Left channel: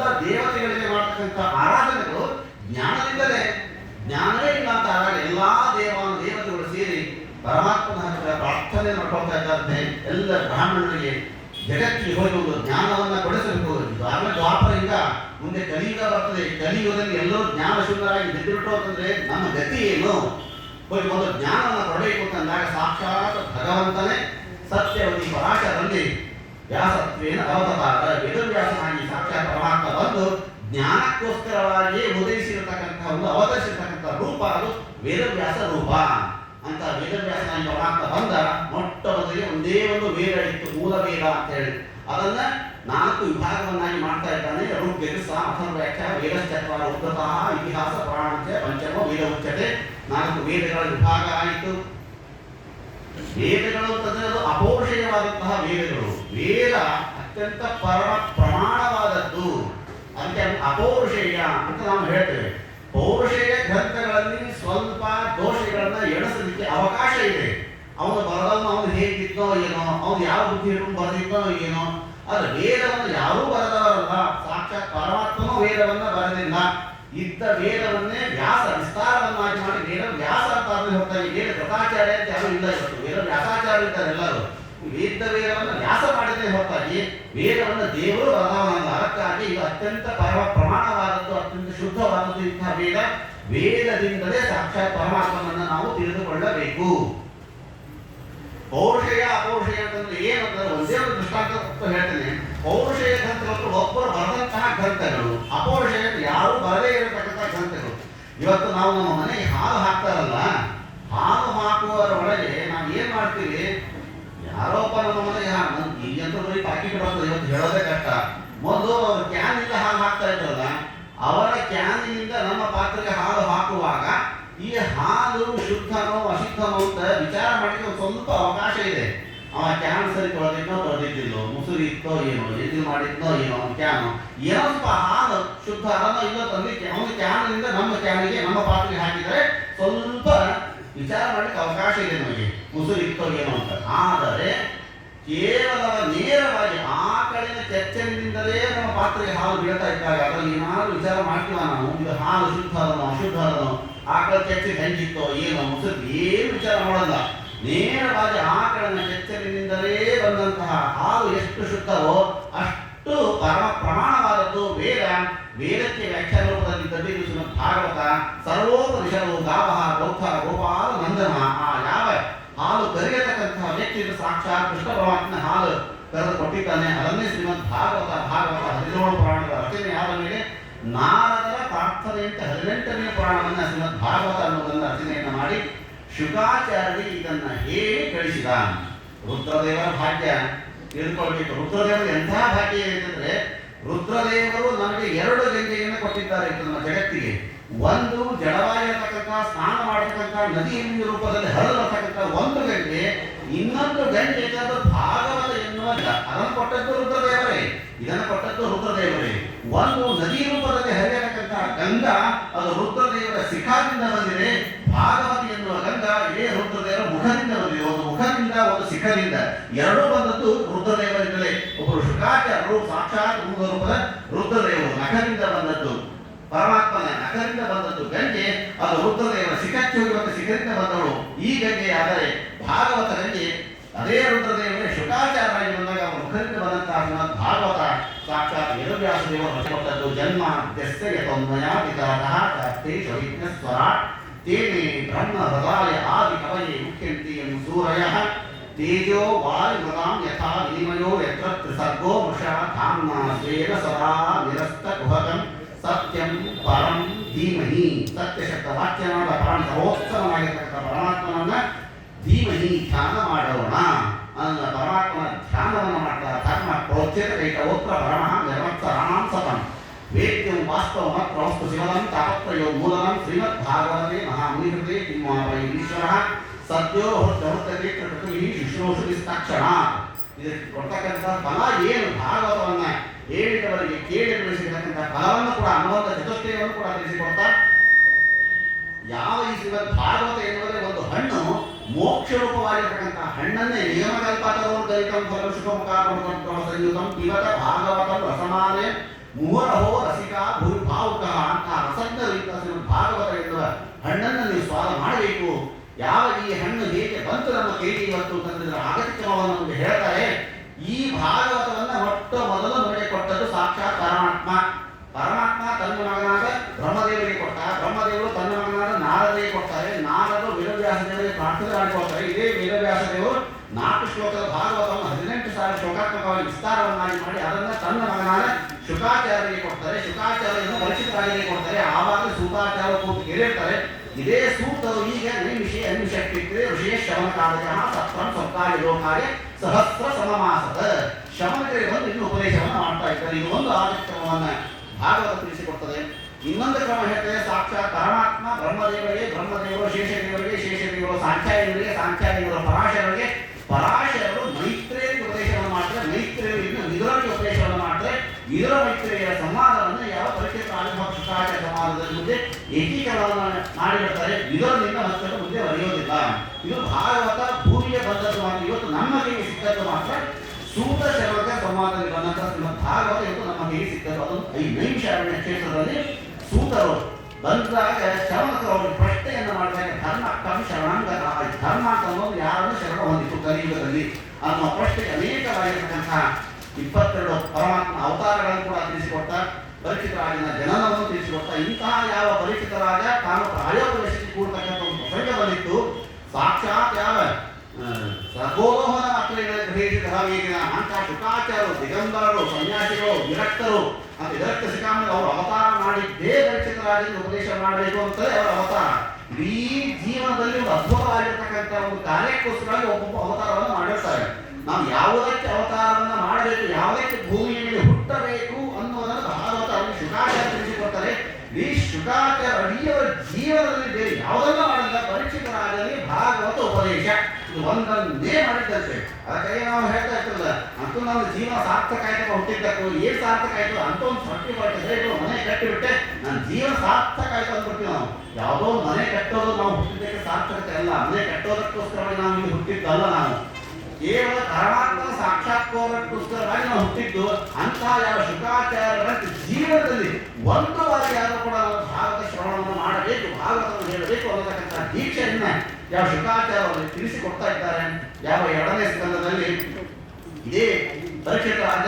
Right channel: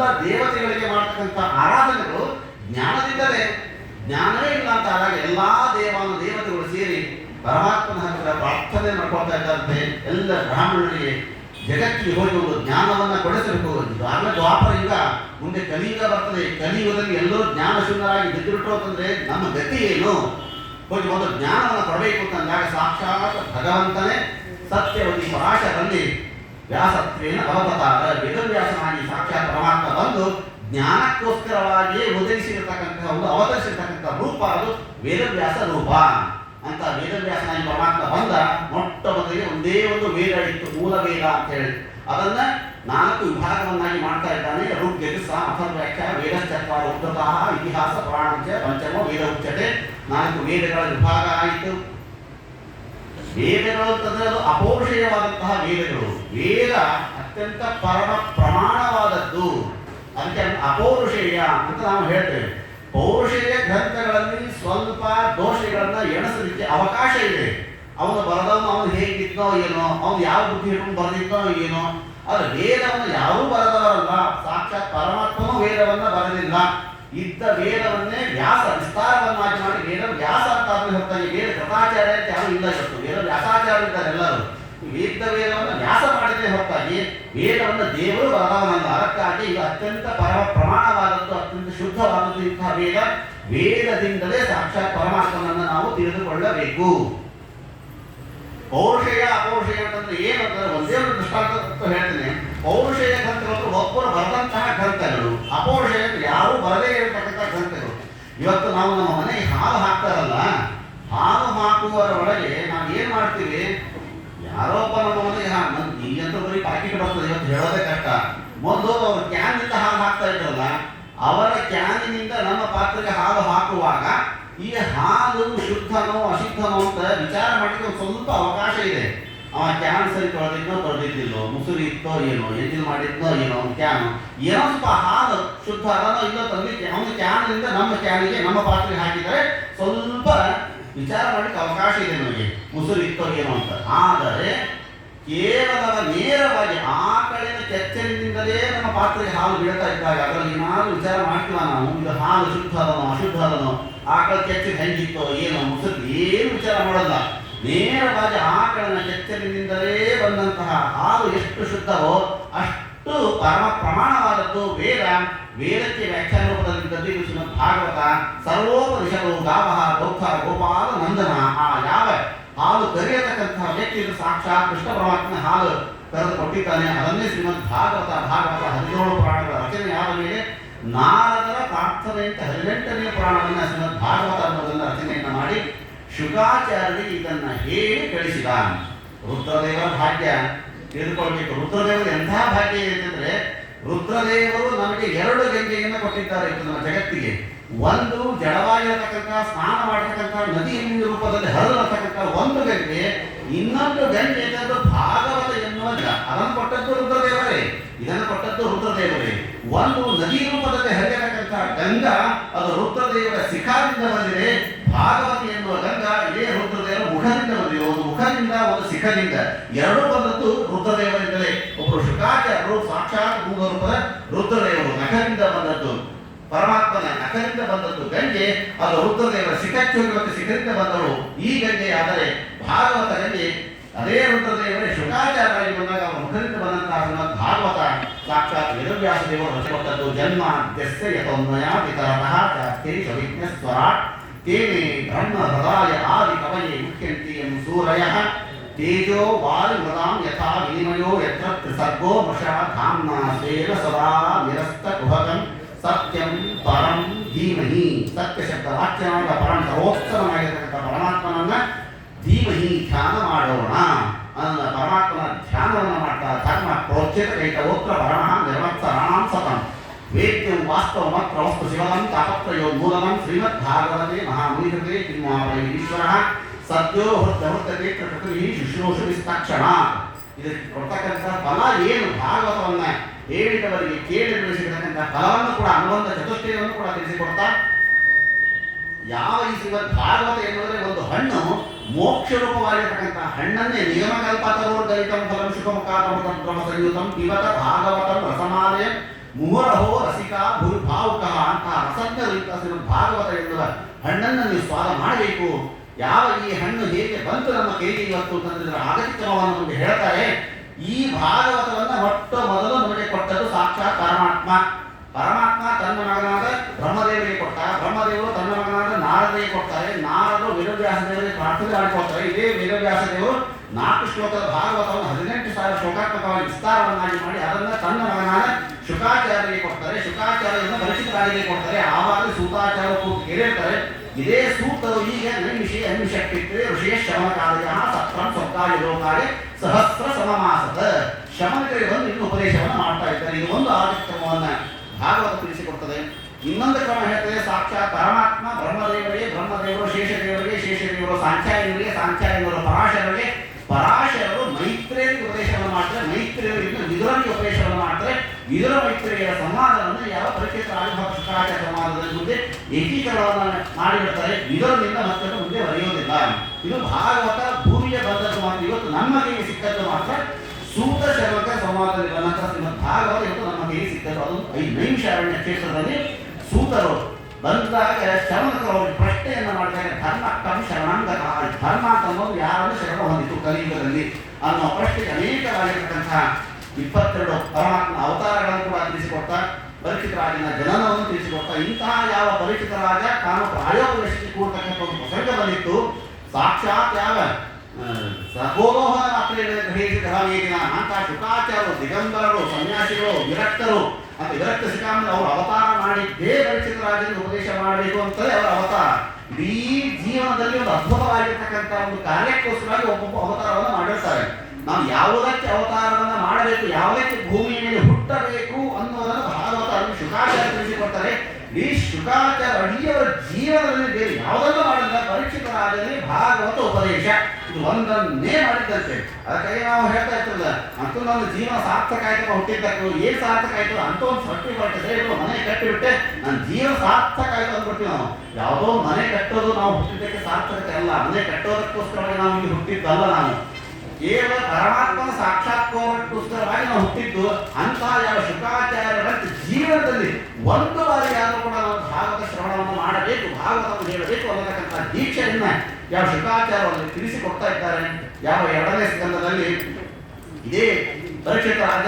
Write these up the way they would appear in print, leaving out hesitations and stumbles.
ಎಲ್ಲ ದೇವತೆಗಳಿಗೆ ಮಾಡತಕ್ಕಂಥ ಆರಾಧನೆಗಳು ಜ್ಞಾನದಿಂದಲೇ. ಜ್ಞಾನವೇ ಇಲ್ಲ ಅಂತ ಆದಾಗ ಎಲ್ಲಾ ದೇವತೆಗಳು ಸೇರಿ ಪರಮಾತ್ಮನ ಹತ್ತಿರ ಪ್ರಾರ್ಥನೆ ಮಾಡ್ಕೊಳ್ತಾ ಇದ್ದಂತೆ ಎಲ್ಲ ಬ್ರಾಹ್ಮಣರಿಗೆ ಜಗತ್ತಿಗೆ ಹೋಗಿ ಒಂದು ಜ್ಞಾನವನ್ನ ಕೊಡಿಸಬೇಕು. ಆಮೇಲೆ ದ್ವಾಪರ ಯುಗ, ಮುಂದೆ ಕಲಿಯುಗ ಬರ್ತದೆ. ಕಲಿಯುಗದಲ್ಲಿ ಎಲ್ಲರೂ ಜ್ಞಾನ ಶೂನ್ಯರಾಗಿ ಬಿದ್ದುಬಿಟ್ರು ಅಂತಂದ್ರೆ ನಮ್ಮ ಗತಿ ಏನು? ಹೋಗಿ ಒಂದು ಜ್ಞಾನವನ್ನು ಕೊಡಬೇಕು ಅಂತಂದಾಗ ಸಾಕ್ಷಾತ್ ಭಗವಂತನೇ ಸತ್ಯವತಿ ಪರಾಶರಲ್ಲಿ ವ್ಯಾಸತ್ವೇನ ಅವತಾರ ವೇದವ್ಯಾಸನಾಗಿ ಸಾಕ್ಷಾತ್ ಪರಮಾತ್ಮ ಬಂದು ಜ್ಞಾನಕ್ಕೋಸ್ಕರವಾಗಿ ಉದಯಿಸಿರತಕ್ಕಂತಹ ಒಂದು ಅವತರಿಸಿರ್ತಕ್ಕಂಥ ರೂಪ ಅದು ವೇದವ್ಯಾಸ ರೂಪ ಅಂತ. ವೇದವ್ಯಾಸನಾಗಿ ಪರಮಾತ್ಮ ಬಂದ ಮೊಟ್ಟ ಮೊದಲಿಗೆ ಒಂದೇ ಒಂದು ವೇದ ಇತ್ತು, ಮೂಲ ವೇದ ಅಂತ ಹೇಳಿ. ಅದನ್ನ 4 ವಿಭಾಗವನ್ನಾಗಿ ಮಾಡ್ತಾ ಇದ್ದಾನೆ. ಋಗ್ಯಜುಃ ಅಥರ್ವವ್ಯಾಖ್ಯ ವೇದಶ್ಚತ್ವಾರ ಉದ್ಧತಃ ಇತಿಹಾಸ ಪುರಾಣಂಚ ಪಂಚಮೋ ವೇದ ಉಚ್ಯತೆ. 4 ವೇದಗಳ ವಿಭಾಗ ಆಯಿತು. ವೇದಗಳು ಅಂತಂದ್ರೆ ಅದು ಅಪೌರುಷೇಯವಾದಂತಹ ವೇದಗಳು. ವೇದ ಅತ್ಯಂತ ಪರಮ ಪ್ರಮಾಣವಾದದ್ದು, ಅದಕ್ಕೆ ಅಪೌರುಷೇಯ ಅಂತ ನಾವು ಹೇಳ್ತೇವೆ. ಪೌರುಷೇಯ ಗ್ರಂಥಗಳಲ್ಲಿ ಸ್ವಲ್ಪ ದೋಷಗಳನ್ನ ಎಣಿಸಲಿಕ್ಕೆ ಅವಕಾಶ ಇದೆ. ಅವನು ಬರದವನು ಅವನು ಹೇಗಿದ್ದೋ ಏನೋ, ಅವನು ಯಾವ ಬುದ್ಧಿ ಹಿಡ್ಕೊಂಡು ಬರೆದಿದ್ದೋ ಏನೋ. ಆದ್ರೆ ವೇದವನ್ನು ಯಾರೂ ಬರೆದವರಲ್ಲ, ಸಾಕ್ಷಾತ್ ಪರಮಾತ್ಮನೂ ವೇದವನ್ನ ಬರಲಿಲ್ಲ. ಇದ್ದ ವೇದವನ್ನೇ ವ್ಯಾಸ ವಿಸ್ತಾರವನ್ನಾಗಿ ಮಾಡಿ ವೇದ ವ್ಯಾಸ ಅಂತ ಹೊರತಾಗಿ ವೇದ ಕಥಾಚಾರ್ಯ ಅಂತ ಯಾರು ಇಲ್ಲ. ಇವತ್ತು ವೇದ ವ್ಯಾಸಾಚಾರ್ಯ ಇದ್ದಾರೆ ಎಲ್ಲರೂ. ವೇದವನ್ನು ವ್ಯಾಸ ಮಾಡಿದ್ರೆ ಹೊರತಾಗಿ ವೇದವನ್ನು ದೇವರು ಬರದವನಲ್ಲ. ಅದಕ್ಕಾಗಿ ಇದು ಅತ್ಯಂತ ಪ್ರಮಾಣವಾದದ್ದು, ಅತ್ಯಂತ ಶುದ್ಧವಾದದ್ದು. ಇಂತಹ ವೇದದಿಂದಲೇ ಸಾಕ್ಷಾತ್ ಪರಮಾತ್ಮನನ್ನು ನಾವು ತಿಳಿದುಕೊಳ್ಳಬೇಕು. ಪೌರುಷೇಯ ಅಪೌರುಷೇಯ ಅಂತಂದ್ರೆ ಏನಂದ್ರೆ ಒಂದೇ ಒಂದು ದೃಷ್ಟಾಂತ ಹೇಳ್ತೇನೆ. ಪೌರುಷೇಯ ಗ್ರಂಥಗಳು ಒಬ್ಬರು ಬರೆದಂತಹ ಗ್ರಂಥಗಳು, ಅಪೌರುಷೇಯ ಯಾರು ಬರದೇ ಇರತಕ್ಕಂತಹ ಗ್ರಂಥಗಳು. ಇವತ್ತು ನಾವು ನಮ್ಮ ಮನೆಗೆ ಹಾಲು ಹಾಕ್ತಾರಲ್ಲ, ಹಾಲು ಹಾಕುವರ ಒಳಗೆ ನಾವು ಏನ್ ಮಾಡ್ತೀವಿ, ಯಾರೋ ಒಬ್ಬ ನಮ್ಮ ಮನೆಗೆ ಈಗಂತೂ ಬರೀ ಪ್ಯಾಕೆಟ್ ಬರ್ತದೆ, ಇವತ್ತು ಹೇಳೋದೇ ಕಷ್ಟ. ಮೊದಲು ಅವರು ಕ್ಯಾನಿಂದ ಹಾಲು ಹಾಕ್ತಾ ಇದ್ರಲ್ಲ, ಅವರ ಕ್ಯಾನಿನಿಂದ ನಮ್ಮ ಪಾತ್ರೆಗೆ ಹಾಲು ಹಾಕುವಾಗ ಈ ಹಾಲು ಶುದ್ಧನೋ ಅಶುದ್ಧನೋ ಅಂತ ವಿಚಾರ ಮಾಡಲಿಕ್ಕೆ ಒಂದು ಸ್ವಲ್ಪ ಅವಕಾಶ ಇದೆ. ಅವ ಕ್ಯಾನ್ ಸರಿ ತೊಳೆದಿದ್ದೋ ತೊಳೆದಿದ್ದಿಲ್ಲೋ, ಮುಸುರಿ ಇತ್ತೋ ಏನೋ, ಎಂಜಿಲ್ ಮಾಡಿದ್ನೋ ಏನೋ, ಒಂದು ಕ್ಯಾನು ಏನೋ ಸ್ವಲ್ಪ ಹಾಲು ಶುದ್ಧ ಅದನ್ನೋ ಇಲ್ಲ ತಂದು ಒಂದು ಕ್ಯಾನಿನಿಂದ ನಮ್ಮ ಕ್ಯಾನಿಗೆ ನಮ್ಮ ಪಾತ್ರೆಗೆ ಹಾಕಿದರೆ ಸ್ವಲ್ಪ ವಿಚಾರ ಮಾಡಲಿಕ್ಕೆ ಅವಕಾಶ ಇದೆ ನಮಗೆ, ಮುಸುರಿ ಇತ್ತೋ ಏನೋ ಅಂತ. ಆದರೆ ಕೇವಲ ನೇರವಾಗಿ ಆಕಳಿನ ಕೆಚ್ಚಲಿನಿಂದಲೇ ನಮ್ಮ ಪಾತ್ರೆಗೆ ಹಾಲು ಬೀಳ್ತಾ ಇದ್ದಾಗ ಅದರಲ್ಲಿ ಏನಾದರೂ ವಿಚಾರ ಮಾಡ್ತೀವ ನಾವು, ಇದು ಹಾಲು ಶುದ್ಧ ಅದನೋ ಅಶುದ್ಧ ಅದನೋ, ಆಕಳ ಕೆಚ್ಚಲು ಹೆಂಗಿತ್ತೋ ಏನೋ, ಮುಸುರಿ ಏನು ವಿಚಾರ ಮಾಡೋಲ್ಲ. ನೇರವಾಗಿ ಆಕಳಿನ ಕೆಚ್ಚಲಿನಿಂದಲೇ ಬಂದಂತಹ ಹಾಲು ಎಷ್ಟು ಶುದ್ಧವೋ ಅಷ್ಟು ಪರಮ ಪ್ರಮಾಣವಾದದ್ದು ವೇದ. ವೇದಕ್ಕೆ ವ್ಯಾಖ್ಯಾನ ರೂಪದಲ್ಲಿದ್ದದ್ದು ಇದು ಶ್ರೀಮದ್ ಭಾಗವತ. ಸರ್ವೋಪನಿಷದವು ಗಾವಃ ಗೌಥ ಗೋಪಾಲ ನಂದನ. ಆ ಯಾವ ಹಾಲು ಕರೆಯತಕ್ಕಂತಹ ವ್ಯಕ್ತಿ ಸಾಕ್ಷಾತ್ ಕೃಷ್ಣ ಪರಮಾತ್ಮನ ಹಾಲು ಕರೆದು ಕೊಟ್ಟಿದ್ದಾನೆ. ಅದನ್ನೇ ಶ್ರೀಮದ್ ಭಾಗವತ 17 ಪುರಾಣಗಳ ರಚನೆ ಆದ ಮೇಲೆ ನಾರದರ ಪ್ರಾರ್ಥನೆ ಅಂತ 18ನೇ ಪುರಾಣವನ್ನು ಶ್ರೀಮದ್ ಭಾಗವತ ಅನ್ನೋದನ್ನ ರಚನೆಯನ್ನು ಮಾಡಿ ಶುಕಾಚಾರ್ಯರಿಗೆ ಇದನ್ನ ಹೇಳಿ ಕಳಿಸಿದ. ರುದ್ರದೇವರ ಭಾಗ್ಯ ತಿಳಿದುಕೊಳ್ಬೇಕು. ರುದ್ರದೇವರು ಎಂಥ ಭಾಗ್ಯ ಏನೆಂದ್ರೆ, ರುದ್ರದೇವರು ನಮಗೆ 2 ಗಂಗೆಯನ್ನು ಕೊಟ್ಟಿದ್ದಾರೆ ನಮ್ಮ ಜಗತ್ತಿಗೆ. ಒಂದು ಜಡವಾಗಿರತಕ್ಕಂಥ ಸ್ನಾನ ಮಾಡತಕ್ಕಂಥ ನದಿ ನೀರಿನ ರೂಪದಲ್ಲಿ ಹರಿದಿರತಕ್ಕಂಥ ಒಂದು ಗಂಗೆ, ಇನ್ನೊಂದು ಗಂಗೆ ಭಾಗವತ ಎನ್ನುವ ಅದನ್ನು ಕೊಟ್ಟದ್ದು ರುದ್ರದೇವರೇ, ಇದನ್ನು ಕೊಟ್ಟದ್ದು ರುದ್ರದೇವರೇ. ಒಂದು ನದಿ ರೂಪದಲ್ಲಿ ಹರಿಯತಕ್ಕಂಥ ಗಂಗಾ ಅದು ರುದ್ರದೇವರ ಶಿಖಾದಿಂದ ಬಂದಿದೆ. ಭಾಗವತಿ ಎನ್ನುವ ಗಂಗಾ ಇದೇ ರುದ್ರದೇವರ ಮುಖದಿಂದ ಬಂದಿದೆ. ಒಂದು ಮುಖದಿಂದ ಒಂದು ಶಿಖದಿಂದ ಎರಡೂ ಬಂದದ್ದು ರುದ್ರದೇವರಿಂದಲೇ. ಒಬ್ಬರು ಶುಕಾಚಾರ್ಯರು ಸಾಕ್ಷಾತ್ ರೂಪದ ರುದ್ರದೇವರು ನಖದಿಂದ ಬಂದದ್ದು, ಪರಮಾತ್ಮನ ನಖದಿಂದ ಬಂದದ್ದು ಗಂಗೆ ಅದು ರುದ್ರದೇವರ ಶಿಖಕ್ಕೆ ಹೋಗಿ ಶಿಖರಿಂದ ಬಂದವಳು ಈ ಗಂಗೆ. ಆದರೆ ಭಾಗವತ ಗಂಗೆ ಅದೇ ರುದ್ರದೇವರೇ ಶುಕಾಚಾರ್ಯರಾಗಿ ಬಂದಾಗ ಅವರ ಮುಖದಿಂದ ಬಂದಂತಹ ಭಾಗವತ ಸಾಕ್ಷಾತ್ ವೇದವ್ಯಾಸ ದೇವರು ರಚಿಸಿಕೊಟ್ಟದ್ದು. ಜನ್ಮ ಯಸ್ಯ ಯತೋನ್ಮಯಾದಿತರತಃ ಚಾಸ್ತೆ ಸ್ವವಿಜ್ಞ ಸ್ವರಾಟ್ ತೇನೇ ಬ್ರಹ್ಮ ಹೃದಯ ಆದಿ ಕವಯೇ ಮುಖ್ಯಂತಿ ಎಂ ಸೂರಯಃ ತೇಜೋ ವಾಯುಮೃತಾಂ ಯಥಾ ವಿನಿಮಯೋ ಯತ್ರ ತ್ರಿಸರ್ಗೋ ಮೃಷಃ ಧಾಮ್ನಾ ಸ್ವೇನ ಸದಾ ನಿರಸ್ತ ಕುಹಕಂ ಸತ್ಯಂ ಪರಂ ಧೀಮಹಿ. ಸತ್ಯ ಶಬ್ದ ವಾಕ್ಯನಾದ ಪರಂ ಸರ್ವೋತ್ತಮನಾಗಿರತಕ್ಕಂಥ ಪರಮಾತ್ಮನನ್ನ ಧೀಮಹಿ ಧ್ಯಾನ ಮಾಡೋಣ. ಅನ್ನ ಪರಮಾತ್ಮನ ಧ್ಯಾನವನ್ನು ಮಾಡ್ತಾ ಧರ್ಮ ಪ್ರೋಚ್ಯತ ಕೈತವೋತ್ರ ಪರಮಃ ನಿರ್ಮತ್ಸರಾಣಾಂ ಸತಂ ವೇದ್ಯಂ ವಾಸ್ತವಮತ್ರ ವಸ್ತು ಶಿವನಂ ತಾಪತ್ರಯೋ ಮೂಲನಂ ಶ್ರೀಮದ್ ಭಾಗವತೆ ಮಹಾಮುನಿಹೃತೆ ಕಿಂವಾಪೈ ಈಶ್ವರಃ ಸದ್ಯೋ ಹೃದವೃತ್ತತೆ ಪ್ರಕೃತಿ ಶುಶ್ರೂಷಿಸ್ತಕ್ಷಣ. ಇದಕ್ಕೆ ಕೊಡ್ತಕ್ಕಂಥ ಫಲ ಏನು? ಭಾಗವತವನ್ನ ಹೇಳಿದವರಿಗೆ ಕೇಳಿದವರಿಗೆ ಸಿಗತಕ್ಕಂಥ ಫಲವನ್ನು ಕೂಡ ಅನ್ನುವಂಥ ಚತುಷ್ಟಯವನ್ನು ಕೂಡ ತಿಳಿಸಿಕೊಡ್ತಾ, ಯಾವ ಈ ಶ್ರೀಮದ್ ಭಾಗವತ ಎನ್ನುವುದೇ ಒಂದು ಹಣ್ಣು, ಮೋಕ್ಷ ರೂಪವಾಗಿರತಕ್ಕಂಥ ಹಣ್ಣನ್ನೇ ನಿಯಮಕಲ್ಪತರೋರ್ದಲಿತಂ ಫಲಂ ಶುಭಮುಖಾತಮತಂತ್ರಮ ಸಂಯುತಂ ಪಿಬತ ಭಾಗವತಂ ರಸಮಾಲಯ ಮುಹುರಹೋ ರಸಿಕ ಭೂಮಿ ಭಾವುಕ ಅಂತ ರಸಜ್ಞ ಭಾಗವತ ಎನ್ನುವ ಹಣ್ಣನ್ನು ನೀವು ಸ್ವಾದ ಮಾಡಬೇಕು. ಯಾವ ಈ ಹಣ್ಣು ಹೇಗೆ ಬಂತು ನಮ್ಮ ಕೈಗೆ ಇವತ್ತು ಅಂತಂದ್ರೆ ಅಗತ್ಯವನ್ನು ನಮಗೆ ಹೇಳ್ತಾರೆ. ಈ ಭಾಗವತವನ್ನು ಮೊಟ್ಟ ಮೊದಲು ನಮಗೆ ಕೊಟ್ಟದ್ದು ಸಾಕ್ಷಾತ್ ಪರಮಾತ್ಮ. ಪರಮಾತ್ಮ ತನ್ನ ಮಗನಾದ ಬ್ರಹ್ಮದೇವರಿಗೆ ಕೊಟ್ಟ, ಬ್ರಹ್ಮದೇವರು ತನ್ನ ಮಗನಾದ ನಾರದರಿಗೆ ಕೊಡ್ತಾರೆ, ನಾರದರು ವೇದವ್ಯಾಸ ದೇವರಿಗೆ ಪ್ರಾರ್ಥನೆ ಮಾಡಿಕೊಡ್ತಾರೆ. ಇದೇ ವೇದವ್ಯಾಸ ದೇವರು 4 ಶ್ಲೋಕದ ಭಾಗವತವನ್ನು 18,000 ಶ್ಲೋಕಾತ್ಮಕವಾಗಿ ವಿಸ್ತಾರವನ್ನಾಗಿ ಮಾಡಿ ಅದನ್ನು ತನ್ನ ಮಗನಾದ ಶುಕಾಚಾರ್ಯರಿಗೆ ಕೊಡ್ತಾರೆ. ಶುಕಾಚಾರ್ಯರನ್ನು ಪರೀಕ್ಷಿತ ರಾಜರಿಗೆ ಕೊಡ್ತಾರೆ. ಆವಾಗ ಸೂತಾಚಾರ್ಯ ಕೂತು ಕೇಳಿರ್ತಾರೆ, ಇದೇ ಸೂತರು ಈಗ ನೈಮಿಷಿ ಅನ್ವಿಷಕ್ತಿತ್ತು ಋಷಿಯ ಶಮನಕಾರ್ಯ ಸತ್ರಂ ಸ್ವರ್ಗಾಯ ಲೋಕಾಯ ಸಹಸ್ರ ಸಮಮಾಸದ ಶಮನಕರಿಗೆ ಬಂದು ಇನ್ನು ಉಪದೇಶವನ್ನು ಮಾಡ್ತಾ ಇದ್ದಾರೆ. ಇದು ಒಂದು ಆದಿಕ್ರಮವನ್ನು ಭಾಗವತ ತಿಳಿಸಿಕೊಡ್ತದೆ. ಇನ್ನೊಂದು ಕ್ರಮ ಹೇಳ್ತದೆ, ಸಾಕ್ಷಾತ್ ಪರಮಾತ್ಮ ಬ್ರಹ್ಮದೇವರಿಗೆ, ಬ್ರಹ್ಮದೇವರು ಶೇಷದೇವರಿಗೆ, ಶೇಷದೇವರು ಸಾಂಖ್ಯಾಯನರಿಗೆ, ಸಾಂಖ್ಯಾಯನವರು ಪರಾಶರರಿಗೆ, ಪರಾಶರರು ಮೈತ್ರೇಯರಿಗೆ ಉಪದೇಶವನ್ನು ಮಾಡ್ತಾರೆ, ಮೈತ್ರೇಯರು ಇನ್ನು ವಿದುರನಿಗೆ ಉಪದೇಶವನ್ನು ಮಾಡ್ತಾರೆ. ವಿದುರ ಮೈತ್ರೇಯರ ಸಂವಾದವನ್ನು ಯಾವ ಪರಿಚಿತ ಆವಿರ್ಭಾವ ಶುಕಾಚಾರ್ಯ ಸಂವಾದದಲ್ಲಿ ಮುಂದೆ ಏಕೀಕರಣವನ್ನು ಮಾಡಿಬಿಡ್ತಾರೆ. ವಿದುರನಿಂದ ಮತ್ತೊಂದು ಮುಂದೆ ಬರೆಯೋದಿಲ್ಲ. ಇದು ಭಾಗವತ ಭೂಮಿಯ ಬಂದದ್ದು ಮಾತ್ರ. ಇವತ್ತು ನಮ್ಮ ಕೈಗೆ ಸಿಕ್ಕದ್ದು ಮಾತ್ರ ಸೂತ ಶರ್ಮಕ ಸಂವಾದದಲ್ಲಿ ಬಂದಂತಹ ಶ್ರೀಮದ್ ಭಾಗವತ ಇವತ್ತು ನಮ್ಮ ಕೈಗೆ ಸಿಕ್ಕದ್ದು. ಅದು 5 ನೈಮಿಷಾರಣ್ಯ ಕ್ಷೇತ್ರದಲ್ಲಿ ಸೂತರು ಬಂದಾಗ ಶರಣಕರು ಅವರಿಗೆ ಪ್ರಶ್ನೆಯನ್ನು ಮಾಡಿದಾಗ ಧರ್ಮ ಶರಣಾಂಗ ಧರ್ಮ ಅಂತ ಅನ್ನೋದು ಯಾರನ್ನು ಶರಣ ಹೊಂದಿತು ಕಲಿಯುಗದಲ್ಲಿ ಅನ್ನೋ ಪ್ರಶ್ನೆಗೆ ಅನೇಕವಾಗಿರತಕ್ಕಂತಹ 22 ಪರಮಾತ್ಮ ಅವತಾರಗಳನ್ನು ಕೂಡ ತಿಳಿಸಿಕೊಡ್ತಾ, ಪರೀಕ್ಷಿತ ರಾಜನ ಜನನವನ್ನು ತಿಳಿಸಿಕೊಡ್ತಾ, ಇಂತಹ ಯಾವ ಪರೀಕ್ಷಿತ ರಾಜ ತಾನು ಪ್ರಾಯೋಪವೇಶಕ್ಕೆ ಕೂಡತಕ್ಕಂಥ ಒಂದು ಪ್ರಸಂಗ ಬಂದಿತ್ತು. ಸಾಕ್ಷಾತ್ ಯಾವ ಸಗೋಲೋಹನ ಮಾತ್ರ ಅಂತ ಶುಕಾಚಾರ್ಯರು, ದಿಗಂಬರರು, ಸನ್ಯಾಸಿಗಳು, ವಿರಕ್ತರು ಅಂತ ವಿರಕ್ತ ಶಿಖಾಮಣಿ ಅವರು ಅವತಾರ ಮಾಡಿದ್ದೇ ಪರೀಕ್ಷಿತ ರಾಜನಿಗೆ ಉಪದೇಶ ಮಾಡಬೇಕು ಅಂತಲೇ ಅವರ ಅವತಾರ. ಇಡೀ ಜೀವನದಲ್ಲಿ ಒಂದು ಅದ್ಭುತವಾಗಿರ್ತಕ್ಕಂಥ ಒಂದು ಕಾರ್ಯಕ್ಕೋಸ್ಕರವಾಗಿ ಒಬ್ಬೊಬ್ಬ ಅವತಾರವನ್ನು ಮಾಡಿರ್ತಾರೆ. ನಾವು ಯಾವುದಕ್ಕೆ ಅವತಾರವನ್ನು ಮಾಡಬೇಕು, ಯಾವುದಕ್ಕೆ ಭೂಮಿಯ ಮೇಲೆ ಹುಟ್ಟಬೇಕು ಅನ್ನೋದನ್ನು ಭಾಗವತ ಶುಕಾಚಾರ್ಯ ತಿಳಿಸಿಕೊಡ್ತಾರೆ. ಈ ಶುಕಾಚಾರ್ಯ ಅಡಿಯವರ ಜೀವನದಲ್ಲಿ ಬೇರೆ ಯಾವುದನ್ನು ಮಾಡಿಲ್ಲ, ಪರೀಕ್ಷಿತ ರಾಜನಲ್ಲಿ ಭಾಗವತ ಉಪದೇಶ ಇದು ಒಂದನ್ನೇ ಮಾಡಿದ್ದಂತೆ. ಅದಕ್ಕಾಗಿ ನಾವು ಹೇಳ್ತಾ ಇರ್ತಲ್ಲ, ಅಂತೂ ನನ್ನ ಜೀವನ ಸಾರ್ಥಕ ಆಯ್ತಪ್ಪ, ಹುಟ್ಟಿದ್ದಕ್ಕೂ ಏನು ಸಾರ್ಥಕ ಆಯ್ತು ಅಂತ ಒಂದು ಸರ್ಟಿಫಿಕೇಟ್ ಹೇಳಿದ್ರು, ಮನೆ ಕಟ್ಟಿಬಿಟ್ಟೆ ನನ್ನ ಜೀವನ ಸಾರ್ಥಕ ಆಯ್ತು ಅಂದ್ಬಿಡ್ತೀವಿ ನಾವು. ಯಾವುದೋ ಮನೆ ಕಟ್ಟೋದು ನಾವು ಹುಟ್ಟಿದ್ದಕ್ಕೆ ಸಾರ್ಥಕತೆ ಅಲ್ಲ, ಮನೆ ಕಟ್ಟೋದಕ್ಕೋಸ್ಕರವಾಗಿ ನಾವು ಇಲ್ಲಿ ಹುಟ್ಟಿದ್ದಲ್ಲ. ನಾವು ಕೇವಲ ಪರಮಾತ್ಮನ ಸಾಕ್ಷಾತ್ಕೋಸ್ಕರವಾಗಿ ನಾವು ಹುಟ್ಟಿದ್ದು. ಅಂತಹ ಯಾವ ಶುಕಾಚಾರ್ಯರ ಜೀವನದಲ್ಲಿ ಒಂದು ಬಾರಿ ಯಾರು ಕೂಡ ನಾವು ಭಾಗವತ ಶ್ರವಣವನ್ನು ಮಾಡಬೇಕು, ಭಾಗವತವನ್ನು ಹೇಳಬೇಕು ಅನ್ನತಕ್ಕಂಥ ದೀಕ್ಷೆಯನ್ನ ಯಾವ ಶುಕಾಚಾರ್ಯರು ತಿಳಿಸಿಕೊಡ್ತಾ ಇದ್ದಾರೆ. ಯಾವ 2ನೇ ಸ್ಕಂದದಲ್ಲಿ ಇದೇ ಪರೀಕ್ಷಿತ ರಾಜ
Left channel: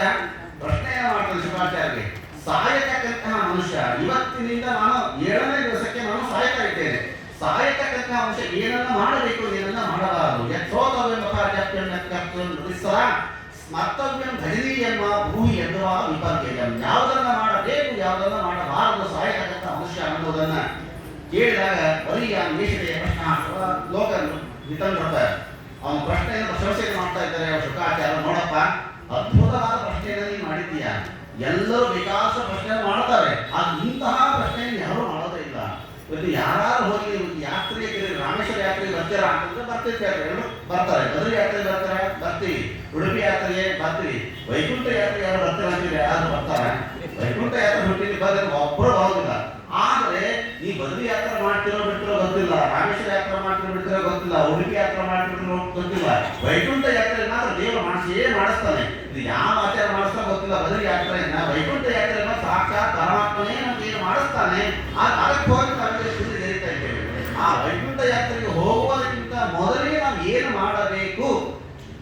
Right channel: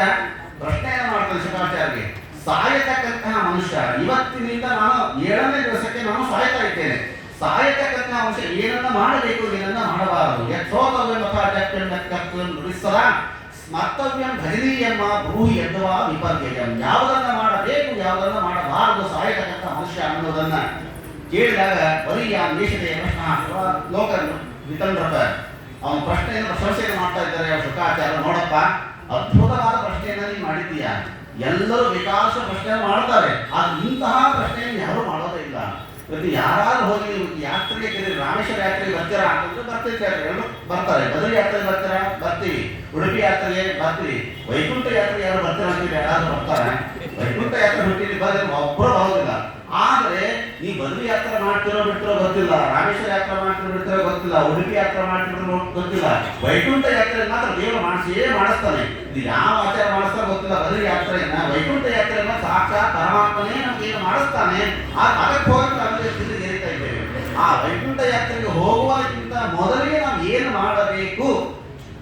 ಪ್ರಶ್ನೆಯನ್ನು ಮಾಡ್ತಾನೆ ಶುಕಾಚಾರ್ಯರಿಗೆ, ಸಾಯತಕ್ಕಂತಹ ಮನುಷ್ಯ ಇವತ್ತಿನಿಂದ ನಾನು 7ನೇ ದಿವಸಕ್ಕೆ ನಾನು ಸಾಯ್ತಾ ಇದ್ದೇನೆ, ಸಾಯತಕ್ಕಂತಹ ಅಂಶ ಏನನ್ನ ಮಾಡಬೇಕು, ಏನನ್ನ ಮಾಡಬಾರದು, ಸ್ಮರ್ತವ್ಯಂ ಭಜನೀಯಮ್ಮ ಭೂಹಿ ಎನ್ನುವ ವಿಪರ್ಯಯಂ, ಯಾವುದನ್ನ ಮಾಡಬೇಕು ಯಾವುದನ್ನ ಮಾಡಬಾರದು ಸಾಯತಕ್ಕಂಥ ಮನುಷ್ಯ ಅನ್ನೋದನ್ನ ಕೇಳಿದಾಗ ಬರೀ ಆ ದೇಶದ ಪ್ರಶ್ನ ಲೋಕ ವಿತಂಡ್ರತ ಅವನ ಪ್ರಶ್ನೆಯನ್ನು ಪ್ರಶಂಸೆಯನ್ನು ಮಾಡ್ತಾ ಇದ್ದಾರೆ ಯಾವ ಶುಕಾಚಾರ್ಯ. ನೋಡಪ್ಪ, ಅದ್ಭುತವಾದ ಪ್ರಶ್ನೆಯನ್ನು ನೀನು ಮಾಡಿದ್ದೀಯ, ಎಲ್ಲರೂ ವಿಕಾಸ ಪ್ರಶ್ನೆಯನ್ನು ಮಾಡ್ತಾರೆ, ಆದ್ರೆ ಇಂತಹ ಪ್ರಶ್ನೆಯನ್ನು ಯಾರು ಮಾಡೋದೇ ಇಲ್ಲ. ಇವತ್ತು ಯಾರು ಹೋಗಿ ಯಾತ್ರೆಗೆ ರಾಮೇಶ್ವರ ಯಾತ್ರೆಗೆ ಬರ್ತೀರಾ ಅಂತಂದ್ರೆ ಬರ್ತಿರ್ತಾರೆ, ಎರಡು ಬರ್ತಾರೆ. ಬದರಿ ಯಾತ್ರೆಗೆ ಬರ್ತೀರಾ, ಬರ್ತೀವಿ. ಉಡುಪಿ ಯಾತ್ರೆಗೆ ಬರ್ತೀವಿ. ವೈಕುಂಠ ಯಾತ್ರೆಗೆ ಯಾರು ಬರ್ತೀರ ಅಂತೀವಿ, ಯಾರು ಬರ್ತಾರೆ. ವೈಕುಂಠ ಯಾತ್ರೆ ಹುಟ್ಟಿದ್ದು ಬಂದ್ರೆ ಒಬ್ಬರು ಬರೋದಿಲ್ಲ. ಆದರೆ ಈ ಬದರಿ ಯಾತ್ರೆ ಮಾಡ್ತಿರೋ ಬಿಟ್ಟಿರೋ ಗೊತ್ತಿಲ್ಲ, ರಾಮೇಶ್ವರ ಯಾತ್ರೆ ಮಾಡ್ತಿರೋ ಬಿಡ್ತಿರೋ ಗೊತ್ತಿಲ್ಲ, ಉಡುಪಿ ಯಾತ್ರೆ ಮಾಡ್ತಿರೋ ಗೊತ್ತಿಲ್ಲ, ವೈಕುಂಠ ಯಾತ್ರೆ ಮಾತ್ರ ದೇವರು ಮಾಡಿಸಿಯೇ ಮಾಡಿಸ್ತಾನೆ. ಇದು ಯಾವ ಆಚಾರ ಮಾಡಿಸ್ತಾ ಗೊತ್ತಿಲ್ಲ. ಬದರಿ ಯಾತ್ರೆಯನ್ನ ವೈಕುಂಠ ಯಾತ್ರೆಯನ್ನ ಸಾಕ್ಷಾತ್ ಪರಮಾತ್ಮನೇ ನಮಗೆ ಏನು ಮಾಡಿಸ್ತಾನೆ. ಅದಕ್ಕೆ ಹೋಗಿ ನಮಗೆ ಗೆರಿತಾ ಇದ್ದೇವೆ. ಆ ವೈಕುಂಠ ಯಾತ್ರೆಗೆ ಹೋಗುವುದಕ್ಕಿಂತ ಮೊದಲಿಗೆ ನಾವು ಏನು ಮಾಡಬೇಕು,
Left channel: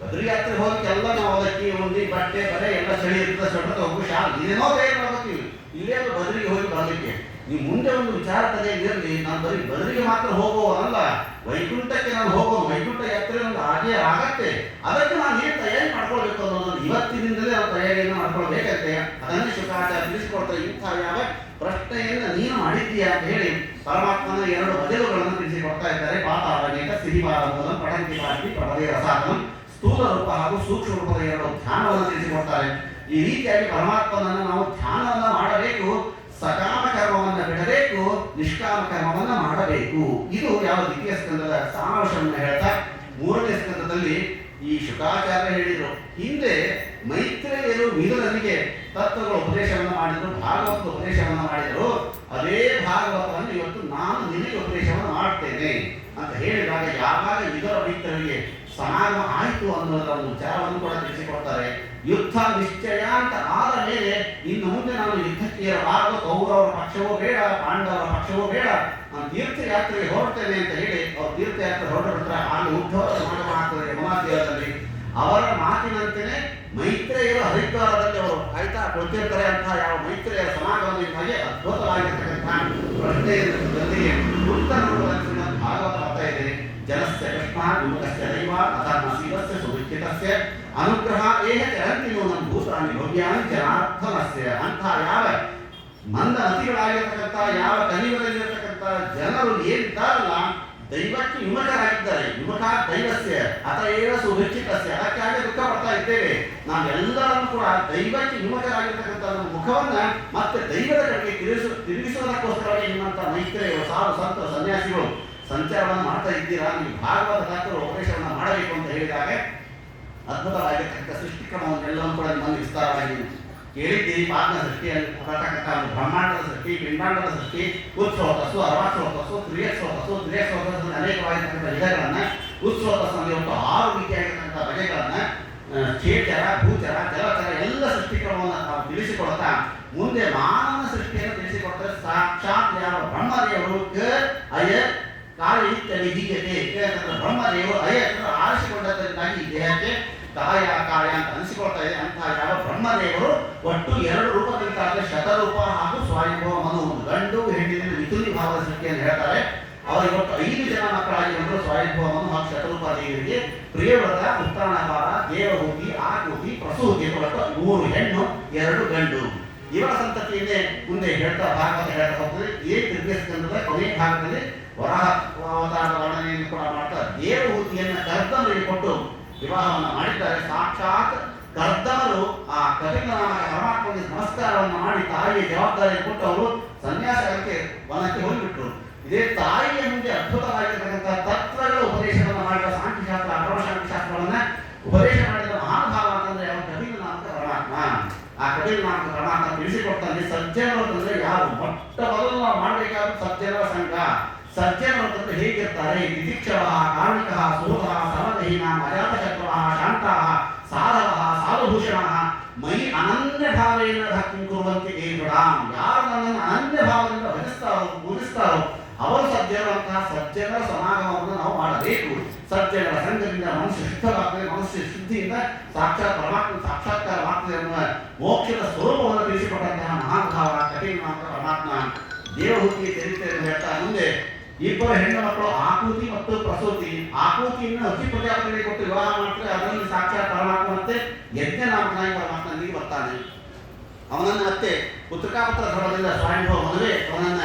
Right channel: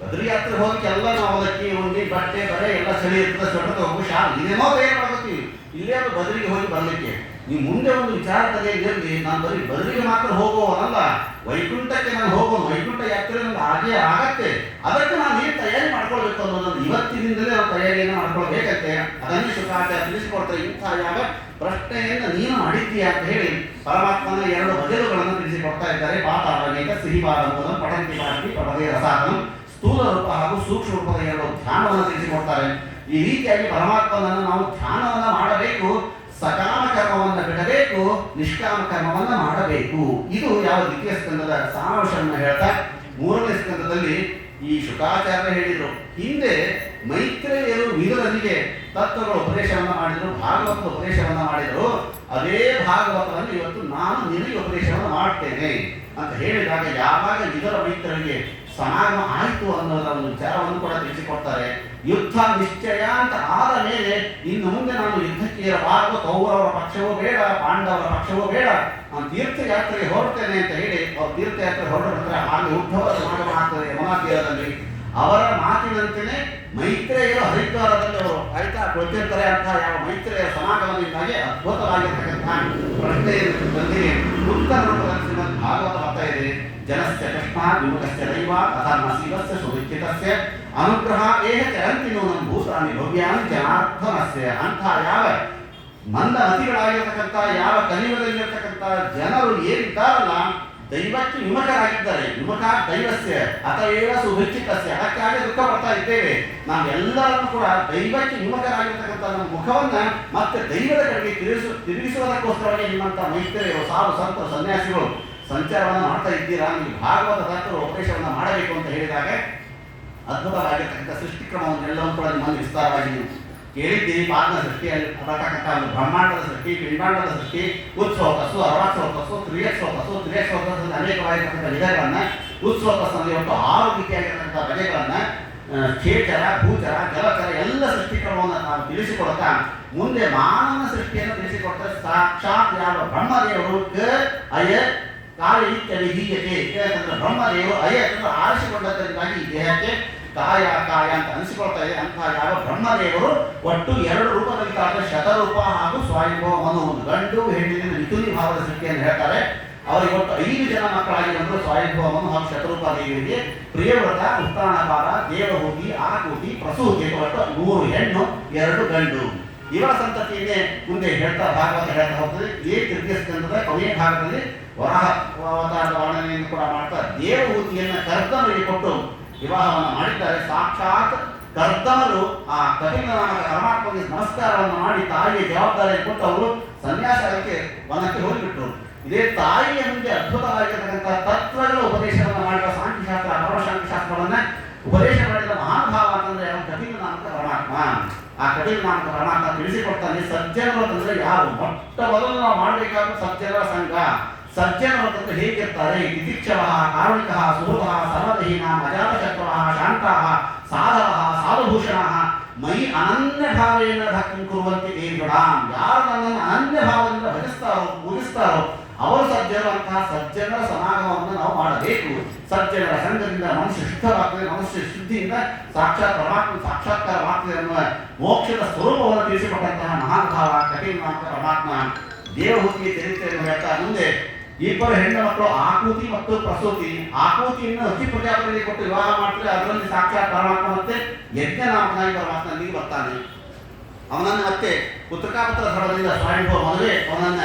ಬದರಿ ಯಾತ್ರೆ ಹೋಗಿ ಎಲ್ಲ ನಾವು ಅವಲಕ್ಕಿ ಉಂಡಿ ಬಟ್ಟೆ ಬರೆ ಎಲ್ಲ ಚಳಿ ಇರ್ತದೆ, ಸೊಟ್ಟ ಹೋಗಿ ಇದೇನೋ ಬೇರೆ ಮಾಡ್ತೀವಿ. ಇಲ್ಲೇ ಅದು ಬದರಿಗೆ ಹೋಗಿ ಬರಲಿಕ್ಕೆ ನೀವು ಮುಂದೆ ಒಂದು ವಿಚಾರ ತಲೆಯಲ್ಲಿ ನಾನು ಬರೀ ಬದರಿಗೆ ಮಾತ್ರ ಹೋಗುವವನಲ್ಲ, ವೈಕುಂಠಕ್ಕೆ ನಾನು ಹೋಗೋದು, ವೈಕುಂಠ ಯಾತ್ರೆ ನಮ್ಗೆ ಹಾಗೇ ಆಗತ್ತೆ. ಅದಕ್ಕೆ ನಾನು ಏನು ತಯಾರಿ ಮಾಡ್ಕೊಳ್ಬೇಕು ಅನ್ನೋದನ್ನು ಇವತ್ತಿನಿಂದಲೇ ನಾವು ತಯಾರಿಯನ್ನು ಮಾಡ್ಕೊಳ್ಬೇಕಂತೆ. ಅದನ್ನೇ ಶುಕಾಚಾರ್ಯ ತಿಳಿಸಿಕೊಡ್ತಾರೆ. ಇಂತಹ ಯಾವ ಪ್ರಶ್ನೆಯನ್ನು ನೀನು ಮಾಡಿದ್ದೀಯಾ ಅಂತ ಹೇಳಿ ಪರಮಾತ್ಮನ 2 ಬದಲುಗಳನ್ನು ತಿಳಿಸಿಕೊಡ್ತಾ ಇದ್ದಾರೆ. ಪಾತಾಳನೇಕ ಸಿಹಿವಾರಂಭದ ಪಠಂತಿ ಪಾಟಿ ಪಡದೇ ರಸಾದನ ಸ್ಥೂಲ ರೂಪ ಹಾಗೂ ಸೂಕ್ಷ್ಮ ರೂಪದ 2 ಧ್ಯಾನವನ್ನು ತಿಳಿಸಿಕೊಡ್ತಾರೆ. ಈ ರೀತಿಯಾಗಿ ಪರಮಾತ್ಮನನ್ನು ನಾವು ಧ್ಯಾನವನ್ನು ಮಾಡಬೇಕು, ಸಕಾಮ ಕರ್ಮವನ್ನು ಬಿಡಬೇಕು, ನಿಷ್ಕಾಮ ಕರ್ಮವನ್ನು ಮಾಡಬೇಕು. ಇದು ಯಾವ 2ನೇ ಸ್ಕಂದದ ಸಾರಾಂಶವನ್ನು ಹೇಳ್ತಾ 3ನೇ ಸ್ಕಂದದಲ್ಲಿ ಈ ಶುಕಾಚಾರ್ಯ ಹೇಳಿದರು. ಹಿಂದೆ ಮೈತ್ರೇಯರು ವಿದುರನಿಗೆ ತತ್ವಗಳ ಉಪದೇಶವನ್ನು ಮಾಡಿದರು, ಭಾಗವತದ ಉಪದೇಶವನ್ನು ಮಾಡಿದರು. ಅದೇ ಭಾಗವತವನ್ನು ಇವತ್ತು ನಾನು ನಿನಗೆ ಉಪದೇಶವನ್ನು ಮಾಡ್ತೇನೆ ಅಂತ ಹೇಳಿದಾಗ ಯಾವಾಗ ವಿದುರ ಮೈತ್ರೇಯರಿಗೆ ಸಮಾಗಮ ಆಯಿತು ಅನ್ನೋದರ ಒಂದು ವಿಚಾರವನ್ನು ಕೂಡ ತಿಳಿಸಿಕೊಡ್ತಾರೆ. ಯುದ್ಧ ನಿಶ್ಚಯ ಅಂತ ಆದ ಮೇಲೆ ಇನ್ನು ಮುಂದೆ ನಾನು ಯುದ್ಧ ಮೈತ್ರಿಯರ ಭಾಗವತ ಕೌರವರ ಪಕ್ಷವೂ ಬೇಡ, ಪಾಂಡವರ ಪಕ್ಷವೂ ಬೇಡ, ನಾನು ತೀರ್ಥಯಾತ್ರೆಗೆ ಹೊರಡ್ತೇನೆ ಅಂತ ಹೇಳಿ ಅವ್ರು ತೀರ್ಥಯಾತ್ರೆ ಹೊರಡ್ತಾರೆ. ಅಲ್ಲಿ ಉದ್ಧವ ಸಮಾಗಮ ಆಗ್ತದೆ ಯಮುನಾ ತೀರದಲ್ಲಿ. ಅವರ ಮಾತಿನಂತೆಯೇ ಮೈತ್ರೇಯರು ಹರಿದ್ವಾರದಲ್ಲಿ ಅವರು ಕಾಯ್ತಾ ಕೊಡ್ತಿರ್ತಾರೆ ಅಂತ ಯಾವ ಮೈತ್ರೇಯರ ಸಮಾಗಮದಿಂದಾಗಿ ಅದ್ಭುತವಾಗಿರ್ತಕ್ಕಂಥ ಪ್ರಶ್ನೆಯನ್ನು ಬಂದಿದೆ. ಉತ್ತರ ರೂಪದಲ್ಲಿ ಶ್ರೀಮದ್ ಭಾಗವತ ಬರ್ತಾ ಇದೆ. ಜನಸ್ಯ ಕೃಷ್ಣ ವಿಮುಖಸ್ಯ ದೈವ ಅಧರ್ಮ ಶೀಲಸ್ಯ ಸುವಿಚ್ಚಿತಸ್ಯ ಅನುಗ್ರಹ ಏಹ ಚರಂತಿ ನೂನಂ ಭೂತಾನಿ ಭವ್ಯಾನಿ ಜನಾರ್ದನಸ್ಯ. ಅಂತ ಯಾವ ಮಂದಮತಿಗಳಾಗಿರ್ತಕ್ಕಂಥ ಯಾವ ಕಲಿಯುಗದಲ್ಲಿರ್ತಕ್ಕಂಥ ಜನರು ಏನಿದ್ದಾರಲ್ಲ ದೈವಕ್ಕೆ ವಿಮುಖರಾಗಿದ್ದಾರೆ. ವಿಮುಖ ದೈವಸ್ಯ ಅತಏವ ಸುವಿಚ್ಚಿತಸ್ಯ. ಅದಕ್ಕಾಗಿ ದುಃಖ ಪಡ್ತಾ ಇದ್ದೇವೆ. ನಾವೆಲ್ಲರನ್ನು ಕೂಡ ದೈವಕ್ಕೆ ವಿಮುಖರಾಗಿರ್ತಕ್ಕಂಥ ನಮ್ಮ ಮುಖವನ್ನ ಮತ್ತೆ ದೈವದ ಕಡೆಗೆ ತಿರುಗಿಸುವುದಕ್ಕೋಸ್ಕರವಾಗಿ ನಿಮ್ಮಂಥ ಮೈತ್ರಿಯರು ಸಾಧು ಸಂತರು ಸನ್ಯಾಸಿಗಳು ಸಂಚಾರವನ್ನು ಮಾಡ್ತಾ ಇದ್ದೀರಾ. ನೀವು ಭಾಗವತ ದಾಸರು ಉಪದೇಶವನ್ನು ಮಾಡಬೇಕು ಅಂತ ಹೇಳಿದಾಗ ಅದ್ಭುತವಾಗಿರ್ತಕ್ಕಂಥ ಸೃಷ್ಟಿಕ್ರಮವನ್ನೆಲ್ಲವೂ ಕೂಡ ನಿಮ್ಮನ್ನು ವಿಸ್ತಾರವಾಗಿ ನೀವು ಕೇಳಿದ್ದೀರಿ. ಪಾದನ ಸೃಷ್ಟಿಯಲ್ಲಿ ಬರತಕ್ಕಂಥ ಒಂದು ಬ್ರಹ್ಮಾಂಡದ ಸೃಷ್ಟಿ, ಪಿಂಡಾಂಡದ ಸೃಷ್ಟಿ, ಉತ್ಸವತಸ್ಸು, ಅರ್ವಾತ್ಸವತಸ್ಸು, ತ್ರಿಯತ್ಸವತಸ್ಸು, ತ್ರಿಯತ್ಸವತಸ್ಸು ಅನೇಕವಾಗಿರ್ತಕ್ಕಂಥ ವಿಧಗಳನ್ನು, ಉತ್ಸವತಸ್ಸಲ್ಲಿ ಒಟ್ಟು 6 ರೀತಿಯಾಗಿರ್ತಕ್ಕಂಥ ಬಗೆಗಳನ್ನು, ಕ್ಷೇಚರ, ಭೂಚರ, ಜಲಚರ ಎಲ್ಲ ಸೃಷ್ಟಿಕ್ರಮವನ್ನು ನಾವು ತಿಳಿಸಿಕೊಡ್ತಾ ಮುಂದೆ ಮಾನವನ ಸೃಷ್ಟಿಯನ್ನು ತಿಳಿಸಿಕೊಡ್ತಾರೆ. ಸಾಕ್ಷಾತ್ ಯಾವ ಬ್ರಹ್ಮದೇವರು ಅಯ ಕಾಯ ಇತ್ಯ ವಿಧೀಯತೆ ಬ್ರಹ್ಮದೇವರು ಅಯ್ಯನ್ನು ಆರಿಸಿಕೊಂಡದ್ದರಿಂದಾಗಿ ಈ ದೇಹಕ್ಕೆ ಕಾಯ ಕಾಯ ಅಂತ ಅನಿಸಿಕೊಳ್ತಾ ಇದೆ. ಅಂತಹ ಯಾವ ಬ್ರಹ್ಮದೇವರು ಒಟ್ಟು 2 ರೂಪದಲ್ಲಿ ಕಾದ್ರೆ ಶತರೂಪ ಹಾಗೂ ಸ್ವಯಂಭವ ಮನು, ಒಂದು ಗಂಡು ಹೆಣ್ಣಿನ ಮಿಥುನಿ ಭಾವದ ಸೃಷ್ಟಿಯನ್ನು ಹೇಳ್ತಾರೆ. ಅವರಿಗೆ ಒಟ್ಟು 5 ಜನ ಮಕ್ಕಳಾಗಿ ಬಂದರು. ಸ್ವಯಂಭವ ಮನು ಹಾಗೂ ಶತರೂಪ ದೇವಿಯರಿಗೆ ಪ್ರಿಯವ್ರತ, ಉತ್ತಾನಪಾದ, ದೇವಹೂತಿ, ಆಕೂತಿ, ಪ್ರಸೂತಿ ಒಟ್ಟು 3 ಹೆಣ್ಣು 2 ಗಂಡು. ಇವರ ಸಂತತಿಯನ್ನೇ ಮುಂದೆ ಹೇಳ್ತಾ ಭಾಗವತ ಹೇಳ್ತಾ ಹೋಗ್ತದೆ. ಈ ತೃತೀಯ ಸ್ಕಂದದ ಕೊನೆಯ ಭಾಗದಲ್ಲಿ ವರಾಹ ಅವತಾರದ ವರ್ಣನೆಯನ್ನು ಕೂಡ ಮಾಡ್ತಾ ದೇವಹೂತಿಯನ್ನು ಕರ್ದಮರಿಗೆ ಕೊಟ್ಟು ವಿವಾಹವನ್ನು ಮಾಡಿದ್ದಾರೆ. ಸಾಕ್ಷಾತ್ ಕರ್ದಮರು ಆ ಕಪಿಲ ನಾಮಕ ಪರಮಾತ್ಮಗೆ ನಮಸ್ಕಾರವನ್ನು ಮಾಡಿ ತಾಯಿಗೆ ಜವಾಬ್ದಾರಿಯನ್ನು ಕೊಟ್ಟು ಅವರು ಸನ್ಯಾಸಕ್ಕೆ ವನಕ್ಕೆ ಹೋಗಿಬಿಟ್ರು. ಇದೇ ತಾಯಿಯ ಮುಂದೆ ಅದ್ಭುತವಾಗಿರ್ತಕ್ಕಂಥ ತತ್ವಗಳ ಉಪದೇಶವನ್ನು ಮಾಡಿದ ಸಾಂಖ್ಯಶಾಸ್ತ್ರ, ಅಪರಶಾಂಖ್ಯಶಾಸ್ತ್ರವನ್ನ ಉಪದೇಶ ಮಾಡಿದ ಮಹಾನುಭಾವ ಅಂತಂದ್ರೆ ಯಾವ ಕಪಿಲ ನಾಮಕ ಪರಮಾತ್ಮ. ಆ ಕಪಿಲ ನಾಮಕ ಪರಮಾತ್ಮ ತಿಳಿಸಿಕೊಡ್ತಾನೆ ಸಜ್ಜನರು ಅಂತಂದ್ರೆ ಯಾವ ಮೊಟ್ಟ ಮೊದಲು ನಾವು ಮಾಡಬೇಕಾದ ಸಜ್ಜನರ ಸಂಘ. ಸಜ್ಜನರು ಅಂತಂದ್ರೆ ಹೇಗಿರ್ತಾರೆ? ತಿತಿಕ್ಷವ, ಕಾರುಣಿಕ, ಸುಹೃದ, ಸರ್ವದೇಹಿನ, ಅಜಾತಶತ್ರು, ಶಾಂತ, ಸಾಧವ, ಸಾಧುಭೂಷಣ, ಮೈ ಅನನ್ಯ ಭಾವೇನ ಭಕ್ತಿ ಕುರುವಂತೆ ದೇವರಾಂ. ಯಾರು ನನ್ನನ್ನು ಅನನ್ಯ ಭಾವದಿಂದ ಭಜಿಸ್ತಾರೋ ಪೂಜಿಸ್ತಾರೋ ಅವರು ಸಜ್ಜನರು. ಅಂತಹ ಸಜ್ಜನರ ಸಮಾಗಮವನ್ನು ನಾವು ಮಾಡಬೇಕು. ಸಜ್ಜನರ ಸಂಘದಿಂದ ಮನುಷ್ಯ ಶುದ್ಧವಾಗ್ತದೆ. ಮನುಷ್ಯ ಶುದ್ಧಿಯಿಂದ ಸಾಕ್ಷಾತ್ ಪರಮಾತ್ಮ ಸಾಕ್ಷಾತ್ಕಾರವಾಗ್ತದೆ ಅನ್ನುವ ಮೋಕ್ಷದ ಸ್ವರೂಪವನ್ನು ತಿಳಿಸಿಕೊಟ್ಟಂತಹ ಮಹಾನುಭಾವ ಕಪಿಲ ನಾಮಕ ಪರಮಾತ್ಮ. ದೇವಹೂತಿಯ ಚರಿತ್ರೆಯನ್ನು ಹೇಳ್ತಾ ಮುಂದೆ 2 ಹೆಣ್ಣು ಮಕ್ಕಳು ಆಕೂತಿ ಮತ್ತು ಪ್ರಸೂತಿ. ಆಕೂತಿಯನ್ನು ಅತಿ ಪ್ರಜಾಪತಿಗೆ ಕೊಟ್ಟು ವಿವಾಹ ಮಾಡ್ತಾರೆ. ಅದರಲ್ಲಿ ಸಾಕ್ಷಾತ್ ಪರಮಾತ್ಮ ಮತ್ತೆ ಯಜ್ಞ ನಾಮಕನಾಗಿ ಪರಮಾತ್ಮನಿಗೆ ಬರ್ತಾನೆ. ಅವನನ್ನು ಮತ್ತೆ ಪುತ್ರಕಾಪುತ್ರ ಧರ್ಮದಿಂದ ಸ್ವಯಂಭವ ಮದುವೆ ಅವನನ್ನ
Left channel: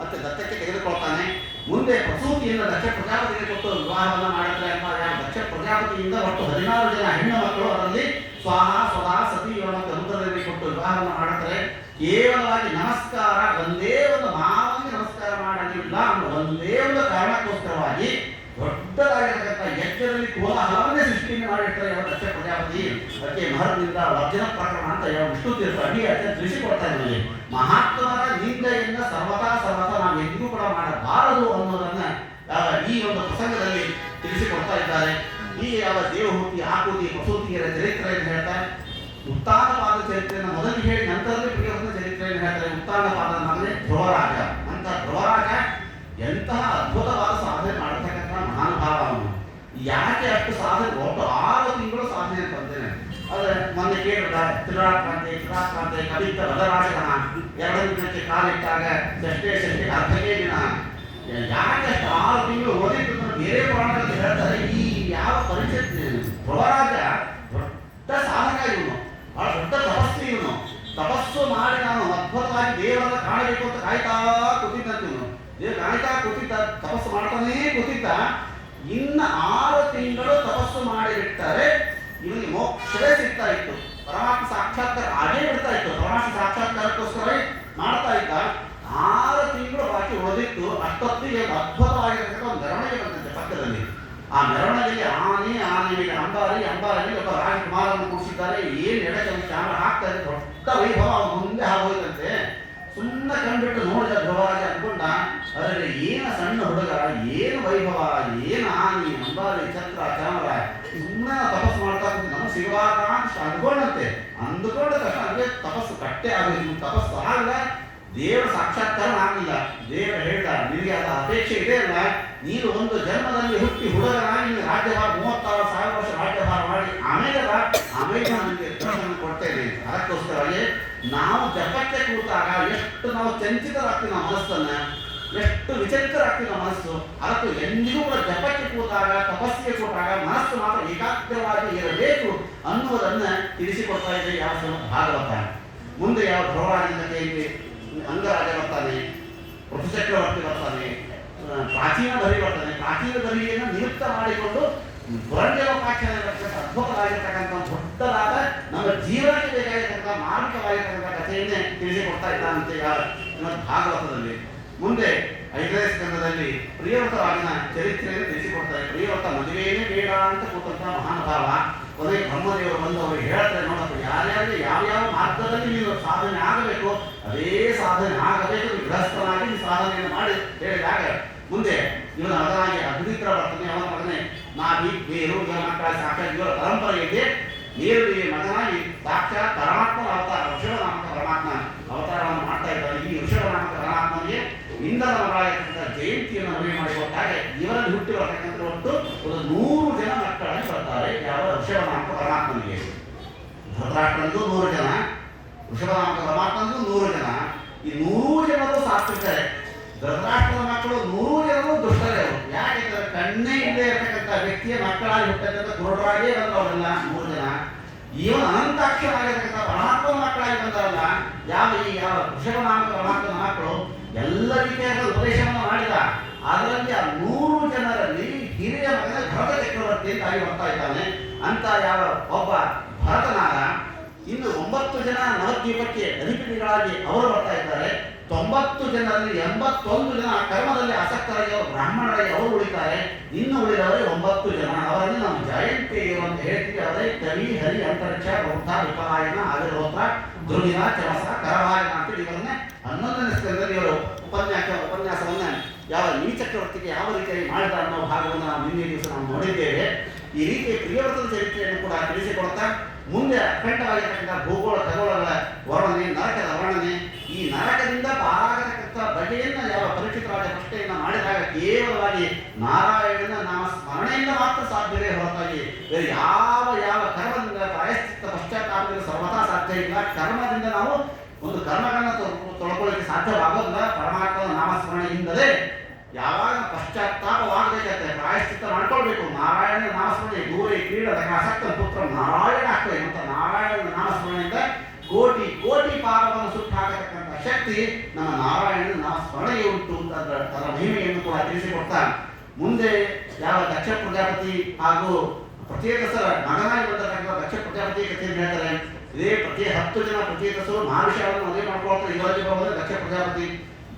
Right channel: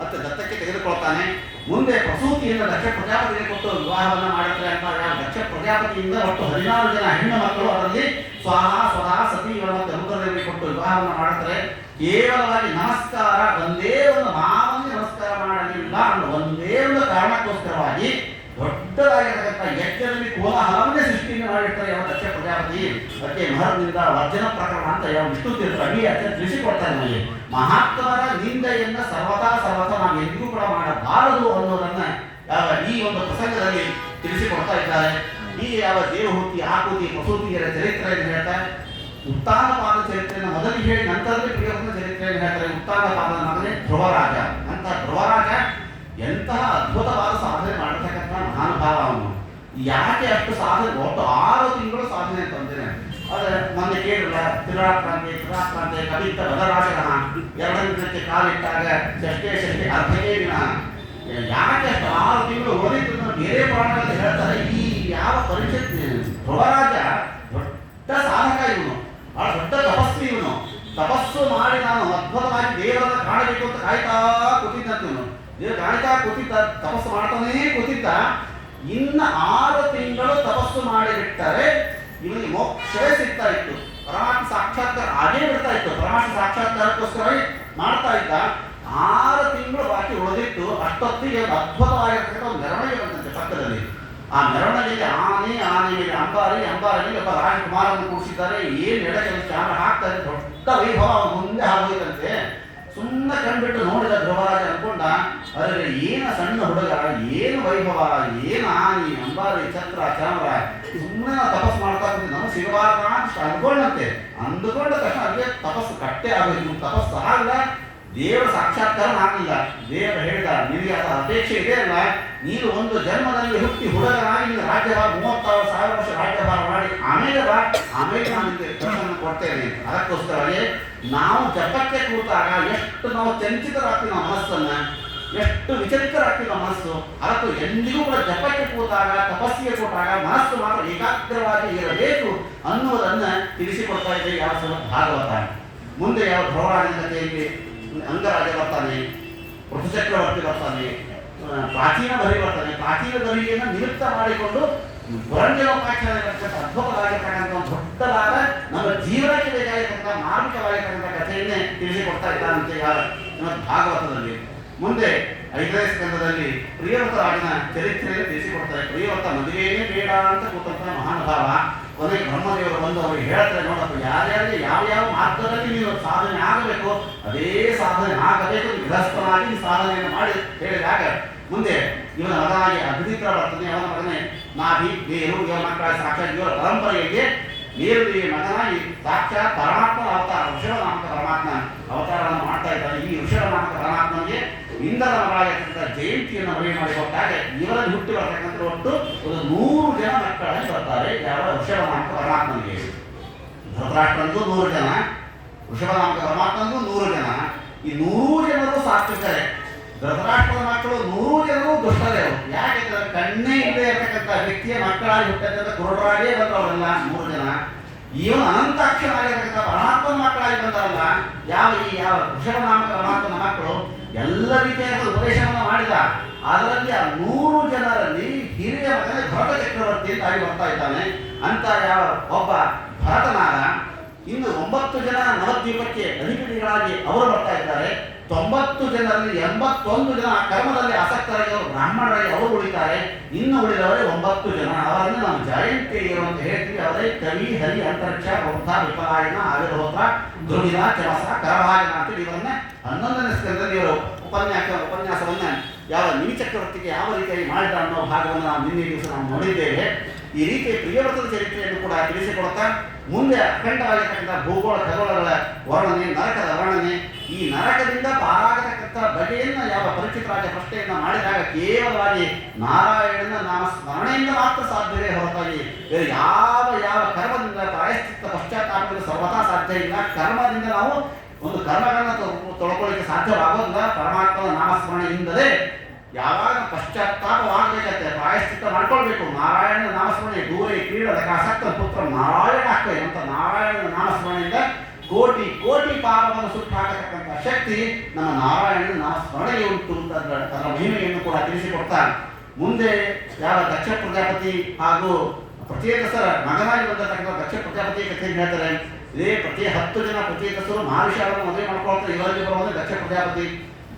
ಮತ್ತೆ ದತ್ತಕ್ಕೆ ತೆಗೆದುಕೊಳ್ತಾನೆ. ಮುಂದೆ ಪ್ರಸೂತಿಯಿಂದ ದಕ್ಷ ಪ್ರಜಾಪತಿಗೆ ಕೊಟ್ಟು ವಿವಾಹವನ್ನು ಮಾಡಿದ್ರೆ ಅಂತ ಯಾವ ದಕ್ಷ ಪ್ರಜಾಪತಿಯಿಂದ ಒಟ್ಟು 16 ಜನ ಹೆಣ್ಣು ಮಕ್ಕಳು, ಅದರಲ್ಲಿ ಸ್ವಾಹ, ಸ್ವಹ, ಸತಿ ಮತ್ತು ರುದ್ರದೇವಿಗೆ ಕೊಟ್ಟು ವಿವಾಹವನ್ನು ಮಾಡುತ್ತಾರೆ. ಕೇವಲವಾಗಿ ನಮಸ್ಕಾರ, ಒಂದೇ ಒಂದು ಮಾವನಿಗೆ ನಮಸ್ಕಾರ ಮಾಡಲಿಲ್ಲ ಅನ್ನೋ ಒಂದೇ ಒಂದು ಕಾರಣಕ್ಕೋಸ್ಕರವಾಗಿ ದೊಡ್ಡದಾಗಿರತಕ್ಕಂಥ ಯಜ್ಞದಲ್ಲಿ ಕೋಲಾಹಲವನ್ನೇ ಸೃಷ್ಟಿಯನ್ನು ಮಾಡಿರ್ತಾರೆ ಯಾವ ದಕ್ಷ ಪ್ರಜಾಪತಿ. ಅದಕ್ಕೆ ಮಹರ್ನಿಂದ ವರ್ಜನ ಪ್ರಕರಣ ಅಂತ ಯಾವ ವಿಷ್ಣು ತೀರ್ಥ ಅಡಿ ಅದನ್ನು ತಿಳಿಸಿಕೊಡ್ತಾರೆ. ನಮಗೆ ಮಹಾತ್ಮರ ನಿಂದೆಯನ್ನು ಸರ್ವದಾ ನಾವು ಎಂದಿಗೂ ಕೂಡ ಮಾಡಬಾರದು ಅನ್ನೋದನ್ನ ಈ ಒಂದು ಪ್ರಸಂಗದಲ್ಲಿ ತಿಳಿಸಿಕೊಡ್ತಾ ಇದ್ದಾರೆ. ಈ ಯಾವ ದೇವಹೂತಿ, ಆಕೂತಿ, ಪ್ರಸೂತಿಯರ ಚರಿತ್ರೆಯನ್ನು ಹೇಳ್ತಾರೆ. ಉತ್ತಾನಪಾದ ಚರಿತ್ರೆಯನ್ನು ಮೊದಲಿಗೆ ಹೇಳಿ ನಂತರದಲ್ಲಿ ಪ್ರಿಯವ್ರತನ ಚರಿತ್ರೆಯನ್ನು ಹೇಳ್ತಾರೆ. ಉತ್ತಾನಪಾದನ ಮಗನೇ ಧ್ರುವರಾಜ. ಅಂತ ಧ್ರುವರಾಜ ಎಂತಹ ಅದ್ಭುತವಾದ ಸಾಧನೆ ಮಾಡತಕ್ಕಂಥ ಮಹಾನುಭಾವ ಅವನು. ಯಾಕೆ ಅಷ್ಟು ಸಾಧನೆ? ಒಟ್ಟು 6 ತಿಂಗಳು ಸಾಧನೆ ತಂದೇನೆ. ಅದೇ ಮೊನ್ನೆ ಕೇಳಿಲ್ಲ, ತ್ರಿರಾಕ್ರಾಂತಿ ಕವಿತ ಬದರಾಜನ 2 ದಿನಕ್ಕೆ ಕಾಲಿಟ್ಟಾಗ ಷಷ್ಠಿ ಅರ್ಧನೇ ದಿನ. ಯಾಕೆ ಅಷ್ಟು 6 ತಿಂಗಳು ಓದಿದ್ದು ಬೇರೆ ಪ್ರಾಣಗಳಲ್ಲಿ ಹೇಳ್ತಾರೆ. ಈ ಯಾವ ಪರಿಷತ್ ಧ್ರುವರಾಜ ದೊಡ್ಡ ಸಾಧಕ ಇವನು, ಬಹಳ ದೊಡ್ಡ ತಪಸ್ವಿ ಇವನು. ತಪಸ್ಸು ಮಾಡಿ ನಾನು ಅದ್ಭುತವಾಗಿ ದೇವರನ್ನ ಕಾಣಬೇಕು ಅಂತ ಕಾಯ್ತಾ ಕೂತಿದ್ದಂತ ಇವನು. ದೇವರು ಕಾಯ್ತಾ ಕೂತಿದ್ದ, ತಪಸ್ಸು ಮಾಡ್ತಾನೇ ಕೂತಿದ್ದ. ಇನ್ನು 6 ತಿಂಗಳು ತಪಸ್ಸು ಮಾಡಿಬಿಟ್ಟರೆ ಇವನಿಗೆ ಮೋಕ್ಷವೇ ಸಿಗ್ತಾ ಇತ್ತು. ಪರಮಾತ್ಮ ಸಾಕ್ಷಾತ್ಕಾರ ಆಗೇ ಬಿಡ್ತಾ ಇತ್ತು. ಪರಮಾತ್ಮ ಸಾಕ್ಷಾತ್ಕಾರಕ್ಕೋಸ್ಕರ ಮಾಡ್ತಾ ಇದ್ದ. 6 ತಿಂಗಳು ಬಾಕಿ ಉಳಿದಿತ್ತು. ಅಷ್ಟೊತ್ತಿಗೆ ಒಂದು ಅದ್ಭುತವಾಗಿರ್ತಕ್ಕಂಥ ಒಂದು ಮೆರವಣಿಗೆ ಬಂದಂತೆ ಪಕ್ಕದಲ್ಲಿ. ಆ ಮೆರವಣಿಗೆಯಲ್ಲಿ ಆನೆ ಮೇಲೆ ಅಂಬಾರಿ ಮೇಲೆ ಒಬ್ಬ ರಾಜಕುಮಾರನ್ನು ಕೂಡಿಸಿದ್ದಾರೆ. ಏನು ಎಡಚಲಿ ಚಾಮ ಹಾಕ್ತಾರೆ. ದೊಡ್ಡ ವೈಭವ ಅವನು ಮುಂದೆ ಆಗೋಯ್ತಂತೆ. ಸುಮ್ಮನೆ ಕಂಡುಬಿಟ್ಟು ನೋಡಿದ ಧ್ರುವರಾಜ ಅನ್ಕೊಂಡ, ಅರೆ ಏನು ಸಣ್ಣ ಹುಡುಗ, ಏನು ವೈಭವ, ಏನು ಆನಿ, ಅಂಬಾರಿ, ಛತ್ರ, ಚಾಮರ, ಸುಮ್ಮನೆ ನಾವು ತಪಸ್ಸು ಮಾಡ್ತಾ ಕೂತೀವಿ, ನಮಗೆ ಸಿಗಬಾರ್ದ ಅಂತ ಅಂದ್ಕೊಂಡಂತೆ ಅಂದ್ಕೊಂಡ ತಕ್ಷಣ ಅದಕ್ಕೆ ತಪಸ್ಸು ಕಟ್ಟೆ ಆಗಬೇಕು. ತಪಸ್ಸು ಆಗಲ್ಲ, ದೇವರ ಸಾಕ್ಷಾತ್ಕಾರ ಆಗಲಿಲ್ಲ. ದೇವರು ಹೇಳಿದ ನಿನಗೆ ಅದರ ಅಪೇಕ್ಷೆ ಇದೆ ಅಲ್ಲ, ನೀನು ಒಂದು ಜನ್ಮದಲ್ಲಿ ಹುಟ್ಟಿ ಹುಡುಗನಾಗಿ ನೀನು ರಾಜ್ಯಭಾರ 36,000 ವರ್ಷ ರಾಜ್ಯಭಾರ ಮಾಡಿ ಆಮೇಲೆ ನಾನು ನಿಮಗೆ ದರ್ಶನ ಕೊಡ್ತೇನೆ. ಅದಕ್ಕೋಸ್ಕರವಾಗಿ ನಾವು ಜಪಕ್ಕೆ ಕೂತಾಗ ಎಷ್ಟು ನಾವು ಚಂಚಿತರಾಗ್ತೀವಿ ನಮ್ಮ ಮನಸ್ಸನ್ನ, ಎಷ್ಟು ವಿಚಲಿತರಾಗ್ತೀವಿ ನಮ್ಮ ಮನಸ್ಸು. ಅದಕ್ಕೂ ಎಂದಿಗೂ ಕೂಡ ಜಪಕ್ಕೆ ಕೂತಾಗ ತಪಸ್ಸಿಗೆ ಕೂತಾಗ ಮನಸ್ಸು ಮಾತ್ರ ಏಕಾಗ್ರವಾಗಿ ಇರಬೇಕು ಅನ್ನುವುದನ್ನ ತಿಳಿಸಿಕೊಡ್ತಾ ಇದೆ ಯಾವ ಭಾಗವತ. ಮುಂದೆ ಯಾವ ಧ್ರುವರಾಜನ ಕಥೆಯಲ್ಲಿ ಅಂಗರಾಜ ಬರ್ತಾನೆ, ಪೃಥುಚಕ್ರವರ್ತಿ ಬರ್ತಾನೆ, ಪ್ರಾಚೀನ ಬರಿ ಬರ್ತಾನೆ. ಪ್ರಾಚೀನ ಬರಿಯನ್ನು ನಿಮಿತ್ತ ಮಾಡಿಕೊಂಡು ಪುರಂಜಲೋಪಾಖ್ಯಾನ ಅದ್ಭುತವಾಗಿರ್ತಕ್ಕಂಥ ದೊಡ್ಡದಾದ ನಮ್ಮ ಜೀವನಕ್ಕೆ ಬೇಕಾಗಿರ್ತಕ್ಕಂಥ ಮಾರ್ಮಿಕವಾಗಿರ್ತಕ್ಕಂಥ ಕಥೆಯನ್ನೇ ತಿಳಿಸಿಕೊಡ್ತಾ ಇದ್ದಾನಂತೆ ಯಾವ ಭಾಗವತದಲ್ಲಿ. ಮುಂದೆ 5ನೇ ಸ್ಕಂದದಲ್ಲಿ ಪ್ರಿಯವ್ರತರಾಜನ ಚರಿತ್ರೆಯನ್ನು ತಿಳಿಸಿಕೊಡ್ತಾರೆ. ಪ್ರಿಯವ್ರತ ಮದುವೆಯೇ ಬೇಡ ಅಂತ ಕೂತಂತ ಮಹಾನುಭಾವ ಕೊನೆಗೆ ಬ್ರಹ್ಮದೇವರು ಬಂದು ಅವರಿಗೆ ಹೇಳ್ತಾರೆ, ನೋಡಪ್ಪ ಯಾರ್ಯಾರಿಗೆ ಯಾವ ಮಾರ್ಗದಲ್ಲಿ ನೀವು ಸಾಧನೆ ಆಗಬೇಕು ಅದೇ ಸಾಧನೆ ಆಗಬೇಕು, ಗೃಹಸ್ಥನಾಗಿ ನೀವು ಸಾಧನೆಯನ್ನು ಮಾಡಿ ಹೇಳಿದಾಗ ಮುಂದೆ ಇವನ ಮಗನಾಗಿ ಅಭಿಮಿತ್ರ ಬರ್ತಾನೆ. ಅವನ ಮಗನೇ ನಾಭಿ ಬೇರು ಇವರ ಮಕ್ಕಳ ಸಾಕ್ಷಾತ್ ಇವರ ಪರಂಪರೆಯಲ್ಲಿ ನೇರು ಮಗನಾಗಿ ಸಾಕ್ಷಾತ್ ಪರಮಾತ್ಮ ಅವತಾರ ಋಷಭನಾಮಕ ಪರಮಾತ್ಮ ಅವತಾರವನ್ನು ಮಾಡ್ತಾ ಇದ್ದಾನೆ. ಈ ಋಷಭನಾಮಕ ಪರಮಾತ್ಮನಿಗೆ ಇಂದ್ರನ ಮಗಳಾಗಿರ್ತಕ್ಕಂಥ ಜಯಂತಿಯನ್ನು ಮದುವೆ ಮಾಡಿಕೊಟ್ಟಾಗ ಇವರಲ್ಲಿ ಹುಟ್ಟಿ ಬರ್ತಕ್ಕಂಥ ಒಟ್ಟು 100 ಜನ ಮಕ್ಕಳಲ್ಲಿ ಬರ್ತಾರೆ. ಯಾವ ಋಷಭನಾಮಕ ಪರಮಾತ್ಮನಿಗೆ ಧೃತರಾಷ್ಟ್ರನಿಗೂ 100 ಜನ, ಋಷಭನಾಮಕ ಪರಮಾತ್ಮನಿಗೂ 100 ಜನ. ಈ 100 ಜನರು ಸಾತ್ವಿಕರೇ. ಧೃತರಾಷ್ಟ್ರದ ಮಕ್ಕಳು 100 ಜನರು ದುಷ್ಟರೇ. ಯಾಕೆಂದ್ರೆ ಕಣ್ಣೇ ಇಲ್ಲದೆ ಇರತಕ್ಕಂಥ ವ್ಯಕ್ತಿಯ ಮಕ್ಕಳಾಗಿ ಹುಟ್ಟತಕ್ಕಂಥ ಕುರುಡರಾಗೇ ಬಂದವರಲ್ಲ 100 ಜನ. ಇವನು ಅನಂತಾಕ್ಷರಾಗಿರ್ತಕ್ಕಂಥ ಪರಮಾತ್ಮನ ಮಕ್ಕಳಾಗಿ ಬಂದವಲ್ಲ ಯಾವ ಋಷಭನಾಮಕ ಪರಮಾತ್ಮನ ಮಕ್ಕಳು ಎಲ್ಲ ರೀತಿಯಾದ ಉಪದೇಶವನ್ನು ಮಾಡಿದ. ಅದರಲ್ಲಿ ಆ 100 ಜನರಲ್ಲಿ ಹಿರಿಯ ಮಗನೇ ಭರತ ಚಕ್ರವರ್ತಿ ಅಂತ ಆಗಿ ಬರ್ತಾ ಇದ್ದಾನೆ. ಅಂತ ಯಾವ ಒಬ್ಬ ಭರತನಾಗ ಇನ್ನು 9 ಜನ ನವದ್ವೀಪಕ್ಕೆ ಅಧಿಪತಿಗಳಾಗಿ ಅವರು ಬರ್ತಾ ಇದ್ದಾರೆ. 90 ಜನರಲ್ಲಿ 81 ಜನ ಕರ್ಮದಲ್ಲಿ ಆಸಕ್ತರಾಗಿ ಅವರು ಬ್ರಾಹ್ಮಣರಾಗಿ ಅವರು ಉಳಿತಾರೆ. ಇನ್ನು ಉಳಿದವರೇ 9 ಜನ. ಅವರನ್ನು ನಾವು ಜಯಂತಿಯರು ಅಂತ ಹೇಳ್ತೀವಿ. ಅವರೇ ಕವಿ, ಹರಿ, ಅಂತರಿಕ್ಷ, ಬೌದ್ಧ, ವಿಪಲಾಯನ, ಆವಿರ್ಹೋತ್ರ, ಧ್ರುವಿನ, ಚಮಸ, ಕರಭಾಜನ ಅಂತೇಳಿ ಇವರನ್ನ 11ನೇ ಸ್ಕಂದದಲ್ಲಿ ಇವರು ಉಪನ್ಯಾಸವನ್ನ ಯಾವ ನಿಮಿ ಚಕ್ರವರ್ತಿಗೆ ಯಾವ ರೀತಿಯಾಗಿ ಮಾಡಿದ ಅನ್ನೋ ಭಾಗವನ್ನು ನಾವು ನಿನ್ನೆ ದಿವಸ ನಾವು ನೋಡಿದ್ದೇವೆ. ಈ ರೀತಿ ಪ್ರಿಯವ್ರತದ ಚರಿತ್ರೆಯನ್ನು ಕೂಡ ತಿಳಿಸಿಕೊಡುತ್ತಾ ಮುಂದೆ ಅಖಂಡವಾಗಿರ್ತಕ್ಕಂಥ ಭೂಗೋಳ ಖಗೋಳಗಳ ವರ್ಣನೆ, ನರಕದ ವರ್ಣನೆ, ಈ ನರಕದಿಂದ ಪಾರಾಗತಕ್ಕಂಥ ಬಗೆಯನ್ನು ಯಾವ ಪರಿಚಿತರಾದ ಪ್ರಶ್ನೆಯನ್ನು ಮಾಡಿದಾಗ ಕೇವಲವಾಗಿ ನಾರಾಯಣನ ನಾಮ ಸ್ಮರಣೆಯಿಂದ ಮಾತ್ರ ಸಾಧ್ಯವೇ ಹೊರತಾಗಿ ಬೇರೆ ಯಾವ ಕರ್ಮದಿಂದ ಪ್ರಾಯಶ್ಚಿತ್ತ ಪಶ್ಚಾತ್ತಾಪದಿಂದ ಸರ್ವತಾ ಸಾಧ್ಯ ಇಲ್ಲ. ಕರ್ಮದಿಂದ ನಾವು ಒಂದು ಕರ್ಮಗಳನ್ನ ತೊಳ್ಕೊಳ್ಳಿಕ್ಕೆ ಸಾಧ್ಯವಾಗೋದಿಲ್ಲ. ಪರಮಾತ್ಮನ ನಾಮಸ್ಮರಣೆಯಿಂದಲೇ ಯಾವಾಗ ಪಶ್ಚಾತ್ತಾಪವಾಗಬೇಕಂತೆ ಪ್ರಾಯಶ್ಚಿತ್ತ ಮಾಡ್ಕೊಳ್ಬೇಕು. ನಾರಾಯಣ ನಾಮಸ್ಮರಣೆ ದೂರೇ ಕೀಳದ ಆಸಕ್ತ ಪುತ್ರ ನಾರಾಯಣ ಆಗ್ತದೆ ಅಂತ ನಾರಾಯಣನ ನಾಮಸ್ಮರಣೆಯಿಂದ ಕೋಟಿ ಕೋಟಿ ಪಾಪವನ್ನು ಸುಟ್ಟು ಹಾಕತಕ್ಕಂಥ ಶಕ್ತಿ ನಮ್ಮ ನಾರಾಯಣನ ನಾಮಸ್ಮರಣೆಗೆ ಉಂಟು ಅಂತ ಅದರ ಮಹಿಮೆಯನ್ನು ಕೂಡ ತಿಳಿಸಿಕೊಡ್ತಾನೆ. ಮುಂದೆ ಯಾವ ದಕ್ಷ ಪ್ರಜಾಪತಿ ಹಾಗೂ ಪ್ರಚೇತಸರ ಮಗನಾಗಿ ಬಂದಿರತಕ್ಕಂಥ ದಕ್ಷ ಪ್ರಜಾಪತಿ ಕಥೆಯನ್ನು ಹೇಳ್ತಾರೆ. ಇದೇ 10 ಜನ ಪ್ರಚೇತಸರು ಮಹಾವಿಷಾವನ್ನು ಮದುವೆ ಮಾಡ್ಕೊಳ್ತಾರೆ. ಇವರಲ್ಲಿ ಬರುವುದೇ ದಕ್ಷ ಪ್ರಜಾಪತಿ.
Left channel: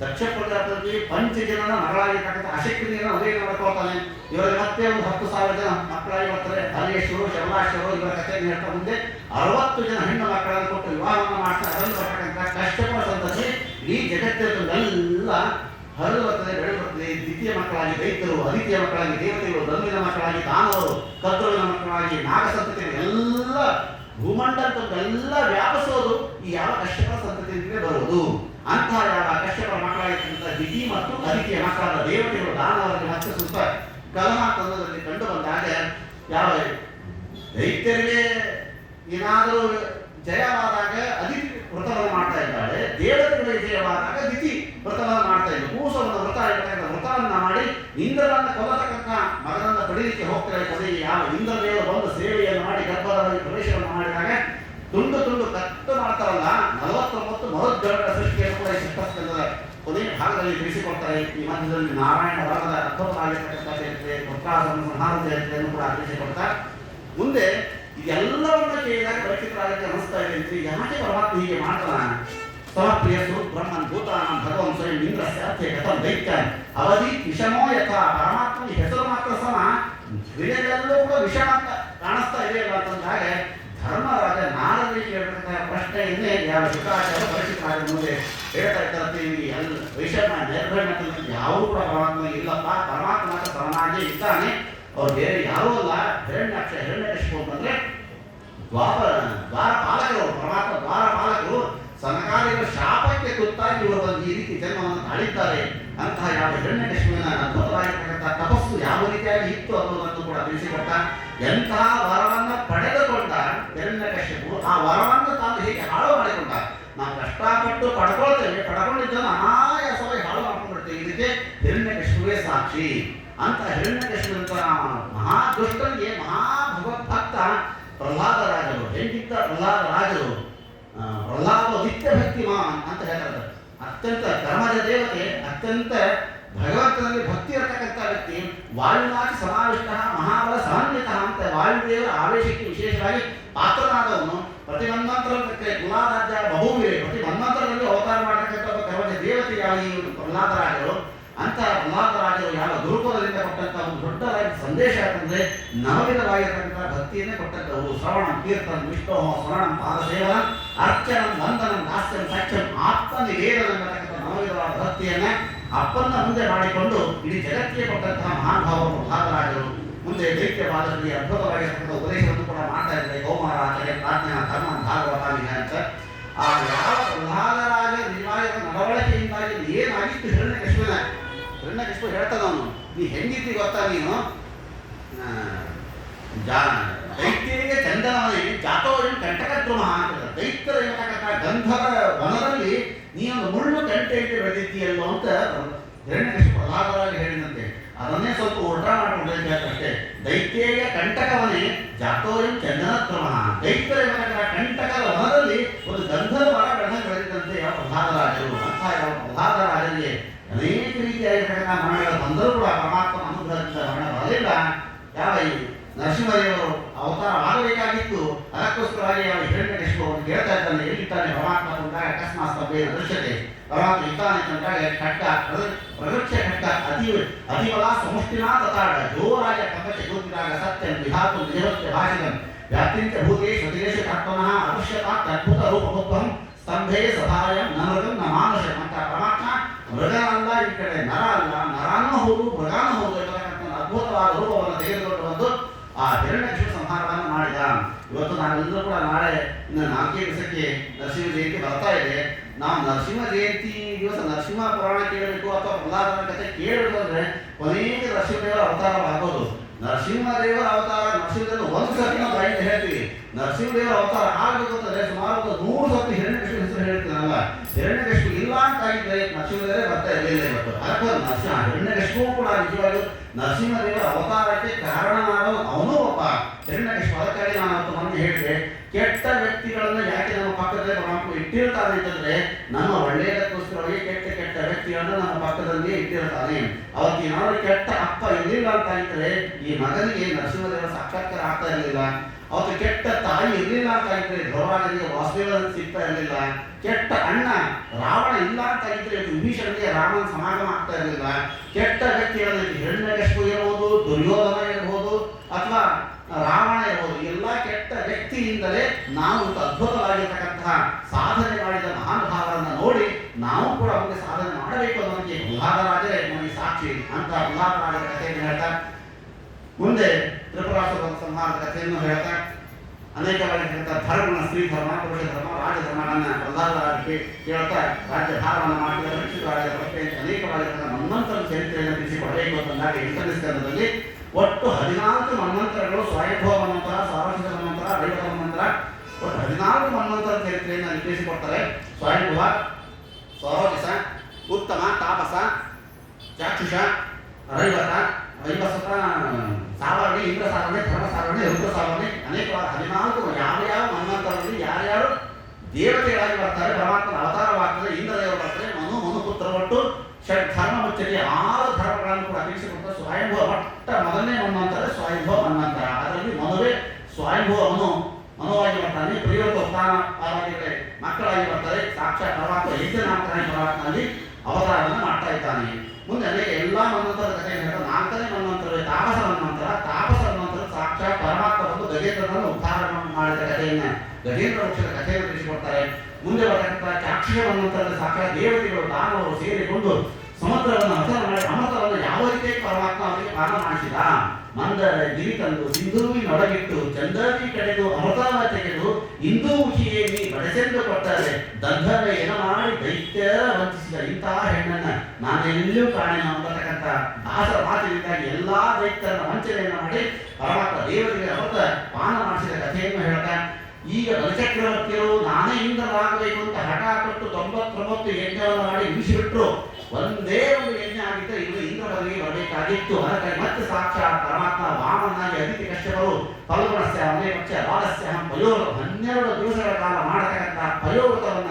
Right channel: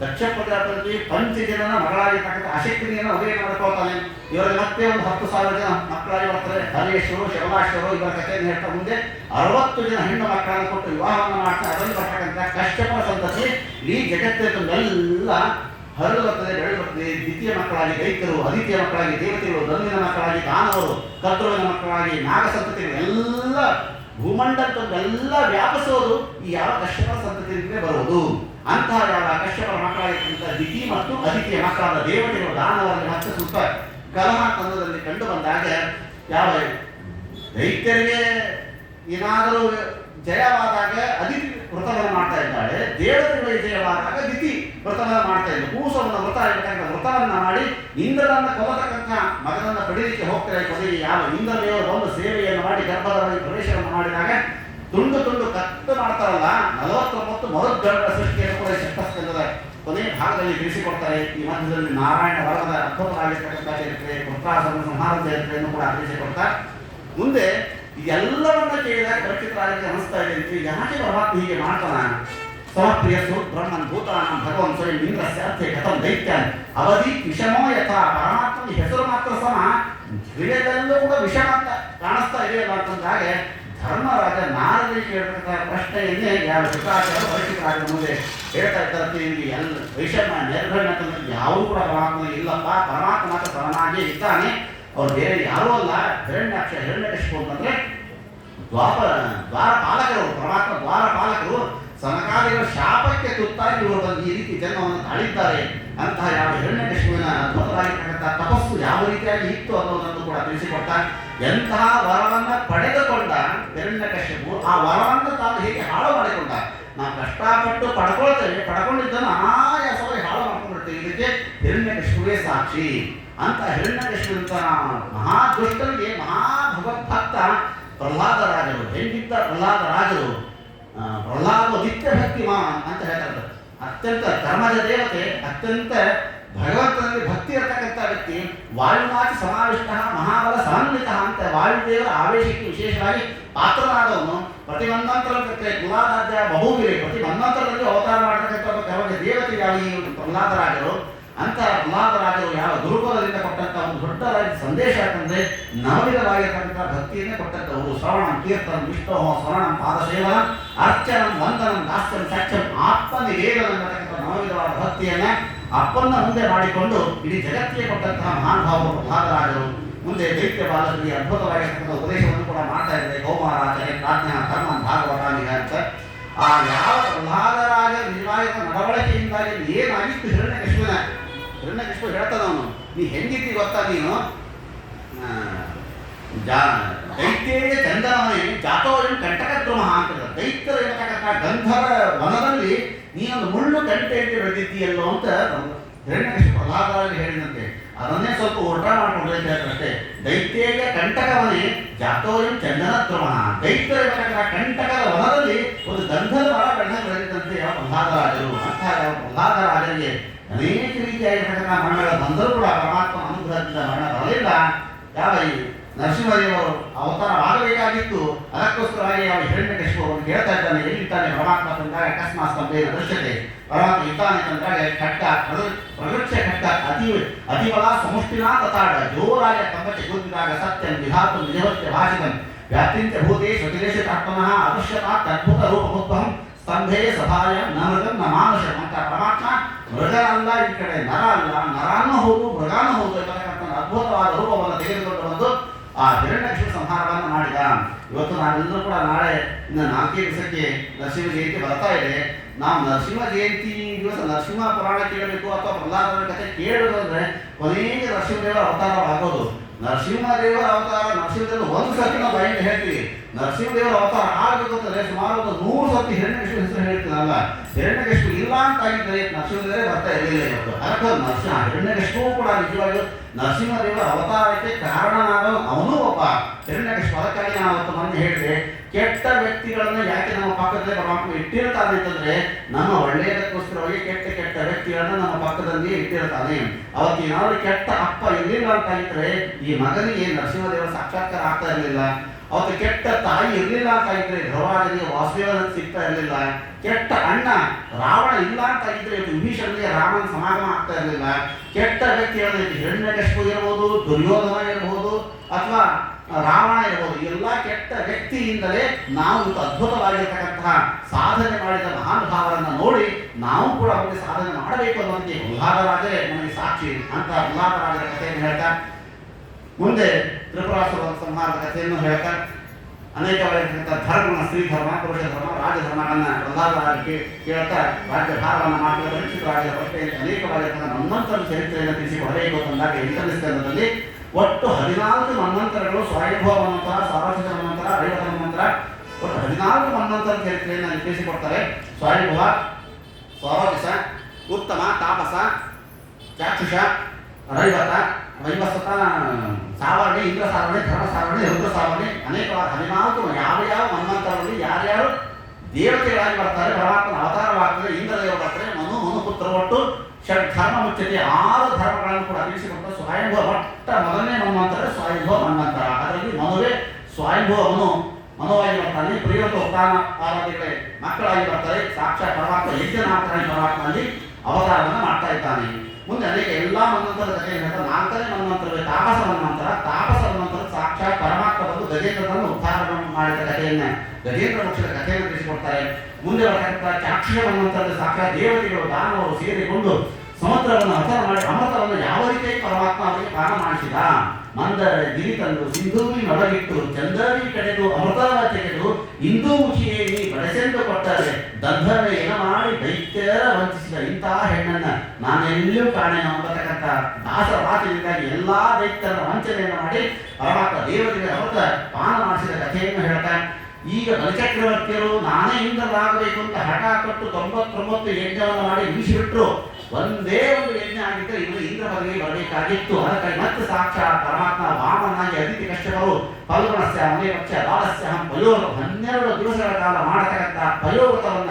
ದಕ್ಷ ಪ್ರಜಾಪತಿ 5 ಜನನ ಮಗಳಾಗಿರ್ತಕ್ಕಂಥ ಅಶಕ್ತಿಯನ್ನು ಮದುವೆ ಮಾಡ್ಕೊಳ್ತಾನೆ. ಇವರಿಗೆ ಮತ್ತೆ ಒಂದು 10,000 ಜನ ಮಕ್ಕಳಾಗಿ ಬರ್ತಾರೆ. ಹರಿಯೇಶ್ವರು, ಶಬಲಾಶ್ವರು ಇವರ ಕಥೆಯನ್ನು ಹೇಳ್ತಾ ಮುಂದೆ 60 ಜನ ಹೆಣ್ಣು ಮಕ್ಕಳನ್ನು ಕೊಟ್ಟು ವಿವಾಹವನ್ನು ಮಾಡ್ತಾರೆ. ಅದರಲ್ಲಿ ಬರ್ತಕ್ಕಂಥ ಕಶ್ಯಪನ ಸಂತತಿ ಇಡೀ ಜಗತ್ತೆಲ್ಲ ಹರಿದು ಬರ್ತದೆ, ಬೆಳೆದು ಬರ್ತದೆ. ದ್ವಿತೀಯ ಮಕ್ಕಳಾಗಿ ದೈತ್ಯರು, ಅದಿತಿಯ ಮಕ್ಕಳಾಗಿ ದೇವತೆಗಳು, ದಂದಿನ ಮಕ್ಕಳಾಗಿ ದಾನವರು, ಕದ್ರುವಿನ ಮಕ್ಕಳಾಗಿ ನಾಗ ಸಂತತಿಗಳು ಎಲ್ಲ ಭೂಮಂಡಲದೆಲ್ಲ ವ್ಯಾಪಿಸೋದು ಈ ಯಾವ ಕಶ್ಯಪನ ಸಂತತಿಯಿಂದ ಬರುವುದು. ಅಂತಹ ಯಾವ ಕಶ್ಯಪರ ಮಕ್ಕಳಾಗಿರ್ತಕ್ಕಂಥ ದಿತಿ ಮತ್ತು ಅದಿತಿಯ ಮಕ್ಕಳಾದ ದೇವತೆಗಳು ದಾನವರಲ್ಲಿ ಮತ್ತೆ ಸುತ್ತ ಕಲಹ ತಂದದಲ್ಲಿ ಕಂಡು ಬಂದಾಗ ಯಾವ ದೈತ್ಯರಿಗೆ ಏನಾದರೂ ಜಯವಾದಾಗ ಅದಿತಿ ವ್ರತವನ್ನು ಮಾಡ್ತಾ ಇದ್ದಾಳೆ, ದೇವತೆಗಳಿಗೆ ಜಯವಾದಾಗ ದಿತಿ ವ್ರತವನ್ನು ಮಾಡ್ತಾ ಇದ್ದರು. ಕೂಸವನ್ನು ವ್ರತ ಇರತಕ್ಕಂಥ ವ್ರತವನ್ನ ಮಾಡಿ ಇಂದ್ರನನ್ನು ಕೊಲ್ಲತಕ್ಕಂಥ ಮಗನನ್ನು ಪಡೀಲಿಕ್ಕೆ ಹೋಗ್ತಾರೆ. ಕೊನೆಗೆ ಯಾವ ಇಂದ್ರದೇವರು ಬಂದು ಸೇವೆಯನ್ನು ಮಾಡಿ ಗರ್ಭದಲ್ಲಿ ಪ್ರವೇಶವನ್ನು ಮಾಡಿದಾಗ ತುಂಡು ಕತ್ತು ಮಾಡ್ತಾರಲ್ಲ 49 ಮರುದ್ಗಣಗಳ ಸೃಷ್ಟಿಯನ್ನು ಕೂಡ ಷಷ್ಠಸ್ಕಂದದ ಕೊನೆಯ ಭಾಗದಲ್ಲಿ ತಿಳಿಸಿಕೊಡ್ತಾರೆ. ಈ ಮಧ್ಯದಲ್ಲಿ ನಾರಾಯಣ ವರ್ಣದ ಅದ್ಭುತವಾಗಿರ್ತಕ್ಕಂಥ ಚರಿತ್ರೆ, ವೃತ್ತಾಸನ ಸಂಹಾರದ ಚರಿತ್ರೆಯನ್ನು ಕೂಡ ತಿಳಿಸಿಕೊಡ್ತಾರೆ. ಮುಂದೆ ಇದೆಲ್ಲವನ್ನ ಕೇಳಿದಾಗ ಪರಿಚಿತರಾಗಿ ಅನಿಸ್ತಾ ಇದೆ ಅಂತ ಯಾಕೆ ಪರಮಾತ್ಮ ಹೀಗೆ ಮಾಡ್ತಾನ? ಸಮಪ್ರಿಯ ಸುರು ಬ್ರಹ್ಮನ್ ಭೂತಾನ ಭಗವಂತ ಸ್ವಯಂ ಇಂದ್ರ ಸಾಧ್ಯ ಕಥಂ ದೈತ್ಯನ್ ಅವಧಿ ವಿಷಮೋ ಯಥ. ಪರಮಾತ್ಮನ ಹೆಸರು ಮಾತ್ರ ಸಮ, ವಿಷಯದಲ್ಲೂ ಕೂಡ ವಿಷಮ ಅಂತ ಕಾಣಿಸ್ತಾ ಇದೆಯಲ್ಲ ಅಂತಂದಾಗ ಧರ್ಮರಾಜ ನಾರದರಿಗೆ ಕೇಳಿರ್ತಕ್ಕಂಥ ಪ್ರಶ್ನೆಯನ್ನೇ ಯಾವ ಶುಕಾಚಾರ್ಯ ಪರಿಚಿತರಾಜ ಮುಂದೆ ಹೇಳ್ತಾ ಇರ್ತಾರೆ. ಎಲ್ಲ ವೈಷಮ್ಯ ನಿರ್ಭಯ ಅಂತಂದ್ರೆ ಯಾವುದೂ ಕೂಡ ಪರಮಾತ್ಮ ಇಲ್ಲಪ್ಪ, ಪರಮಾತ್ಮ ಮಾತ್ರ ಸಮನಾಗಿ ಇದ್ದಾನೆ. ಅವ್ರು ಬೇರೆ ಯಾರೂ ಅಲ್ಲ, ಹಿರಣ್ಯಕಶಿಪು ಅಂತಂದ್ರೆ ದ್ವಾರಪಾಲಕರು, ಪರಮಾತ್ಮ ದ್ವಾರಪಾಲಕರು. ಸನಕಾದಿಗಳ ಶಾಪಕ್ಕೆ ತುತ್ತಾಗಿ ಇವರು ಬಂದು ಈ ರೀತಿ ಜನ್ಮವನ್ನು ತಾಳಿದ್ದಾರೆ. ಅಂತಹ ಯಾವ ಹಿರಣ್ಯಕಶಿಪುವಿನ ಅದ್ಭುತವಾಗಿರ್ತಕ್ಕಂಥ ತಪಸ್ಸು ಯಾವ ರೀತಿಯಾಗಿ ಇತ್ತು ಅನ್ನೋದನ್ನು ಕೂಡ ತಿಳಿಸಿಕೊಟ್ಟ. ಎಂತಹ ವರವನ್ನು ಪಡೆದುಕೊಂಡ ಹಿರಣ್ಯಕಶಿಪು ಆ ವರವನ್ನು ತಾನು ಹೇಗೆ ಹಾಳು ಮಾಡಿಕೊಂಡ. ನಾವು ಕಷ್ಟಪಟ್ಟು ಪಡ್ಕೊಳ್ತೇವೆ, ಪಡ್ಕೊಂಡಿದ್ದನ್ನು ಅನಾಯಾಸವಾಗಿ ಹಾಳು ಮಾಡ್ಕೊಂಡಿರ್ತೇವೆ. ಇದಕ್ಕೆ ಹಿರಣ್ಯಕಶಿಪುವೇ ಸಾಕ್ಷಿ. ಅಂತ ಹಿರಣ್ಯಕಶಿಪುವಂತ ಮಹಾದುಷ್ಟನಿಗೆ ಮಹಾಭಗವದ್ಭಕ್ತ ಪ್ರಹ್ಲಾದರಾಜರು. ಹೆಂಗಿದ್ದ ಪ್ರಹ್ಲಾದರಾಜರು? ಪ್ರಹ್ಲಾದ ನಿತ್ಯ ಭಕ್ತಿಮಾನ್ ಅಂತ ಹೇಳ್ತಾರೆ. ಅತ್ಯಂತ ಕರ್ಮಜ ದೇವತೆ, ಅತ್ಯಂತ ಭಗವಂತನಲ್ಲಿ ಭಕ್ತಿ ಇರತಕ್ಕಂಥ ವ್ಯಕ್ತಿ. ವಾಯುನಾಥಿ ಸಮಾವಿಷ್ಟ ಮಹಾಬಲ ಸಮನ್ವಿತ ಅಂತ ವಾಯುದೇವರ ಆವೇಶಕ್ಕೆ ವಿಶೇಷವಾಗಿ ಪಾತ್ರನಾದವನು. ಪ್ರತಿ ಮನ್ವಂತರಕ್ಕೆ ಪ್ರಹ್ಲಾದಾಜ ಬಹುವಿರೆ, ಪ್ರತಿ ಮನ್ವಂತರದಲ್ಲಿ ಅವತಾರ ಮಾಡತಕ್ಕಂಥ ಕರ್ಮಜ ದೇವತೆ ಯಾವ ಈ ಪ್ರಹ್ಲಾದರಾಜರು. ಅಂತ ಪ್ರಹ್ಲಾದರಾಜರು ಯಾವ ಗುರುಕುಲದಿಂದ ಕೊಟ್ಟಂತ ಒಂದು ದೊಡ್ಡದಾಗಿ ಸಂದೇಶ ಯಾಕಂದ್ರೆ ನವವಿಧವಾಗಿರ್ತಕ್ಕಂಥ ಭಕ್ತಿಯನ್ನೇ ಕೊಟ್ಟಂತವರು. ಶ್ರವಣಂ ಕೀರ್ತನ ವಿಷ್ಣೋ ಸ್ಮರಣಂ ಪಾದಸೇವನ ಅರ್ಚನಂ ವಂದನಂ ದಾಸ್ಯಂ ಸಖ್ಯಂ ಆತ್ಮನಿವೇದನ ಅನ್ನತಕ್ಕಂಥ ನವವಿಧವಾದ ಭಕ್ತಿಯನ್ನ ಅಪ್ಪನ್ನ ಮುಂದೆ ಮಾಡಿಕೊಂಡು ಇಡೀ ಜಗತ್ತಿಗೆ ಕೊಟ್ಟಂತಹ ಮಹಾನುಭಾವರು ಪ್ರಹ್ಲಾದರಾಜರು. ಮುಂದೆ ದೈತ್ಯ ಬಾಲಕರಿಗೆ ಅದ್ಭುತವಾಗಿರ್ತಕ್ಕಂಥ ಉಪದೇಶವನ್ನು ಕೂಡ ಮಾಡ್ತಾ ಇದ್ದಾರೆ. ಕೌಮಾರಾಚನೆ ಪ್ರಾಜ್ಞಾ ಧರ್ಮ ಭಾಗವತಾನಿಗ ಅಂತ. ಆ ಯಾವ ಪ್ರಹ್ಲಾದರಾಜ ನಿಜವಾಗಿರುವ ನಡವಳಿಕೆಯಿಂದಾಗಿ ಏನಾಗಿತ್ತು ಹಿರಣ್ಯಕಶಿಪು ಹೇಳ್ತಾನವನು, ನೀ ಹೆಂಗಿತ್ತಿ ಗೊತ್ತಾ, ನೀನು ದೈತ್ಯರಿಗೆ ಚಂದನವನೇ ಜಾತೋಯಂ ಕಂಟಕದ್ರುಮ ಅಂತ. ದೈತ್ಯರು ಎನ್ನತಕ್ಕಂಥ ಗಂಧದ ವನದಲ್ಲಿ ನೀನೊಂದು ಮುಳ್ಳು ಕಂಟೆಯಲ್ಲಿ ಬೆಳೆದಿದ್ದೀಯಲ್ಲೋ ಅಂತ ಹಿರಣ್ಯಕಶಿಪು ಪ್ರಹ್ಲಾದರಾಜ ಹೇಳಿದಂತೆ. ಅದನ್ನೇ ಸ್ವಲ್ಪ ಉಲ್ಟ ಮಾಡಿಕೊಂಡ್ರೆ ಅಂತ ಹೇಳ್ತಾರಷ್ಟೇ. ದೈತ್ಯರಿಗೆ ಕಂಟಕವನೇ ಜಾತೋಯಂ ಚಂದನದ್ರುಮ. ದೈತ್ಯರು ಎನ್ನತಕ್ಕಂಥ ಕಂಟಕದ ವನದಲ್ಲಿ ಒಂದು ಗಂಧದ ಮರ ಬೆಳೆದಿದ್ದಂತೆ ಯಾವ ಪ್ರಹ್ಲಾದರಾಜರು. ಅಂತ ಯಾವ ಪ್ರಹ್ಲಾದರಾಜರಿಗೆ ಅನೇಕ ರೀತಿಯಾಗಿರ್ತಕ್ಕಂಥ ಮರಣಗಳು ಬಂದರೂ ಕೂಡ ಪರಮಾತ್ಮನ ಅನುಗ್ರಹದಿಂದ ಮರಣ ಬರಲಿಲ್ಲ. ಯಾವ ಈ ನರಸಿಂಹದೇವರು ಅವತಾರವಾಗಬೇಕಾಗಿತ್ತು. ಅದಕ್ಕೋಸ್ಕರವಾಗಿ ಯಾವ ಹಿರಣ್ಯಕಶಿಪು ಅವನು ಕೇಳ್ತಾ ಇದ್ದಾನೆ, ಎಲ್ಲಿದ್ದಾನೆ ಪರಮಾತ್ಮ ತಂದಾಗ ಅಕಸ್ಮಾತ್ ಸ್ತಂಭೆಯ ದೃಶ್ಯತೆ. ಪರಮಾತ್ಮ ಇದ್ದಾನೆ ತಂದಾಗ ಖಡ್ಗ ಪ್ರವೃಕ್ಷ ಖಡ್ಗ ಅತಿಬಲ ಸಮುಷ್ಟಿನ ತತಾಡ ಜೋರಾಯ ಕಂಬಕ್ಕೆ ಕೂತಿದಾಗ ಸತ್ಯಂ ವಿಧಾತು ನಿಜವತ್ಯ ಭಾಷಿತಂ ವ್ಯಾಪ್ತಿಂಚ ಭೂತೇಶು ಅತಿದೇಶಾತ್ಮನಃ ಅದೃಶ್ಯತಾತ್ ಅದ್ಭುತ ರೂಪಮುದ್ಭವಂ ಸ್ತಂಭೆ ಸಭಾಯ ನಮೃಗಂ ನ ಮಾನುಷಂ ಅಂತ ಪರಮಾತ್ಮ ಮೃಗನಲ್ಲ, ಈ ಕಡೆ ನರ ಅಲ್ಲ, ನರಾನು ಹೌದು ಮೃಗಾನು ಹೌದು ಎಂಬತಕ್ಕಂಥ ಅದ್ಭುತವಾದ ರೂಪವನ್ನು ತೆಗೆದುಕೊಂಡು ಬಂದು ಆ ಹಿರಣ್ಯಕಶಿಪು ಸಂಹಾರವನ್ನು ಮಾಡಿದ. ಇವತ್ತು ನಾವೆಲ್ಲರೂ ಕೂಡ ನಾಳೆ ಇನ್ನು 4 ದಿವಸಕ್ಕೆ ನರಸಿಂಹ ಜಯಂತಿ ಬರ್ತಾ ಇದೆ. ನಾವು ನರಸಿಂಹ ಜಯಂತಿ ದಿವಸ ನರಸಿಂಹ ಪುರಾಣ ಕೇಳಬೇಕು ಅಥವಾ ಪ್ರಹ್ಲಾದನ ಕಥೆ ಕೇಳಬೇಕು ಅಂದ್ರೆ ಕೊನೆಗೆ ನರಸಿಂಹದೇವರ ಅವತಾರವಾಗೋದು. ನರಸಿಂಹದೇವರ ಅವತಾರ ನರಸಿಂಹದೇವರು ಒಂದು ಸರ್ತಿ ನಾವು ಬಾಯಿಂದ ಹೇಳ್ತೀವಿ. ನರಸಿಂಹದೇವರ ಅವತಾರ ಆಗಬೇಕು ಅಂತಂದ್ರೆ ಸುಮಾರು ಒಂದು 100 ಸರ್ತಿ ಹಿರಣ್ಯಕಶಿಪು ಹೆಸರು ಹೇಳ್ತೀನಲ್ಲ. ಹಿರಣ್ಯಕಶಿಪು ಇಲ್ಲ ಅಂತಾಗಿದ್ರೆ ನರಸಿಂಹದೇವರೇ ಬರ್ತಾ ಇರಲಿಲ್ಲ ಇವತ್ತು. ಅದಕ್ಕೆ ಹಿರಣ್ಯಕಶಿಪು ಕೂಡ ನಿಜವಾಗಿ ನರಸಿಂಹದೇವರ ಅವತಾರಕ್ಕೆ ಕಾರಣನಾದ ಅವನು ಒಬ್ಬ ಹಿರಣ್ಯಕಶಿಪು. ಅದಕ್ಕಾಗಿ ನಾನು ಅವತ್ತು ಮೊನ್ನೆ ಹೇಳಿದೆ, ಕೆಟ್ಟ ವ್ಯಕ್ತಿಗಳನ್ನ ಯಾಕೆ ನಮ್ಮ ಪಕ್ಕದಲ್ಲಿ ಪರಮಾತ್ಮ ಇಟ್ಟಿರ್ತಾನೆ ಅಂತಂದ್ರೆ ನಮ್ಮ ಒಳ್ಳೆಯದಕ್ಕೋಸ್ಕರವಾಗಿ ಕೆಟ್ಟ ವ್ಯಕ್ತಿಗಳನ್ನ ನಮ್ಮ ಪಕ್ಕದಲ್ಲಿ ಇಟ್ಟಿರ್ತಾನೆ. ಅವತ್ತು ಏನಾದ್ರು ಕೆಟ್ಟ ಅಪ್ಪ ಇರಲಿಲ್ಲ ಅಂತ ಇದ್ರೆ ಈ ಮಗನಿಗೆ ನರಸಿಂಹದೇವರ ಸಾಕ್ಷಾತ್ಕಾರ ಆಗ್ತಾ ಇರಲಿಲ್ಲ. ಅವತ್ತು ಕೆಟ್ಟ ತಾಯಿ ಇರಲಿಲ್ಲ ಅಂತ ಇದ್ರೆ ಧ್ರುವರಾಜನಿಗೆ ವಾಸುದೇವ ಸಿಗ್ತಾ ಇರಲಿಲ್ಲ. ಕೆಟ್ಟ ಅಣ್ಣ ರಾವಣ ಇಲ್ಲ ಅಂತ ಇದ್ರೆ ವಿಭೀಷಣನಿಗೆ ರಾಮನ ಸಮಾಗಮ ಆಗ್ತಾ ಇರಲಿಲ್ಲ. ಕೆಟ್ಟ ವ್ಯಕ್ತಿಗಳಲ್ಲಿ ಹಿರಣ್ಯಕಶಿಪು ಇರಬಹುದು, ದುರ್ಯೋಧನ ಇರಬಹುದು, ಅಥವಾ ರಾವಣ ಇರಬಹುದು. ಎಲ್ಲ ಕೆಟ್ಟ ವ್ಯಕ್ತಿಯಿಂದಲೇ ನಾವು ಅದ್ಭುತವಾಗಿರತಕ್ಕಂತಹ ಸಾಧನೆ ಮಾಡಿದ ಮಹಾನುಭಾವರನ್ನು ನೋಡಿ ನಾವು ಕೂಡ ಮುಂದೆ ಸಾಧನೆ ಮಾಡಬೇಕು ಅನ್ನೋದಕ್ಕೆ ಪ್ರಹ್ಲಾದರಾಜರೇ ನಮಗೆ ಸಾಕ್ಷಿ ಅಂತ ಪ್ರಹ್ಲಾದರಾಜರ ಕಥೆಯನ್ನು ಹೇಳ್ತಾ ಮುಂದೆ ತ್ರಿಪುರಾಸುರ ಸಂಹಾರದ ಕಥೆಯನ್ನು ಹೇಳ್ತಾ ಅನೇಕವಾಗಿರ್ತಕ್ಕಂಥ ಧರ್ಮ, ಸ್ತ್ರೀ ಧರ್ಮ, ಪುರುಷ ಧರ್ಮ, ರಾಜಧರ್ಮಗಳನ್ನು ಪ್ರಹ್ಲಾದರಾಜರಿಗೆ ಕೇಳ್ತಾ ರಾಜ್ಯ ಭಾರವನ್ನು ಮಾಡ್ತಿದ್ದ ರಕ್ಷಿತರಾಜರ ಬಗ್ಗೆ ಅನೇಕವಾಗಿರ್ತಕ್ಕಂಥ ಮನ್ವಂತರ ಚರಿತ್ರೆಯನ್ನು ತಿಳಿಸಿಕೊಡಬೇಕು ಅಂತಂದಾಗ 8ನೇ ಸ್ಕಂದದಲ್ಲಿ ಒಟ್ಟು 14 ಮನ್ವಂತರಗಳು, ಸ್ವಯಂಭವ ಮನ್ವಂತರ, ಸಾರ್ವತ್ರಿಕ ಮನ್ವಂತರ, ಐವತ ಮನ್ವಂತರ, ಒಟ್ಟು 14 ಮನ್ವಂತರ ಚರಿತ್ರೆಯನ್ನು ತಿಳಿಸಿಕೊಡ್ತಾರೆ. ಸ್ವಯಂಭವ, ಸ್ವರೋಚಿಸ, ಉತ್ತಮ, ತಾಪಸ, ಚಾಕ್ಷುಷ, ರೈವತ, ವೈವಸ್ವತ, ಸಾವರ್ಣಿ, ಇಂದ್ರ ಸಾವರ್ಣಿ, ಧರ್ಮ ಸಾವರ್ಣಿ, ರುದ್ರ ಸಾವರ್ಣಿ, ಅನೇಕವಾದ 14 ಯಾವ ಮನ್ವಂತರದಲ್ಲಿ ಯಾರ್ಯಾರು ದೇವತೆಗಳಾಗಿ ಬರ್ತಾರೆ, ಪರಮಾತ್ಮನ ಅವತಾರವಾಗ್ತದೆ, ಇಂದ್ರ ದೇವರು ಬರ್ತಾರೆ, ಮನುಪುತ್ರ, ಒಟ್ಟು ಧರ್ಮ ಮುಚ್ಚತೆ 6 ಧರ್ಮಗಳನ್ನು ಕೂಡ ತಿಳಿಸಿಕೊಟ್ಟ ಸ್ವಯಂಭವ. ಮೊದಲನೇ ಮನ್ವಂತರ ಸ್ವಯಂಭವ ಮನ್ವಂತರ. ಅದರಲ್ಲಿ ಮನುವೇ ಸ್ವಯಂಭವ ಮನುವಾಗಿ ಬರ್ತಾನೆ. ಪ್ರಿಯತ ಉತ್ಥಾನ ಪಾರ್ವತಿಗಳೇ ಮಕ್ಕಳಾಗಿ ಬರ್ತಾರೆ. ಸಾಕ್ಷಾತ್ ಪರಮಾತ್ಮ ಯಜ್ಞನಾಥನಾಗಿ ಪರಮಾತ್ಮನಲ್ಲಿ ಅವತಾರವನ್ನು ಮಾಡ್ತಾ ಇದ್ದಾನೆ. ಮುಂದೆ ಅನೇಕ ಎಲ್ಲ ಮನ್ವಂತರದ ಕಥೆ ಹೇಳ್ತಾರೆ. 4ನೇ ಮನ್ವಂತರವೇ ತಾಪಸ ಮನ್ವಂತರ. ತಾಪಸ ಮನ್ವಂತರ ಸಾಕ್ಷಾತ್ ಪರಮಾತ್ಮ ಬಂದು ಗಜೇಂದ್ರನನ್ನು ಉದ್ಧಾರವನ್ನು ಮಾಡಿದ ಕಥೆಯನ್ನ, ಗಜೇಂದ್ರ ವೃಕ್ಷದ ಕಥೆಯನ್ನು ತಿಳಿಸಿಕೊಡ್ತಾರೆ. ಮುಂದೆ ಬರತಕ್ಕಂಥ ಚಾಕ್ಷುಷ ಮನ್ವಂತರದ ಸಾಕ್ಷಾತ್ ದೇವತೆಗಳು ದಾನವರು ಸೇರಿಕೊಂಡು ಸಮುದ್ರವನ್ನು ಹತನ ಮಾಡಿ ಅಮೃತವನ್ನು ಯಾವ ರೀತಿಯಾಗಿ ಪರಮಾತ್ಮ ಅವರಿಗೆ ಪಾನ ಮಾಡಿಸಿದ ಮಂದರ ಗಿರಿ ತಂದು ಸಿಂಧೂವಿನೊಳಗಿಟ್ಟು ಚಂದರಿ ಕಡೆದು ಅಮೃತವ ತೆಗೆದು ಇಂದೂಮುಖಿಯೇ ನೀ ಬಡಸೆಂದು ಕೊಟ್ಟರೆ ದರ್ಭರ ಏನ ಮಾಡಿ ದೈತ್ಯರ ವಂಚಿಸಿದ ಇಂತಹ ಹೆಣ್ಣನ್ನ ನಾನೆಲ್ಲೂ ಕಾಣೆನ ಅನ್ನತಕ್ಕಂಥ ದಾಸರ ಮಾತಿನಿಂದಾಗಿ ಎಲ್ಲಾ ದೈತ್ಯರನ್ನ ವಂಚನೆಯನ್ನು ಮಾಡಿ ಪರಮಾತ್ಮ ದೇವರಿಗೆ ಅಮೃತ ಪಾನ ಮಾಡಿಸಿದ ಕಥೆಯನ್ನು ಹೇಳ್ತಾ ಈಗ ಬಲಿಚಕ್ರವರ್ತಿಯರು ನಾನೇ ಇಂದ್ರರಾಗಬೇಕು ಅಂತ ಹಠ ಕೊಟ್ಟು 99 ಯಜ್ಞವನ್ನು ಮಾಡಿ ಮುಗಿಸಿಬಿಟ್ರು. ಒಂದೇ ಒಂದು ಯಜ್ಞ ಆಗಿದ್ದು ಇವರು ಇಂದ್ರ ಬದಲಿಗೆ ಬರಬೇಕಾಗಿತ್ತು. ಅದಕ್ಕಾಗಿ ಮತ್ತೆ ಸಾಕ್ಷಾತ್ ಪರಮಾತ್ಮ ವಾಮನಾಗಿ ಅತಿಥಿ ಕಶ್ಯಪರು ಫಲ್ಗುಣಸ್ಯ ಮನೆಪಕ್ಷ ದಾಲಸ್ಯ ಪಯೋಗ 12 ದಿವಸಗಳ ಕಾಲ ಮಾಡತಕ್ಕಂಥ ಪಯೋಗತವನ್ನ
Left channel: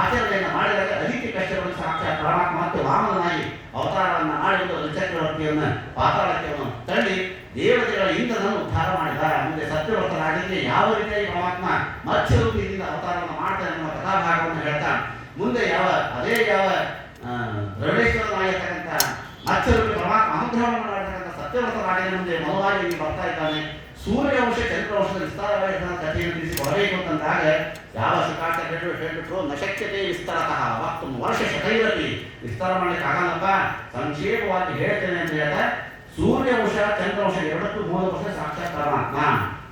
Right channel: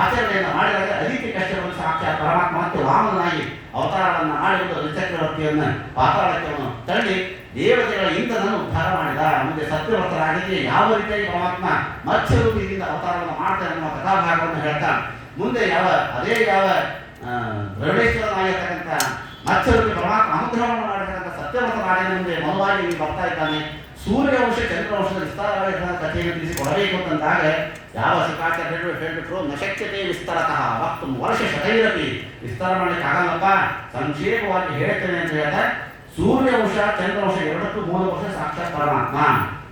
ಆಚರಣೆಯನ್ನು ಮಾಡಿದಾಗ ಅತಿಥಿ ಕಶ್ಯಪರು ಸಾಕ್ಷಾತ್ ಪರಮಾತ್ಮ ಮತ್ತು ವಾಮನಾಗಿ ಅವತಾರವನ್ನು ಮಾಡಿಕೊಂಡು ಬಲಿಚಕ್ರವರ್ತಿಯನ್ನು ಪಾತಾಳಕ್ಕೆ ತಳ್ಳಿ ದೇವತೆಗಳ ಇಂದ್ರನನ್ನು ಉದ್ಧಾರ ಮಾಡಿದ. ಮುಂದೆ ಸತ್ಯವರ್ತರಾಗಿದ್ದರೆ ಯಾವ ರೀತಿಯಾಗಿ ಪರಮಾತ್ಮ ಮತ್ಸ್ಯರೂಪಿಯಿಂದ ಅವತಾರವನ್ನು ಮಾಡ್ತಾನೆ ಅನ್ನುವ ಕಥಾಭಾಗವನ್ನು ಹೇಳ್ತಾ ಮುಂದೆ ಯಾವ ದ್ರವಿಡೇಶ್ವರನಾಗಿರ್ತಕ್ಕಂಥ ಮತ್ಸ್ಯರೂಪಿ ಪರಮಾತ್ಮ ಅನುಗ್ರಹವನ್ನು ಮಾಡಿರ್ತಕ್ಕಂಥ ಸತ್ಯವರ್ತರಾಗಿನ ಮುಂದೆ ಮೌನವಾಗಿ ಬರ್ತಾ ಇದ್ದಾನೆ. ಸೂರ್ಯವಂಶ ಚಂದ್ರವಂಶದ ವಿಸ್ತಾರವಾಗಿರ್ತಕ್ಕಂಥ ಕಥೆಯನ್ನು ತಿಳಿಸಿಕೊಡಬೇಕು ಅಂತಂದಾಗ ಯಾವ ಶುಕಾಚಾರ್ಯರು ಹೇಳಿಬಿಟ್ರು, ನಶಕ್ಯತೆ ವಿಸ್ತಾರತಃ ವಕ್ತು ವರ್ಷ ಶತೈರಪಿ ವಿಸ್ತಾರ ಮಾಡಲಿಕ್ಕೆ ಆಗಲ್ಲಪ್ಪ, ಸಂಕ್ಷೇಪವಾಗಿ ಹೇಳ್ತೇನೆ ಅಂತ ಹೇಳಿದ. ಸೂರ್ಯವಂಶ ಚಂದ್ರವಂಶ ಎರಡಕ್ಕೂ ಮೂಲ ವರ್ಷ ಸಾಕ್ಷಾತ್ ಪರಮಾತ್ಮ.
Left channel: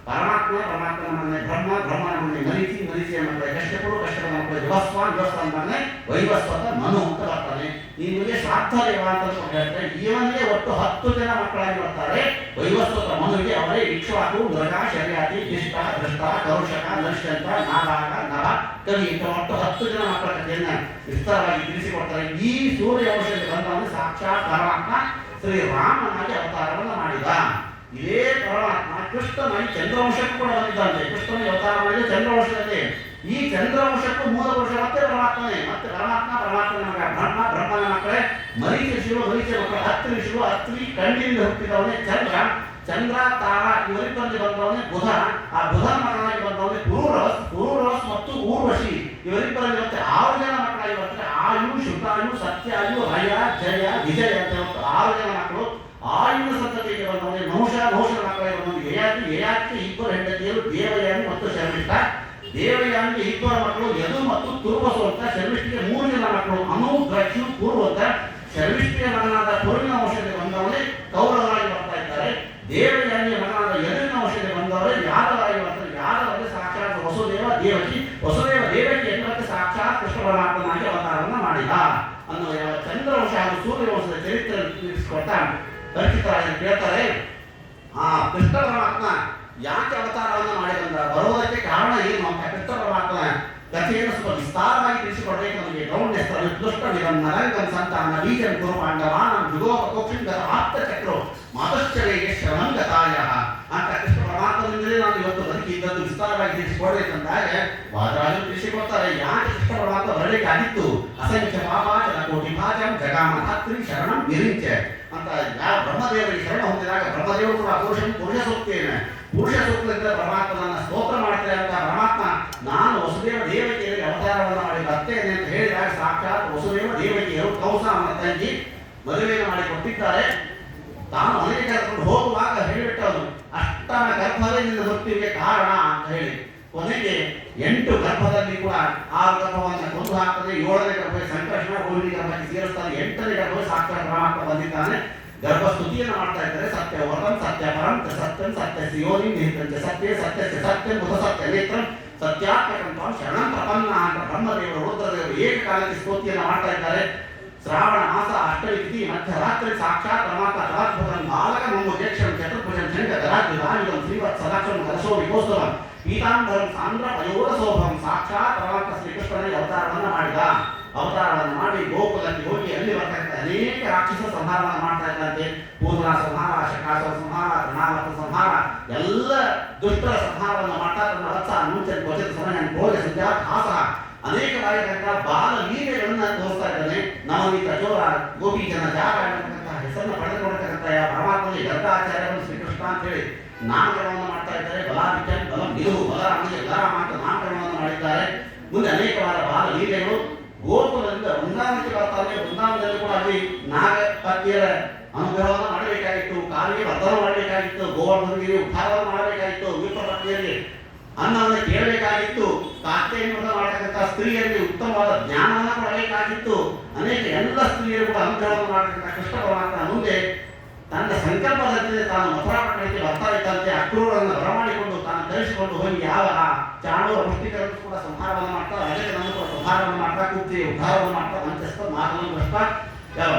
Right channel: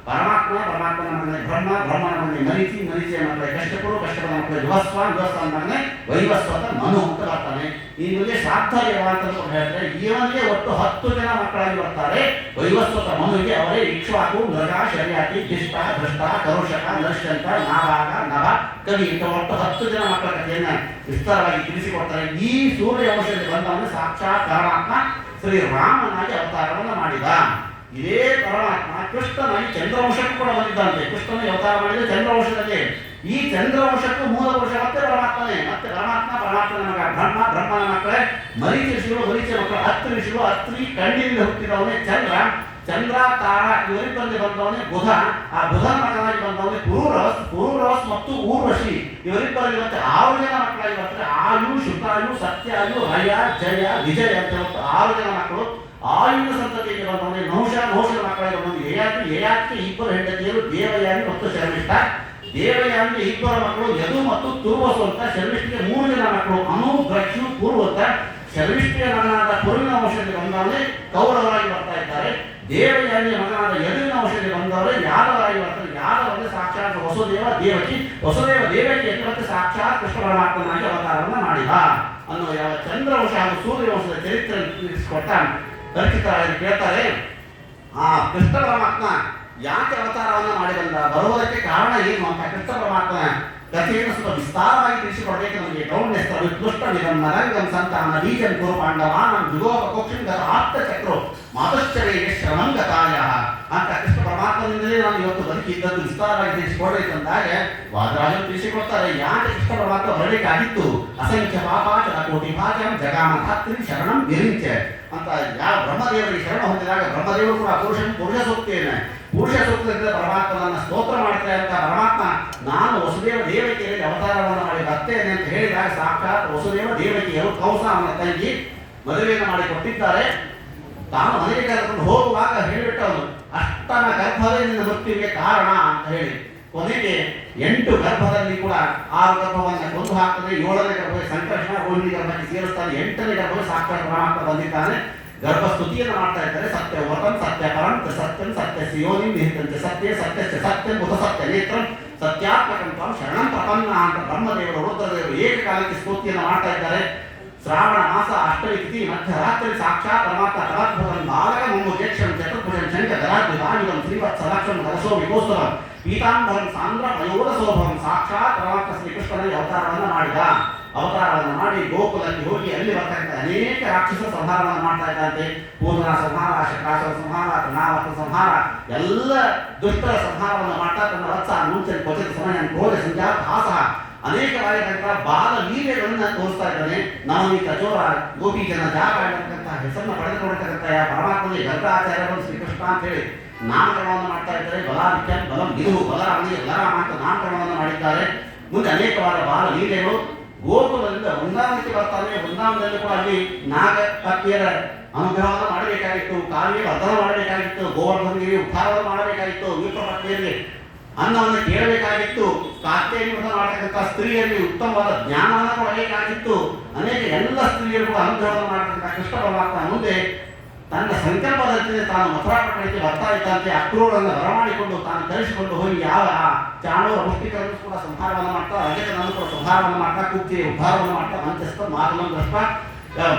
ಪರಮಾತ್ಮನ ಮಗನೇ ಬ್ರಹ್ಮ, ಬ್ರಹ್ಮನ ಮಗನೇ ಮರೀಚಿಯ ಮಕ್ಕಳೇ ಕಶ್ಯಪರು, ಕಶ್ಯಪನ ಮಕ್ಕಳೇ ವಿವಸ್ವಾನ್ ಮಗನೇ ವೈವಸ್ವತ ಮನು ಅಂತ ಬರ್ತಾನೆ. ಇಲ್ಲಿಗೆ ಸಾರ್ಥದೇವ ಅಂತ ಹೇಳ್ತಾರೆ. ಇವನಿಗೆ ಒಟ್ಟು 10 ಜನ ಮಕ್ಕಳಾಗಿ ಬರ್ತಾರೆ. ವೈವಸ್ವತ ಮನುವಿಗೆ ಅವರೇ ಇಕ್ಷ್ವಾಕು, ಮೃಗ, ಶರ್ಯಾತಿ, ಧಿಷ್ಟ, ಭ್ರಷ್ಟ, ಕರುಷಕ, ನರ್ಷಂತ, ನಾಭಾಗ, ನಭ, ಕವಿ ಅಂತ ಒಟ್ಟು 10 ಜನ ಮಕ್ಕಳ ಕಥೆಯನ್ನ ವಿಸ್ತಾರವಾಗಿ ತಿಳಿಸಿಕೊಡ್ತಾರೆ. ಈ ಸೂರ್ಯವಂಶದಲ್ಲಿ ಬಂದವನು ಸಾಕ್ಷಾತ್ ಪರಮಾತ್ಮ ಶ್ರೀರಾಮನಾಗಿ ಅವತಾರವನ್ನು ಮಾಡಿದ. ಇದೇ ಪರಮಾತ್ಮ ಕೃಷ್ಣನಾಗಿ ಚಂದ್ರವಂಶಕ್ಕೂ ಕೂಡ ಬಂದಿದ್ದಂತೆ. ಕೃಷ್ಣನಿಗೆ ಅವತಾರ ಮಾಡಿದ ಚಂದ್ರವಂಶದಲ್ಲಿ. ಈ ಚಂದ್ರವಂಶಕ್ಕೂ ಮೂಲ ವರ್ಷ ಮತ್ತೆ ಪರಮಾತ್ಮನೇ. ಮತ್ತೆ ಪರಮಾತ್ಮನ ಮಗ ಬ್ರಹ್ಮ, ಬ್ರಹ್ಮನ ಮಕ್ಕಳೇ ಮರೀಚ ಋಷಿಗಳು, ಮರೀಚ ಮಕ್ಕಳು ಅತ್ರಿ ಋಷಿಗಳು. ಅತ್ರಿ ಕಣ್ಣಿನಿಂದ ಹುಟ್ಟಿದವನೇ ಚಂದ್ರ, ತಾರ ಇವರಿಬ್ಬರಲ್ಲಿ ಬಂದವನೇ ಬುಧ. ಆ ಬುಧನ ಮಗನಾಗಿ ಬಂದವನೇ ಪುರೂರವಸ್ ಮತ್ತು ಊರ್ವಶಿ. ಇವರಿಬ್ಬರಲ್ಲಿ ಮತ್ತೆ 6 ಜನ ಮಕ್ಕಳಾಗಿ ಬರ್ತಾರೆ. ಆಯು, ಶುಕಾಯು, ಸತ್ಯಾಯು, ಹಯ, ಜಯ, ವಿಜಯ ಅಂತ 6 ಜನ ಮಕ್ಕಳು. ಆಯುನ ಸಂತತಿಗೆ ಬಂದವನೇ ನಹುಷನ ಮಕ್ಕಳಾಗಿ ಬಂದು ಯಯಾತಿ 2 ಹೆಂಡತಿಯರು ದೇವಯಾನಿ ಮತ್ತು ಶರ್ಮಿಷ್ಠ. ದೇವಯಾನಿಗೆ 2 ಮಕ್ಕಳು ಯದು ಮತ್ತು ತುರ್ವಸು ಅಂತ. ಶರ್ಮಿಷ್ಠಿಗೆ 3 ಜನ ಮಕ್ಕಳು ಅನು, ದ್ರಕ್ಷು, ಪೂರ್ವ ಅಂತ. ಶರ್ಮಿಷ್ಠಿಯ ಮಗನಾದ ಪುರುವಿನ ವಂಶಕ್ಕೆ ಬಂದವನೇ ಕೌರವರಾಗಿ ಬರ್ತಾ ಇದ್ದಾರೆ. ದೇವಯಾನಿಯ ಮಗನಾದ ಯದುವಿನ ವಂಶಕ್ಕೆ ಬಂದವರೇ ಯಾದವರಾಗಿ ಬರ್ತಾರೆ. ಯಾದವರಿಗೆ ಸಾಕ್ಷಾತ್ ವಸುದೇವ ದೇವಕಿ ಎಂಬ ಸಾಕ್ಷಾತ್ ಕೃಷ್ಣ ಪರಮಾತ್ಮನಾಗಿ ಅವತಾರವನ್ನು ಮಾಡಿದ ಅನ್ನೋ ಯಾವ ಚಂದ್ರವಂಶ ಹಾಗೂ ಸೂರ್ಯವಂಶದ ಚರಿತ್ರೆ ತಿಳಿಸಿಕೊಟ್ಟ ಪರಿಚಿತರಾಗಿ ಕೇಳ್ತಾರೆ. ಆ ಕೃಷ್ಣ ಪರಮಾತ್ಮ ಯಾಕೆ ಅವತಾರವನ್ನು ಮಾಡಿ ಬಂದ, ಬರುವುದಕ್ಕೆ ಕಾರಣ ಏನು ಅಂತ ಕೃಷ್ಣ ಪರಮಾತ್ಮನ ಕಥೆಯನ್ನು ಸ್ವಲ್ಪ ವಿಸ್ತಾರವಾಗಿ ತಿಳಿಸಿಕೊಡಬೇಕು. ನಮಗೆ ಗೌಣ್ಯಸ್ತ್ರ ವಿಕೃಷ್ಟವಿದಂ ನರಂಗಂ ಸಂತಾನ ಬೀಜಂ ಕುರು ಪಾಂಡವಾನಂ ಯುಗೋಪ ಕೋಕ್ಷಿಂದರ ಆಪ್ತ ಚಕ್ರೋ ಮಾತಶ್ಚರ್ಯಗೆ ಶ್ರಮಂಗತಾಯ ಅಂತ ಕೃಷ್ಣ ಪರಮಾತ್ಮನಿಂದಲೇ ನಾನು ಇವತ್ತು ಬದುಕಿದ್ದದ್ದು ವಿಸ್ತಾರವಾಗಿ ತಿಳಿಸಿಕೊಡ್ಬೇಕಂದಾಗ ವಾದರಾಜರು ತಿಳಿಸಿಕೊಡ್ತಾರೆ. ಯಾಕೆ ಕೃಷ್ಣ ಪರಮಾತ್ಮ ಬರಲಿಕ್ಕಾಗಿತ್ತು. ಅಸಂಖ್ಯ ಪಾಪಾಚರ ಕೋಟಿ ಭಾಜಂ ಜಗಾಮಧಾತ್ರಿ ಶರಣಂ ನಿರಿಂಚೆ ಅಂತ ಯಾವ ಬ್ರಹ್ಮದೇವರಿಗೆ ಶರಣ ಹೊಂದಿದಾಗ ಬ್ರಹ್ಮದೇವರು ಕೂಡ ಪುರುಷ ಸೂಕ್ತದಿಂದ ಪರಮಾತ್ಮನನ್ನ ಸ್ತೋತ್ರ ಮಾಡ್ತಾರೆ ಅಂತ ಪರಮಾತ್ಮ ನಾನು ವಸುದೇವ ದೇವಕಿಯರಿಗೆ ಅವತಾರವನ್ನು ಮಾಡಿ ಬರ್ತೇನೆ ಅಂತ ಹೇಳಿದಾಗ ಸಾಕ್ಷಾತ್ ವಸುದೇವ ದೇವಕಿಯರು ಕೌಸವನ ತಂಗಿ ಮದುವೆಯನ್ನು ಮಾಡಿ ಕೊಟ್ಟಿದ್ದಾರೆ. ತಾನು ಮನೆಗೆ ಕರೆದುಕೊಂಡು ಹೋಗುವಾಗ ಹೇಳಿಬಿಟ್ಟವನು ಅಷ್ಟನ ಗರ್ಭವೇ ನಿನ್ನ ಮೃತ್ಯುವಿಗೆ ಕಾರಣ ಅಂತ ಹೇಳಿ ಕೊನೆಗೆ 8 ಗರ್ಭದಲ್ಲಿ ಕೂಡ 6 ಗರ್ಭವನ್ನು ಕೊಂದು ಹಾಕದೆ 7ನೇ ಗರ್ಭ ಸಂಕರ್ಷಣ ರೋಹಿಣಿ ಗರ್ಭಕ್ಕೆ ಸೇರಿಸ್ತಾನೆ. 8ನೇ ಗರ್ಭವೇ ಸಾಕ್ಷಾತ್ ಪರಮಾತ್ಮ ಬಂದಿದ್ದಾನೆ. ಗರ್ಭಸ್ತುತಿಯನ್ನು ಮಾಡ್ತಾ ಇದ್ದಾರೆ. ಸತ್ಯ ವರಂ ಸತ್ಯ ಪರಂ ಸತ್ಯಂ ಸತ್ಯ ಸಿಯೋನಿ ನಿಹಿತಂಚ ಸತ್ಯ ಸತ್ಯಂ ಉತ ಸತ್ಯ ನೇತ್ರಂ ಸತ್ಯಾತ್ಮಕಂತ ಶರಣಂ ಪ್ರಪನ್ನ ಅಂತ ಬ್ರಹ್ಮದೇವರು ರುದ್ರದೇವರು ಏಕಕಾಲಕ್ಕೆ ಸ್ತುತಿಯನ್ನು ಮಾಡ್ತಾ ಇದ್ದಾರೆ. ಶ್ರಾವಣ ಮಾಸ ಅಷ್ಟಮಿ ತಿಥಿ ಮಧ್ಯರಾತ್ರಿ ಸಾಕ್ಷಾತ್ ಪರಮಾತ್ಮ ತಲಾದ್ಭುತಂ ಬಾಲಕ ಮುಮ್ಮುಜೇಕ್ಷಂ ಚತುರ್ಭುಜಂ ಶಂಕ ಜರಾದ್ವಿಧಾಯುಧಂ ಶ್ರೀವತ್ ಸದಾಕ್ಷಂ ಹರಸೋ ವಿಕೋಸ್ತವಂ ಪೀತಾಂಬರಂ ಸಾಂದ್ರ ಪಯೋಧ ಶೋಭಂ ಸಾಕ್ಷಾತ್ ಪರಮಾತ್ಮ ಶ್ರೀಕೃಷ್ಣನಿಗೆ ಅವತಾರವನ್ನು ಮಾಡಿ ಗೋಕುಲಕ್ಕೆ ಹೋಗಿ ಅಲ್ಲಿ ಬರ್ತಕ್ಕಂಥ ಅನೇಕ ರಾಕ್ಷಸ ಸಂಹಾರವನ್ನು ಮಾಡ್ತಾ ಇದ್ದಂತೆ. ಪೂರ್ಣ ಸಂಹಾರ, ಶಕಾಸುರ ಸಂಹಾರ, ತೃಣಾವರ್ತ ಸಂಹಾರ, ಎಲ್ಲ ದುಷ್ಟರ ಸಂಹಾರವನ್ನು ಮಾಡ್ತಾ ತನ್ನ ವತ್ಸ ಮುಂಚೆ ಕ್ವಚಿತ ಸಮಯ ಕ್ರೋಧ ಸಂಜಾತ ಹಾಸ ಅನೇಕವಾಗಿರ್ತಕ್ಕಂಥ ಬಾಲ ಲೀಲೆಗಳನ್ನು ತೋರಿಸ್ತಾ ಇದ್ದಾನೆ. ನವನೀತ ಚೋರ ಗೋಪೀಜನ ಜಾಗ ಆಗಿರ್ತಕ್ಕಂಥ ಹೆಸರನ್ನು ಪಡೆದುಕೊಂಡಿರ್ತಕ್ಕಂಥ ಪರಮಾತ್ಮನಿಗೆ ಗರ್ಗಾಚಾರ್ಯವನ್ನು ಶ್ರೀಕೃಷ್ಣ ಅಂತ ಹೇಳಿ ನಾಮಕರಣವನ್ನು ಮಾಡ್ತಾ ಇದ್ದಾರೆ. ಬಲಾದಿತ್ಯನ್ ಬಲಂ ವಿದುಹು ಬಲರಾಮನಿಗೆ ಬಲರಾಮ ಅಂತ ನಾಮಕರಣವನ್ನು ಮಾಡಿದ್ದಾರೆ. ಮುಂದೆ ಅನೇಕವಾದ ಬಾಲ ಲೀಲೆಗಳು ಗೋಕುಲದಿಂದ ವೃಂದಾವನಕ್ಕೆ ಬರ್ತಾರೆ. ವೃಂದಾವನದಲ್ಲಿ ಕೂಡ ಅಲ್ಲಿ ನಾಗ ಪತ್ನಿಯರ ಅನುಗ್ರಹವನ್ನು ಮಾಡಬೇಕಾಗಿತ್ತು, ಕಾಲಿಗೆ ವರ್ಧನ ಮಾಡಬೇಕಾಗಿತ್ತು, ಗೋವರ್ಧನಿಗೆ ಉದ್ಧಾರವನ್ನು ಮಾಡಬೇಕಾಗಿತ್ತು, ವಿಪ್ರ ಪತ್ನಿಯರಿಗೆ ಅನ್ನವನ್ನು ಕೇಳಬೇಕಾಗಿತ್ತು, ಕಾತ್ಯೆಯನ್ನು ಮಾಡತಕ್ಕಂಥ ಸ್ತ್ರೀಯರಿಗೆ ಉತ್ತಮವಾದ ಜ್ಞಾನವನ್ನು ಕೊಡಬೇಕಾಗಿತ್ತು. ಅನೇಕ ಎಲ್ಲ ಸ್ತ್ರೀಯರು ಕೂಡ ಅನುಗ್ರಹವನ್ನು ಮಾಡತಕ್ಕಂಥ ಕೃಷ್ಣ ಪರಮಾತ್ಮ ಮುಂದೆ ತನ್ನ ಸಂಕಲ್ಪದಂತೆ ತಾನು ಮಥುರಾಪಟ್ಟಣಕ್ಕೆ ಬರ್ತಾ ಇದ್ದಂತೆ ಅಕ್ರೂರನ್ನು ಬರಮಾಡಿಕೊಂಡು ತಾನು ಕರೆಸಿಕೊಂಡು ಹೋಗಿ ಯಾವ ಚಾಣೂರ ಮುಷ್ಟಿಕರನ್ನು ಕೂಡ ಸಂಹಾರವನ್ನು ಮಾಡ್ತಾ ಅಜಯನನ್ನು ಕೂಡ ಸಂಹಾರವನ್ನು ಮಾಡ್ತಾ ಕುಪ್ತಿ ಉದ್ಧಾರವನ್ನು ಮಾಡ್ತಾ ಮಂಚಸ್ಥ ಮಾತುಲಂಕೃಷ್ಟ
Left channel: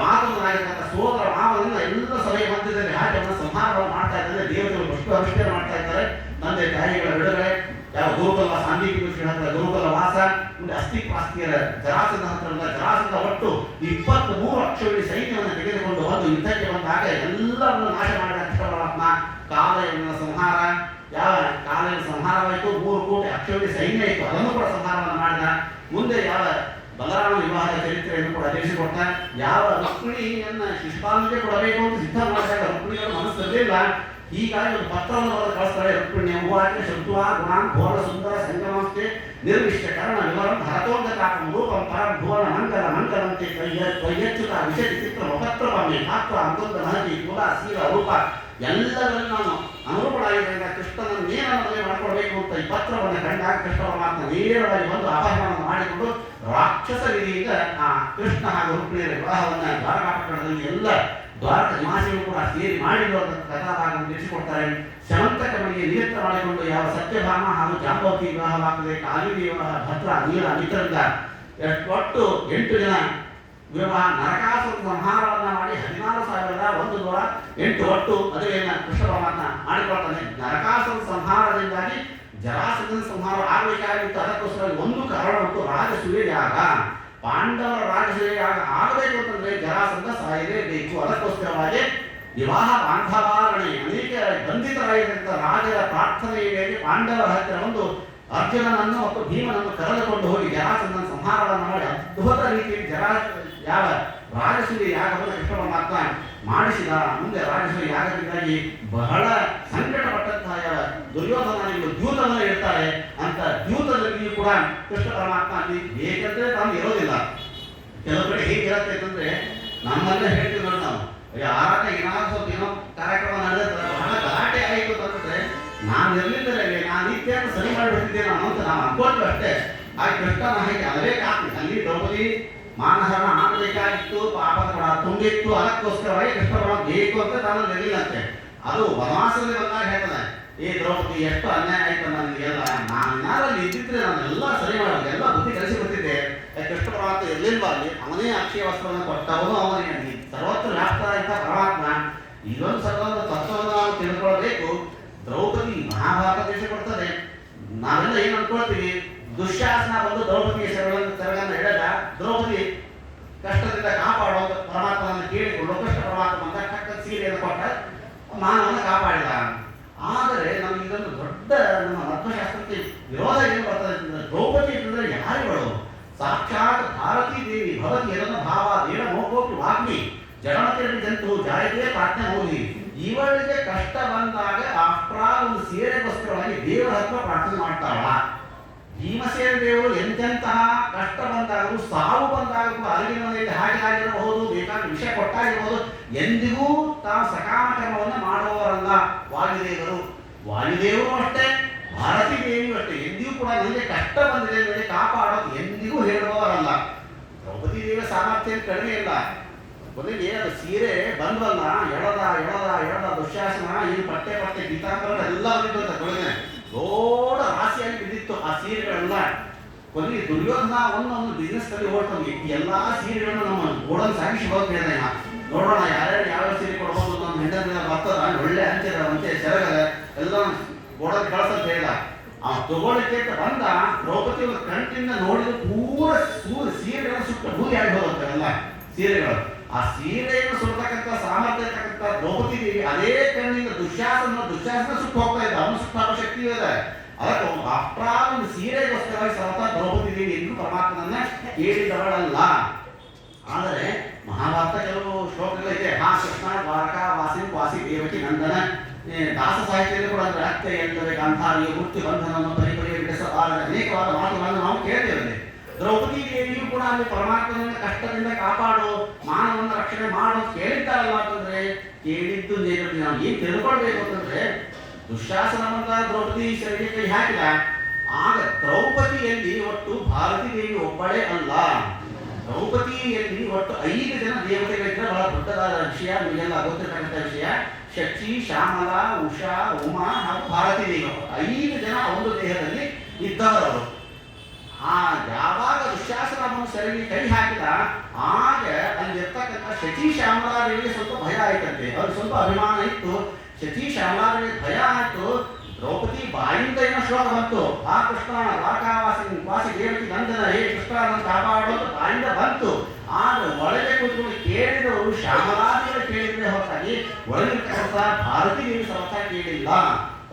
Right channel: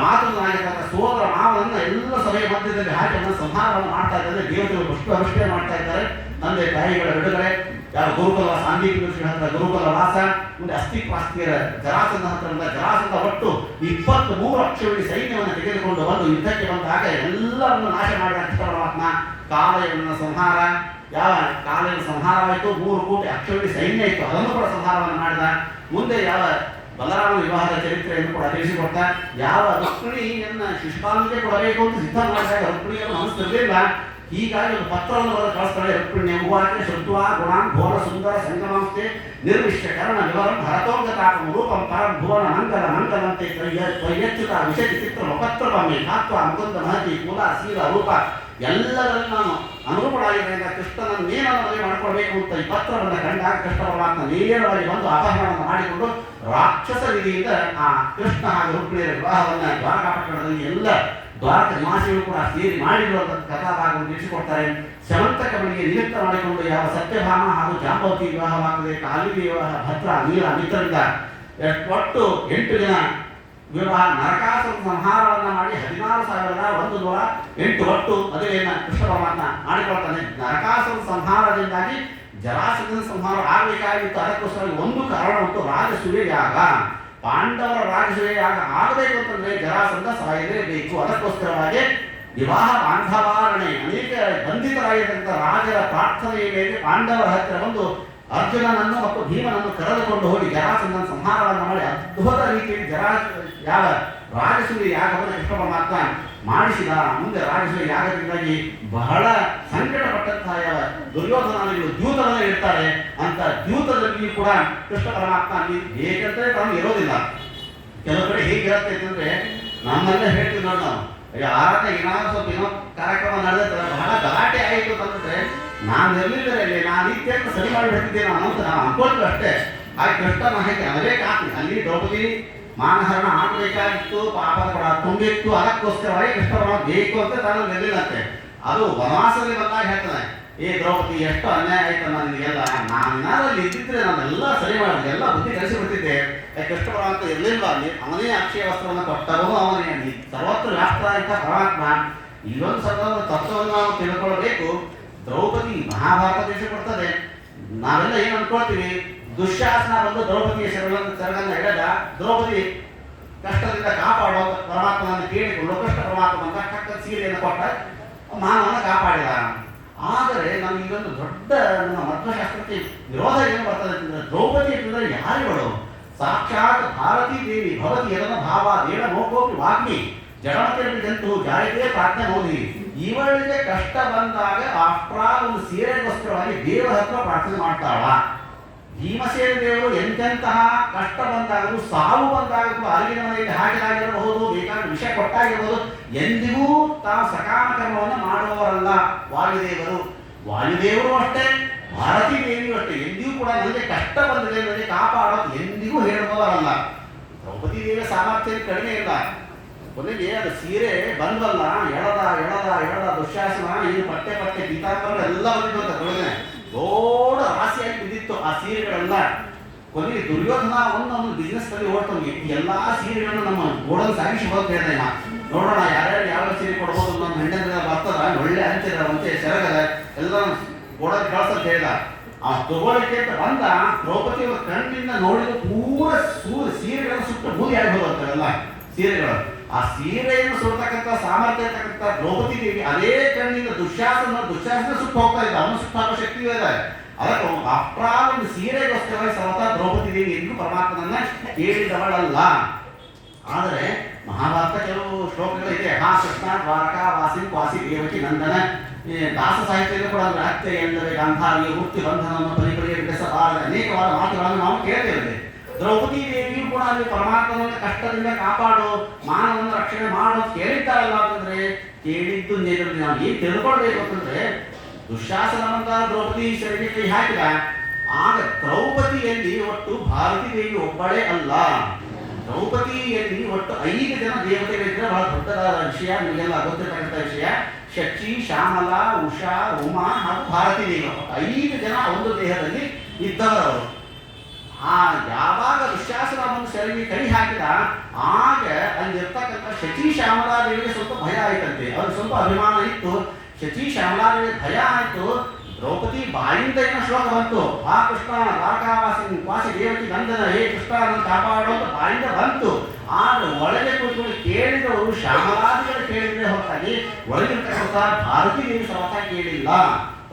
ಮಾತನಾಗಿರ್ತಕ್ಕ ಸೋದರ ಮಾವನನ್ನ ಎಲ್ಲ ಸಭೆಯ ಮಧ್ಯದಲ್ಲಿ ಹಾಕಿ ಅದನ್ನು ಸಂಹಾರವನ್ನು ಮಾಡ್ತಾ ಇದ್ದಾರೆ. ದೇವತೆಗಳು ಅಷ್ಟು ಅನುಷ್ಠಾನ ಮಾಡ್ತಾ ಇದ್ದಾರೆ. ತಂದೆ ತಾಯಿಗಳ ಬಿಡುಗಡೆ, ಯಾವ ಗುರುಕುಲ ಸಾಂದೀಪಿಕ ಹತ್ರ ಗುರುಕುಲ ವಾಸ, ಮುಂದೆ ಅಸ್ಥಿಪಾಸ್ತಿಯರ ಜರಾಸಂಧ ಹತ್ರ ಜರಾಸಂಧ ಒಟ್ಟು 23 ಅಕ್ಷೋಹಿಣಿ ಸೈನ್ಯವನ್ನು ತೆಗೆದುಕೊಂಡು ಬಂದು ಯುದ್ಧಕ್ಕೆ ಬಂದಾಗ ಎಲ್ಲವನ್ನು ನಾಶ ಮಾಡಿದ ಕೃಷ್ಣ ಪರಮಾತ್ಮ. ಕಾಲಯನ ಸಂಹಾರ, ಯಾವ ಕಾಲಯನ ಸಂಹಾರವಾಯಿತು, 3 ಕೋಟಿ ಅಕ್ಷೋಹಿಣಿ ಸೈನ್ಯ ಇತ್ತು, ಅದನ್ನು ಕೂಡ ಸಂಹಾರವನ್ನು ಮಾಡಿದ. ಮುಂದೆ ಯಾವ ಬಲರಾಮ ವಿವಾಹದ ಚರಿತ್ರೆಯನ್ನು ಕೂಡ ತಿಳಿಸಿಕೊಡ್ತಾ, ಯಾವ ರುಕ್ಮಿಣಿಯನ್ನ ಶಿಷ್ಟಾಂಗೆ ಕೊಡಬೇಕು ಅಂತ ಸಿದ್ಧ ಮಾಡಿದಾಗ ರುಕ್ಮಿಣಿಯವರು ಮನಸ್ಸಿರಲಿಲ್ಲ. ಹೀಗಾಗಿ ಒಂದು ಪತ್ರವನ್ನು ಬರೆದು ಕಳಿಸ್ತಾರೆ. ರುಕ್ಮಿಣಿ ಉವಾಚ ಶ್ರುತ್ವಾ ಗುಣಾನ್ ಘೋರ ಸುಂದರ ಸಂಗಮಾಂತೆ ನಿರ್ವಿಷ್ಟ ಕರ್ಣ ವಿವರಂ ಹರತೋಂಗತಾಪಂ ರೂಪಂ ಪರಂ ಭುವನ ಮಂಗಲ ಮಂಗಲಂತೆ ತ್ವಯ್ಯಚ್ಯುತ ವಿಷಯ ಚಿತ್ರ ಮುಖತ್ರವಮ್ಮೆ ಕಾತ್ವ ಅಮೃತ ಮಹತಿ ಕುಲ ಶೀಲ ರೂಪ ಎಲ್ಲದನ್ನು ನಾನು ಅನುರೂಪಳಾಗಿದ್ದರಿಂದ ಕೃಷ್ಣನನ್ನು ನೇರನ್ನು ಮದುವೆ ಮಾಡಿಕೊಳ್ಬೇಕು ಅಂತ ಈ ಪತ್ರವನ್ನು ಕಂಡಾಗ ಕೃಷ್ಣ ಪರಮಾತ್ಮ ನೇರವಾಗಿ ಬಂದು ಅಪಹರಣವನ್ನು ಮಾಡಿಕೊಂಡು ರಾಕ್ಷಸ ವಿಧಿಯಿಂದ ಆ ಕೃಷ್ಣ ಹಾಗೂ ರುಕ್ಮಿಣಿಯರ ವಿವಾಹವನ್ನು ದ್ವಾರಕಾಪಟ್ಟಣದಲ್ಲಿ ಎಲ್ಲ ದ್ವಾರಕ ನಿವಾಸಿಗಳು ಕೂಡ ಸೇರಿ ಮಾಡಿರುವ ಕಥಾಭಾಗವನ್ನು ತಿಳಿಸಿಕೊಡ್ತಾರೆ. ಶಮಂತಕಮಣಿಗೆ ನಿಮಿತ್ತ ಮಾಡಿಕೊಂಡು ಯಾವ ಸತ್ಯಭಾಮ ಹಾಗೂ ಜಾಂಬವತಿ ವಿವಾಹವಾಗದೆ, ಕಾಲಿಗೆ ವಿವಾಹ, ಭದ್ರ ನೀಲ ಮಿತ್ರರಿಂದ ಒಟ್ಟು 8 ಜನ ವಿವಾಹ, ನರಕಾಸುರ ಸಂಹಾರವನ್ನ ಮಾಡಿ 16,108 ಒಟ್ಟು ಮದುವೆಯನ್ನು ಕೃಷ್ಣ ಪರಮಾತ್ಮ ಮಾಡಿಕೊಳ್ತಾನೆ. ನರಕಾಸುರ ಸಂಹಾರದಿಂದಾಗಿ ಜರಾಸಂಧನ ಸಂಹಾರ ಆಗಬೇಕಾಗಿತ್ತು. ಅದಕ್ಕೋಸ್ಕರ ಒಂದು ಕಾರಣ ಮತ್ತು ರಾಜಸೂಯ ಯಾಗ, ಪಾಂಡವರ ರಾಜಸೂಯ ಯಾಗ ಆಗಬೇಕು ಅಂತಂದ್ರೆ ಜರಾಸಂಧ ಸಾಯಲೇಬೇಕು. ಅದಕ್ಕೋಸ್ಕರವಾಗಿ ವಿವಾಹ ಬಾಂಧವಾರಣೆ ಅನೇಕ ಬಂಧಿತರಾಗಿರ್ತಕ್ಕಂಥ ರಾಜರ ಪ್ರಾರ್ಥನೆಯ ಮೇಲೆ ಪಾಂಡವರ ಹತ್ತಿರ ಒಂದು ಅರ್ಜುನನನ್ನು ಮತ್ತು ಭೀಮನನ್ನು ಕರೆದುಕೊಂಡು ಹೋಗಿ ಜರಾಸಂಧನ ಸಂಹಾರವನ್ನು ಮಾಡಿ ಅದ್ಭುತ ರೀತಿಯಲ್ಲಿ ಯಾವ ರಾಜಸೂಯ ಯಾಗವನ್ನು ಕೃಷ್ಣ ಪರಮಾತ್ಮ ಮಾಡಿಸಿದ. ಮುಂದೆ ರಾಜಸೂಯ ಯಾಗದಿಂದಾಗಿ ಬಹಳ ಸಂಕಟಪಟ್ಟಂತಹ ಯಾವ ದುರ್ಯೋಧನಾದಿಗಳು ದ್ಯೂತವನ್ನು ಇಡ್ತಾರೆ. ಅಂತ ದ್ಯೂತದಲ್ಲಿ ಕೂಡ ಕೃಷ್ಣ ಪರಮಾತ್ಮ ಹೇಗಂದ್ರೆ ತಾನು ಇರೋದಿಲ್ಲ. ಕೆಲವು ಕಡೆ ಹೇಗಿರುತ್ತೆ ಅಂತಂದ್ರೆ ನಮ್ಮೆಲ್ಲ ಹೇಳ್ತೀವಿ ನೋಡಿ, ನಾವು ಆರಾಧನೆ ಏನಾದ್ರು ಸ್ವಲ್ಪ ಏನೋ ಕಾರ್ಯಕ್ರಮ ನಡೆದ ಬಹಳ ಗಲಾಟೆ ಆಯಿತು ಅಂತಂದ್ರೆ ನಾನು ಇರಲಿದ್ದರೆ ನಾನು ಇತ್ಯಂತ ಸರಿ ಮಾಡಿಬಿಡ್ತಿದ್ದೇನೆ ಅನ್ನೋದು ನಾವು ಅನ್ಕೊಳ್ತೀವಿ ಅಷ್ಟೇ. ಆ ಕೃಷ್ಣನ ಹಾಗೆ ಅನಬೇಕಾಗ್ತದೆ. ಅಲ್ಲಿ ದ್ರೌಪದಿ ಮಾನಹರಣ ಆಗಬೇಕಾಗಿತ್ತು, ಪಾಪದ ಕೂಡ ತುಂಬಿತ್ತು. ಅದಕ್ಕೋಸ್ಕರವಾಗಿ ಕೃಷ್ಣ ಪರಮಾತ್ಮ ಬೇಕು ಅಂತ ತಾನು ನಿಲ್ಲಿಲ್ಲಂತೆ. ಅದು ವನವಾಸದಲ್ಲಿ ಬಂದಾಗ ಹೇಳ್ತಾನೆ, ಏ ದ್ರೌಪದಿ ಎಷ್ಟು ಅನ್ಯಾಯ ಆಯ್ತು ನನಗೆಲ್ಲ, ನಾನು ಅಲ್ಲಿ ಇದ್ದಿದ್ರೆ ನಾನೆಲ್ಲ ಸರಿ ಮಾಡಿದೆ, ಎಲ್ಲ ಬುದ್ಧಿ ಕಲಿಸಿ ಬಿಡ್ತಿದ್ದೆ. ಕೃಷ್ಣ ಪರಮಾತ್ಮ ಇರಲಿಲ್ವ ಅಲ್ಲಿ, ಅವನೇ ಅಕ್ಷಯ ವಸ್ತ್ರವನ್ನು ಕೊಟ್ಟವನು ಅವನೇ, ಅಲ್ಲಿ ಸರ್ವತ್ರ ವ್ಯಾಪ್ತ ಅಂತ ಪರಮಾತ್ಮ. ಇಲ್ಲೊಂದು ಸ್ವಲ್ಪ ತತ್ವವನ್ನು ನಾವು ತಿಳ್ಕೊಳ್ಬೇಕು. ದ್ರೌಪದಿ ಮಹಾಭಾರತ ದೇಶ ಕೊಡ್ತದೆ. ನಾವೆಲ್ಲ ಏನು ಅನ್ಕೊಳ್ತೀವಿ, ದುಶ್ಯಾಸನ ಬಂದು ದ್ರೌಪದಿಯ ಸೆರಗನ್ನು ಎಳೆದ, ದ್ರೌಪದಿ ಕಷ್ಟದಿಂದ ಕಾಪಾಡೋ ಪರಮಾತ್ಮನನ್ನು ಕೇಳಿಕೊಂಡು ಕೃಷ್ಣ ಪರಮಾತ್ಮ ಬಂದ ಕಕ್ಕ ಸೀರೆಯನ್ನು ಕೊಟ್ಟ ಮಾನವನ್ನ ಕಾಪಾಡಿದ. ಆದರೆ ನಮ್ಗೆ ಇದೊಂದು ದೊಡ್ಡ ನಮ್ಮ ಮಧ್ವಶಾಸ್ತ್ರಕ್ಕೆ ವಿರೋಧ ಏನು ಬರ್ತದೆ ಅಂತಂದ್ರೆ, ದ್ರೌಪದಿ ಅಂತಂದ್ರೆ ಯಾರಿಗಳು? ಸಾಕ್ಷಾತ್ ಭಾರತೀ ದೇವಿ ಭವತಿ ಯದನ ಭಾವ ದೇವ ಮೋಕೋಪಿ ವಾಗ್ಮಿ ಜಡಮತಿರಪಿ ಜಂತು ಜಾಯತೆ ಪ್ರಾಜ್ಞೆ ಮೌನಿ. ಇವಳಿಗೆ ಕಷ್ಟ ಬಂದಾಗ ಆಫ್ಟ್ರಾ ಒಂದು ಸೀರೆಗೋಸ್ಕರವಾಗಿ ದೇವರ ಹತ್ರ ಪ್ರಾರ್ಥನೆ ಮಾಡ್ತಾಳ. ಭೀಮಸೇನ ದೇವರು ಎಂತೆಂತಹ ಕಷ್ಟ ಬಂದಾಗಲೂ, ಸಾವು ಬಂದಾಗಲೂ, ಅರಿವಿನ ಮನೆಯಲ್ಲಿ ಹಾಕಿದಾಗಿರಬಹುದು, ಬೇಕಾದ ವಿಷ ಕೊಟ್ಟಾಗಿರಬಹುದು, ಎಂದಿಗೂ ತಾವು ಸಕಾಮ ಕರ್ಮವನ್ನು ಮಾಡುವವರಲ್ಲ ವಾಯುದೇವರು. ವಾಯುದೇವರು ಅಷ್ಟೇ, ಭಾರತೀ ದೇವಿಯೂ ಅಷ್ಟೇ, ಎಂದಿಗೂ ಕೂಡ ನನಗೆ ಕಷ್ಟ ಬಂದಿದೆ ನನಗೆ ಕಾಪಾಡೋದು ಎಂದಿಗೂ ಹೇಳುವವರಲ್ಲ. ದ್ರೌಪದಿ ದೇವಿಯ ಸಾಮರ್ಥ್ಯ ಕಡಿಮೆ ಇಲ್ಲ. ಕೊನೆಗೆ ಅದು ಸೀರೆ ಬಂದ್ವಲ್ಲ, ಎಳದ ಎಳದ ಎಳದ ದುಶ್ಯಾಸನ ಇದು ಪಟ್ಟೆ ಪಟ್ಟೆ ಪೀತಾಂಬರ ಎಲ್ಲ ಬಂದಿದ್ದು ಅಂತ ಕೊನೆಗೆ ದೊಡ್ಡ ರಾಶಿಯಾಗಿ ಬಿದ್ದಿತ್ತು ಆ ಸೀರೆಗಳೆಲ್ಲ. ಕೊನೆಗೆ ದುರ್ಯೋಧನ ಒಂದು ಬಿಸ್ನೆಸ್ ನಲ್ಲಿ ಓಡ್ತಾನೆ, ಎಲ್ಲಾ ಸೀರೆಗಳನ್ನು ನಮ್ಮ ಗೋಡನ್ ಸಾಗಿಸಿ ಹೋಗ್ತಾ ಹೇಳಿದೆ. ನೋಡೋಣ ಯಾರ್ಯಾರು ಯಾವ್ಯಾವ ಸೀರೆ ಕೊಡ್ಬೋದು, ನಮ್ಮ ಹೆಂಡನ ಬರ್ತದ ಒಳ್ಳೆ ಅಂತಿರಂತೆ ಸೆರಗದ ಎಲ್ಲ ಗೋಡನ್ ಕಳ್ಸಂತ ಹೇಳಿದ. ಆ ತಗೊಳ್ಳಿಕ್ಕೆ ಅಂತ ಬಂದ ದ್ರೌಪದಿ ಕಣ್ಣಿಂದ ನೋಡಿದ ಪೂರ ಸೀರೆಗಳನ್ನು ಸುಟ್ಟು ಬೂದಿಯಾಗಿ ಹೋದಂತೆಲ್ಲ ಸೀರೆಗಳು. ಆ ಸೀರೆಯನ್ನು ಸುಡ್ತಕ್ಕಂಥ ಸಾಮರ್ಥ್ಯ ಇರ್ತಕ್ಕಂಥ ದ್ರೌಪದಿ ದೇವಿ ಅದೇ ಕಣ್ಣಿಂದ ದುಶ್ಯಾಸನ ಸುಟ್ಟು ಹೋಗ್ತಾ ಇದ್ದ, ಅವನು ಸುಟ್ಟಾಕೋ ಶಕ್ತಿ ಇದೆ. ಅದಕ್ಕೆ ಅಪ್ರಾ ಒಂದು ಸೀರೆಗೋಸ್ಕರವಾಗಿ ಸರ್ವತಾ ದ್ರೌಪದಿ ದೇವಿ ಎಂದು ಪರಮಾತ್ಮನನ್ನ ಕೇಳಿದವಳಲ್ಲ. ಆದರೆ ಮಹಾಭಾರತ ಕೆಲವು ಶ್ಲೋಕಗಳಿದೆ. ಹಾ ಕೃಷ್ಣ ದ್ವಾರಕಾ ವಾಸಿ ವಾಸಿ ದೇವಕಿ ನಂದನ. ದಾಸ ಸಾಹಿತ್ಯದಲ್ಲಿ ಕೂಡ ಅಂದ್ರೆ ಅತ್ತೆ ಎಂದರೆ ಗಾಂಧಾರಿಯ ವೃತ್ತಿ ಬಂಧನವನ್ನು ಪರಿಪರಿಯ ಬಿಡಿಸಬಾರದ ಅನೇಕವಾದ ಮಾತುಗಳನ್ನು ನಾವು ಕೇಳ್ತೇವೆ. ದ್ರೌಪದಿ ದೇವಿಯು ಕೂಡ ಅಲ್ಲಿ ಪರಮಾತ್ಮನ ಕಷ್ಟದಿಂದ ಕಾಪಾಡು, ಮಾನವನ್ನ ರಕ್ಷಣೆ ಮಾಡು ಕೇಳಿದ್ದಾರಲ್ಲ ಅಂತಂದ್ರೆ, ಕೇಳಿದ್ದು ನಾವು ಏನ್ ತಿಳ್ಕೊಳ್ಬೇಕು ಅಂತಂದ್ರೆ, ದುಶ್ಯಾಸನವಂತ ದ್ರೌಪದಿ ಶರೀರ ಕೈ ಹಾಕಿದ. ಆಗ ದ್ರೌಪದಿಯಲ್ಲಿ ಒಟ್ಟು ಭಾರತೀ ದೇವಿ ಒಬ್ಬಳೇ ಅಲ್ಲ, ದ್ರೌಪದಿ ದ್ರೌಪದಿಯಲ್ಲಿ ಒಟ್ಟು 5 ಜನ ದೇವತೆಗಳಿದ್ರೆ ಬಹಳ ದೊಡ್ಡದಾದ ವಿಷಯ, ನಿಮಗೆಲ್ಲ ಗೊತ್ತಿರ್ತಕ್ಕಂಥ ವಿಷಯ. ಶಚಿ, ಶ್ಯಾಮಲ, ಉಷಾ, ಉಮಾ ಹಾಗೂ ಭಾರತೀ ದೇವಿ, 5 ಜನ ಒಂದು ದೇಹದಲ್ಲಿ ಇದ್ದವರವರು. ಯಾವಾಗ ದುಶ್ಯಾಸನವನ್ನು ಸೆರಗಿ ಕೈ ಹಾಕಿದ ಆಗ ಅಲ್ಲಿರ್ತಕ್ಕಂಥ ಶಚಿ ಶ್ಯಾಮಲಾದೇವಿಗೆ ಸ್ವಲ್ಪ ಭಯ ಆಯ್ತಂತೆ. ಅವ್ರಿಗೆ ಸ್ವಲ್ಪ ಅಭಿಮಾನ ಇತ್ತು. ಶಚಿ ಶ್ಯಾಮಲಾದೇವಿಗೆ ಭಯ ಆಯ್ತು. ದ್ರೌಪದಿ ಬಾಯಿಂದ ಏನೋ ಶ್ಲೋಕ ಬಂತು, ಆ ಕೃಷ್ಣ ವಾಸಿ ದೇವಕಿ ನಂದನ, ಹೇ ಕೃಷ್ಣ ನನ್ನ ಕಾಪಾಡೋ ಅಂತ ಬಾಯಿಂದ ಬಂತು. ಆದ್ರೆ ಒಳಗೆ ಕೂತ್ಕೊಂಡು ಕೇಳಿದವರು ಶ್ಯಾಮಲಾದಿಗಳು ಕೇಳಿದ್ರೆ ಹೊರತಾಗಿ ಒಳಗಿರ್ತಕ್ಕಂಥ ಭಾರತೀ ದೇವಿ ಸರ್ವತ ಕೇಳಿಲ್ಲ.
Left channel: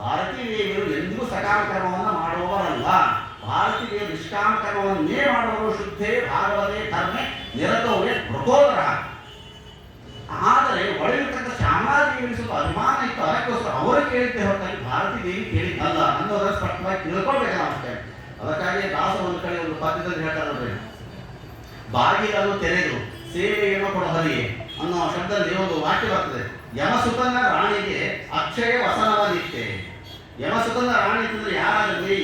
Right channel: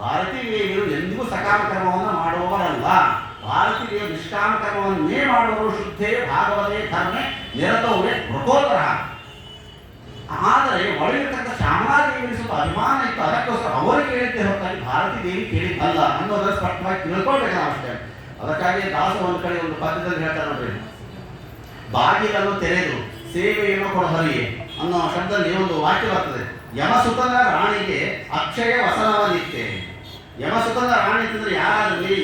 ಭಾರತೀ ದೇವಿಯರು ಎಂದಿಗೂ ಸಕಾಮ ಕರ್ಮವನ್ನು ಮಾಡುವವರಲ್ಲ. ಭಾರತೀ ದೇವಿ ನಿಷ್ಕಾಮ ಕರ್ಮವನ್ನೇ ಮಾಡುವವರು. ಶುದ್ಧೇ ಭಾಗವತೆ ಧರ್ಮೆ ನಿರತವೇ ಮೃಗೋದರ. ಆದರೆ ಒಳಗಿರ್ತಕ್ಕಂಥ ಶ್ಯಾಮಲಾದೇವಿಗೆ ಸ್ವಲ್ಪ ಅಭಿಮಾನ ಇತ್ತು, ಅದಕ್ಕೋಸ್ಕರ ಅವರು ಕೇಳಿದ್ದೆ ಹೊರತಾಗಿ ಭಾರತೀ ದೇವಿ ಕೇಳಿದ್ದಲ್ಲ ಅನ್ನೋದನ್ನು ಸ್ಪಷ್ಟವಾಗಿ ತಿಳ್ಕೊಳ್ಬೇಕು ನಾವು ಅಷ್ಟೇ. ಅದಕ್ಕಾಗಿ ದಾಸ ಒಂದು ಕಡೆ ಒಂದು ಪದ್ಯದಲ್ಲಿ ಹೇಳ್ತಾರೆ ನೋಡ್ರಿ, ಬಾಗಿಲನ್ನು ತೆರೆದು ಸೇವೆಯನ್ನು ಕೊಡಹರಿಯೇ ಅನ್ನೋ ಶಬ್ದದಲ್ಲಿ ಒಂದು ವಾಕ್ಯ ಬರ್ತದೆ. ಯಮಸುತನ ರಾಣಿಗೆ ಅಕ್ಷಯ ವಸನವನಿತ್ತೆ. ಯಮಸುತನ ರಾಣಿ ಅಂತಂದ್ರೆ ಯಾರಾದ್ರಲ್ಲಿ?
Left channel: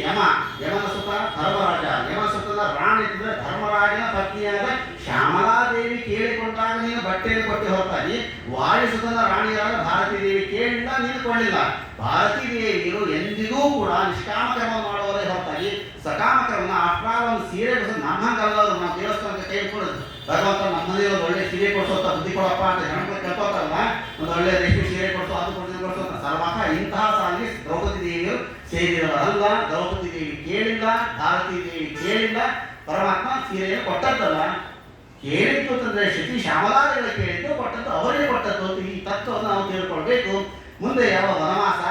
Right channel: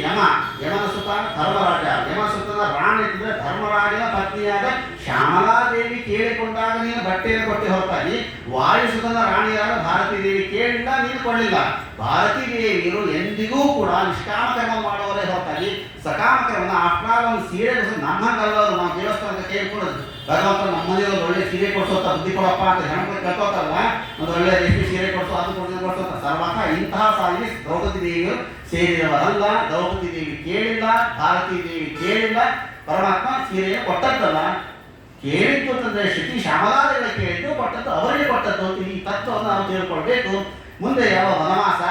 ಯಮನ ಸುತ ಧರ್ಮರಾಜ. ಯಮಸುತನ ರಾಣಿ ಅಂತಂದ್ರೆ ಧರ್ಮರಾಜನ ಪತ್ನಿಯಾದ ಶ್ಯಾಮಲಾದೇವಿ ಕೇಳಿಕೊಂಡಾಗ ನೀನು ಬಟ್ಟೆಯನ್ನು ಕೊಟ್ಟೆ ಹೊರತಾಗಿ ವಾಯುಸುತನ ರಾಣಿಯಾದ ಭಾರತೀ ದೇವಿ ಕೇಳಿಲ್ಲ, ನೀನು ಕೊಡಲಿಲ್ಲ. ಭಾರತೀ ದೇವಿಯರು ಎಂದಿಗೂ ಕೂಡ ನಿಷ್ಕಾಮ ಕರ್ಮ ಮಾಡುವವರೇ ಹೊರತಾಗಿ ಸಕಾಮ ಕರ್ಮನ ಆಫ್ಟರ್ ಒಂದು ಸೀರೆ ನಮ್ಮಂಗಲ್ಲವರು. ನಾವು ದೇವಸ್ಥಾನಕ್ಕೆ ಕೇಳ್ಕೊಡೋದು, ಭಗವಂತ ನಮ್ಮ ಮನೆಯಲ್ಲಿ ಒಂದು ಒಳ್ಳೆ ಸೀರೆ ಕೊಡಿಸೋತ ಬುದ್ಧಿ ಕೊಡಪ್ಪ ಅಂತ ಹೆಣ್ಮಕ್ಳು ಕೇಳ್ಕೋತಾರಲ್ಲ, ಒಂದು ಒಳ್ಳೆ ರೇಷ್ಮೆ ಸೀರೆ ಕೊಡಿಸೋ, ಅದು ಕೊಡಿಸೋತ ಸರ್ವಕ ಇಂತಹ ಸಾಲಿಗೆ ದ್ರೌಪದಿ ದೇವಿಯರು ಸೇರಿದವರಲ್ಲ. ದ್ರೌಪದಿ ದೇವಿ ಕೇಳಿಲ್ಲ, ಭಾರತೀ ದೇವಿ ಕೇಳಿಲ್ಲ, ಪರಮಾತ್ಮ ಸೀರೆಯನ್ನು ಕೊಟ್ಟದ್ದಲ್ಲ. ಕೇಳಿದ್ದು ಅಂತಂದ್ರೆ ಶಚಿ ಶ್ಯಾಮಲಾದೇವಿ ಕೇಳಿದ್ದು, ಕೊಟ್ಟದ್ದು ಅವರಿಗೆ ಕೊಟ್ಟದ್ದು. ಈ ತತ್ವವನ್ನು ನಾವು ತಿಳ್ಕೊಳ್ಬೇಕು. ಮುಂದೆ ಯಾವ ವನವಾಸ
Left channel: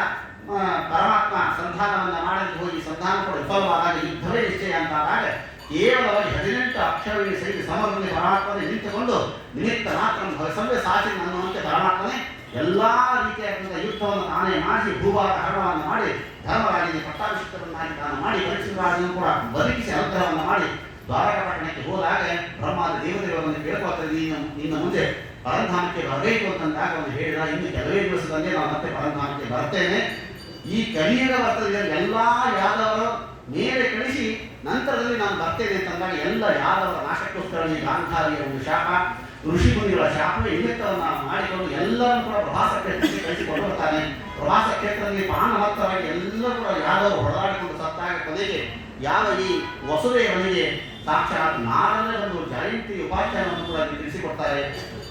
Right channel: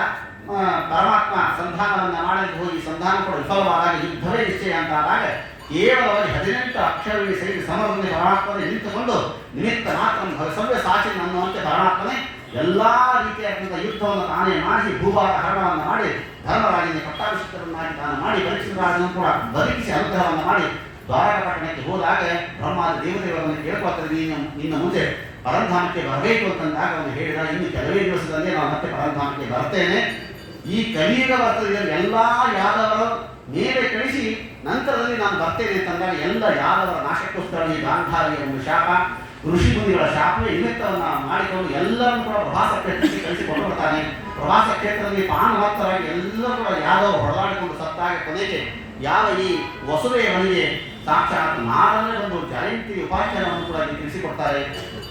ಪರಮಾತ್ಮ ಸಂಧಾನವನ್ನು ಮಾಡಲಿಕ್ಕೆ ಹೋಗಿ ಸಂಧಾನ ಕೂಡ ವಿಫಲವಾದಾಗ ಯುದ್ಧವೇ ನಿಶ್ಚಯ ಅಂತಾದಾಗ ಕೇವಲವಾಗಿ 18 ಅಕ್ಷರಗಳಿಗೆ ಸಹಿತ ಸಮರದಲ್ಲಿ ಪರಮಾತ್ಮನೇ ನಿಂತುಕೊಂಡು ನಿಮಿತ್ತ ಮಾತ್ರ ಸವ್ಯ ಸಾಚಿನ ಅನ್ನುವಂತೆ ಪರಮಾತ್ಮನೇ ಎಲ್ಲ ರೀತಿಯಾದಂಥ ಯುದ್ಧವನ್ನು ತಾನೇ ಮಾಡಿಸಿ ಭೂಭಾಗ ಹರಣವನ್ನು ಮಾಡಿ ಧರ್ಮರಾಜನಿಗೆ ಪಟ್ಟಾಭಿಷಿಕ್ತರನ್ನಾಗಿ ತಾನು ಮಾಡಿ ಪರೀಕ್ಷಿತರಾಜನನ್ನು ಕೂಡ ಬದುಕಿಸಿ ಅನುಗ್ರಹವನ್ನು ಮಾಡಿ ದ್ವಾರಕಪಟ್ಟಣಕ್ಕೆ ಹೋದಾಗ ಬ್ರಹ್ಮಾದಿ ದೇವತೆಗಳನ್ನು ಕೇಳ್ಕೊಳ್ತಾರೆ, ಇನ್ನು ಮುಂದೆ ಪರಂಧಾಮಕ್ಕೆ ಬರಬೇಕು ಅಂತಂದಾಗ ಅವನು ಹೇಳಿದ, ಇನ್ನು ಕೆಲವೇ ದಿವಸದಲ್ಲಿ ನಾವು ಮತ್ತೆ ಪರಂಧಾಮಕ್ಕೆ ಬರ್ತೇನೆ. ಈ ಕಲಿಯುಗ ಬರ್ತದೆ, ಎಲ್ಲ ಯಾದವರ ಮೇಲೆ ಕಳಿಸಿ ನಂತರದಲ್ಲಿ ನಾನು ಬರ್ತೇನೆ ಅಂತಂದಾಗ ಎಲ್ಲ ಯಾದವರ ನಾಶಕ್ಕೋಸ್ಕರ ಈ ಗಾಂಧಾರಿಯ ಒಂದು ಶಾಪ, ಋಷಿ ಮುನಿಗಳ ಶಾಪವೇ ನಿಮಿತ್ತವನ್ನು ಮಾಡಿಕೊಂಡು ಎಲ್ಲರನ್ನು ಕೂಡ ಪ್ರವಾಸ ಕ್ಷೇತ್ರಕ್ಕೆ ಕಳಿಸಿಕೊಂಡು ಬರ್ತಾನೆ. ಪ್ರವಾಸ ಕ್ಷೇತ್ರದಲ್ಲಿ ಪಾನವತ್ತರಾಗಿ ಎಲ್ಲರೂ ಕೂಡ ಯಾದವರು ಹೊಡೆದಾಡಿಕೊಂಡು ಸತ್ತಾಗ ಕೊನೆಗೆ ಯಾವ ಈ ವಸುದೇವನಿಗೆ ಸಾಕ್ಷಾತ್ ನಾರನೇ ಒಂದು ಜಯಂತಿ ಉಪಾಖ್ಯಾನವನ್ನು ಕೂಡ ತಿಳಿಸಿಕೊಡ್ತಾರೆ.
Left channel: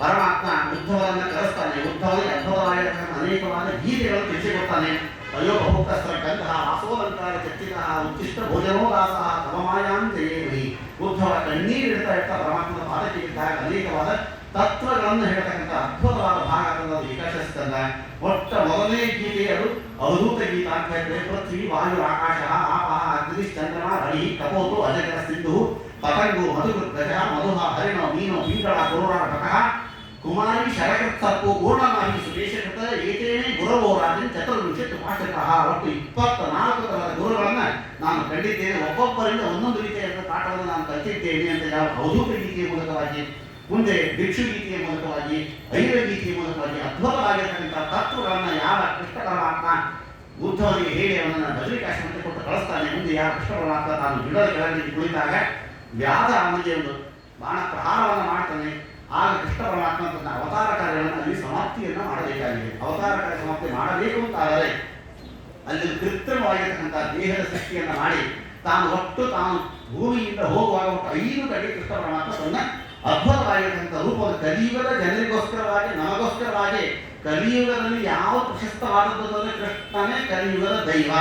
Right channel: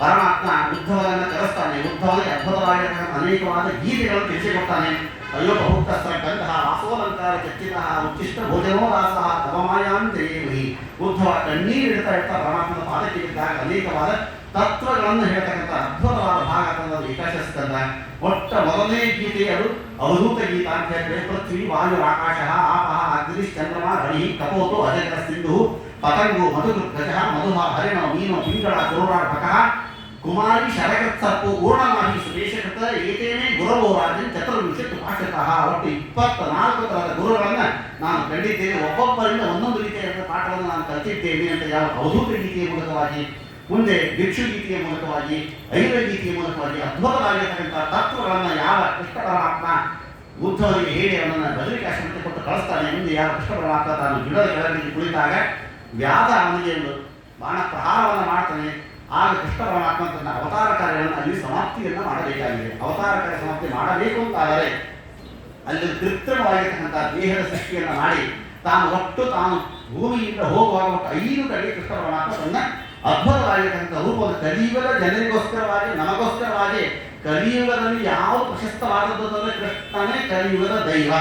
ಪರಮಾತ್ಮ ಉದ್ಧವನನ್ನು ಕರೆಸ್ತಾನೆ. ಉದ್ಧವನಿಗೆ ಅದ್ಭುತವಾಗಿರತಕ್ಕಂಥ ಅನೇಕವಾದ ಗೀತೆಗಳನ್ನು ತಿಳಿಸಿಕೊಡ್ತಾನೆ. ಅಯ್ಯೋ ಬಹುಕಸ್ತ್ರ ಗಂಧಃ ವಾಸೋಲಂಕಾರ ಚರ್ಚಿತಃ ಉಚ್ಚಿಷ್ಟ ಭೋಜನೋ ದಾಸಃ ತವಮಾಯಾಂತೇವಿ. ಉದ್ಧವ ಕಣ್ಣೀರಿಡ್ತಾ ಇರ್ತಾ ಪರಮಾತ್ಮನ ಪಾದಕ್ಕೆ ಇದ್ದಾಗ ಅನೇಕವಾದ ತತ್ವಗಳನ್ನು ಹೇಳ್ತಕ್ಕಂಥ ಅದ್ಭುತವಾದ ಭಾಗ ಅನ್ನೋದು ವಿಕಾಸಿಸ್ತಂದ. ಮೊದಲನೇ ಗೀತೆ ಅದು ಅವಧೂತ ಗೀತ ಅಂತ ಹೇಳಿದ್ರೆ, ಪೃಥ್ವಿ ವಾಯು ಆಕಾಶ ಆಪಹ ಅಗ್ನಿ ಚಂದ್ರಮ ರವಿ ಕಪೋತು ಅಜಗರ ಸಿಂಧು ಪತಂಗು ಮಧುಗೃತ್ ಗಜ ಮಧುಹ ಹರಿಣೋ ಮೀನೋ ಪಿಂಗಳ ಗರುಡಾರ್ಭಕಃ ಕುಮಾರಿ ಶರಕೃತ್ಸರ್ಪು ಪೂರ್ಣಮಾಹಿ ಸುದೇಶಕೃತ ಏತೇನೇ ಗುರವೋ ರಾಜನ್ ಚತುರ್ವಿಂಶತ್ ಉಪಾಶ್ರಿತಃ. ಒಟ್ಟು 24 ತರಹದ ಗುರುಗಳನ್ನು ನಾನು ಕಂಡಿದ್ದೇನೆ. ಒಬ್ಬೊಬ್ಬರಿಂದ ಒಂದೊಂದು ರೀತಿಯಾದ ಪಾಠವನ್ನು ನಾನು ಕಲಿತಿದ್ದೇನೆ ಅಂತ ಯಾವ ಅವಧೂತ ಗೀತೆಯ ಮೂಲಕವಾಗಿ, ಮುಂದೆ ಭಿಕ್ಷು ಗೀತೆಯ ಮೂಲಕವಾಗಿ, ಐರ ಗೀತೆಯ ಮೂಲಕವಾಗಿ ಅದ್ಭುತವಾಗಿರ್ತಕ್ಕಂಥ ತತ್ವಗಳನ್ನು ಯಾವ ಕೃಷ್ಣ ಪರಮಾತ್ಮ ಉದ್ಧವನಿಗೆ ಹೇಳಿ ಅವನನ್ನು ಬದರಿಕಾಶ್ರಮಕ್ಕೆ ಕೊಟ್ಟು ಕಳಿಸ್ತಾನೆ. ಮುಂದೆ ಯಾವ ಕೃಷ್ಣ ಪರಮಾತ್ಮ ತಾನು ಗಿಡದ ಕೆಳಗೆ ಕುಳಿತಾಗ ವ್ಯಾಧ ಅವನಿಗೆ ಒಂದು ಬಾಣ ಪ್ರಹಾರವನ್ನು ಮಾಡ್ತಾನೆ. ಆಗ ಕೃಷ್ಣ ಪರಮಾತ್ಮ ತನ್ನ ಅವತಾರ ಕಾರ್ಯಗಳನ್ನು ಅಲ್ಲಿ ಸಮಾಪ್ತಿಯನ್ನು ಮಾಡಬೇಕಾಗಿದೆ. ಅವತಾರ ಕಾರ್ಯ ಸಮಾಪ್ತಿ ಮಾಡಬೇಕು ಅಂತಾದರೆ ಅಲ್ಲಿ ಕೃತ್ರಿಮವಾಗಿರ್ತಕ್ಕಂಥ ದೇಹದ ಸೃಷ್ಟಿಯನ್ನು ಮಾಡಿ ತಾನು ಭೂಮಿಯಿಂದ ಹೋಗುವಾಗ ಒಟ್ಟು 5 ಕಡೆ ಕೃಷ್ಣ ಪರಮಾತ್ಮ ತನ್ನ ಅದ್ಭುತವಾಗಿರ್ತಕ್ಕಂಥ ರೂಪವನ್ನು ಕಲಿಯುಗದ ಜನರಿಗೋಸ್ಕರವಾಗಿ, ನಮಗೋಸ್ಕರವಾಗಿ ಕಲಿಯುಗದಲ್ಲಿ ಯಾವ ಪ್ರಶಸ್ತವಾದದ್ದು ಅಂದರೆ ಕೃಷ್ಣನೇ ಕಲಿಯುಗದ ದೈವ.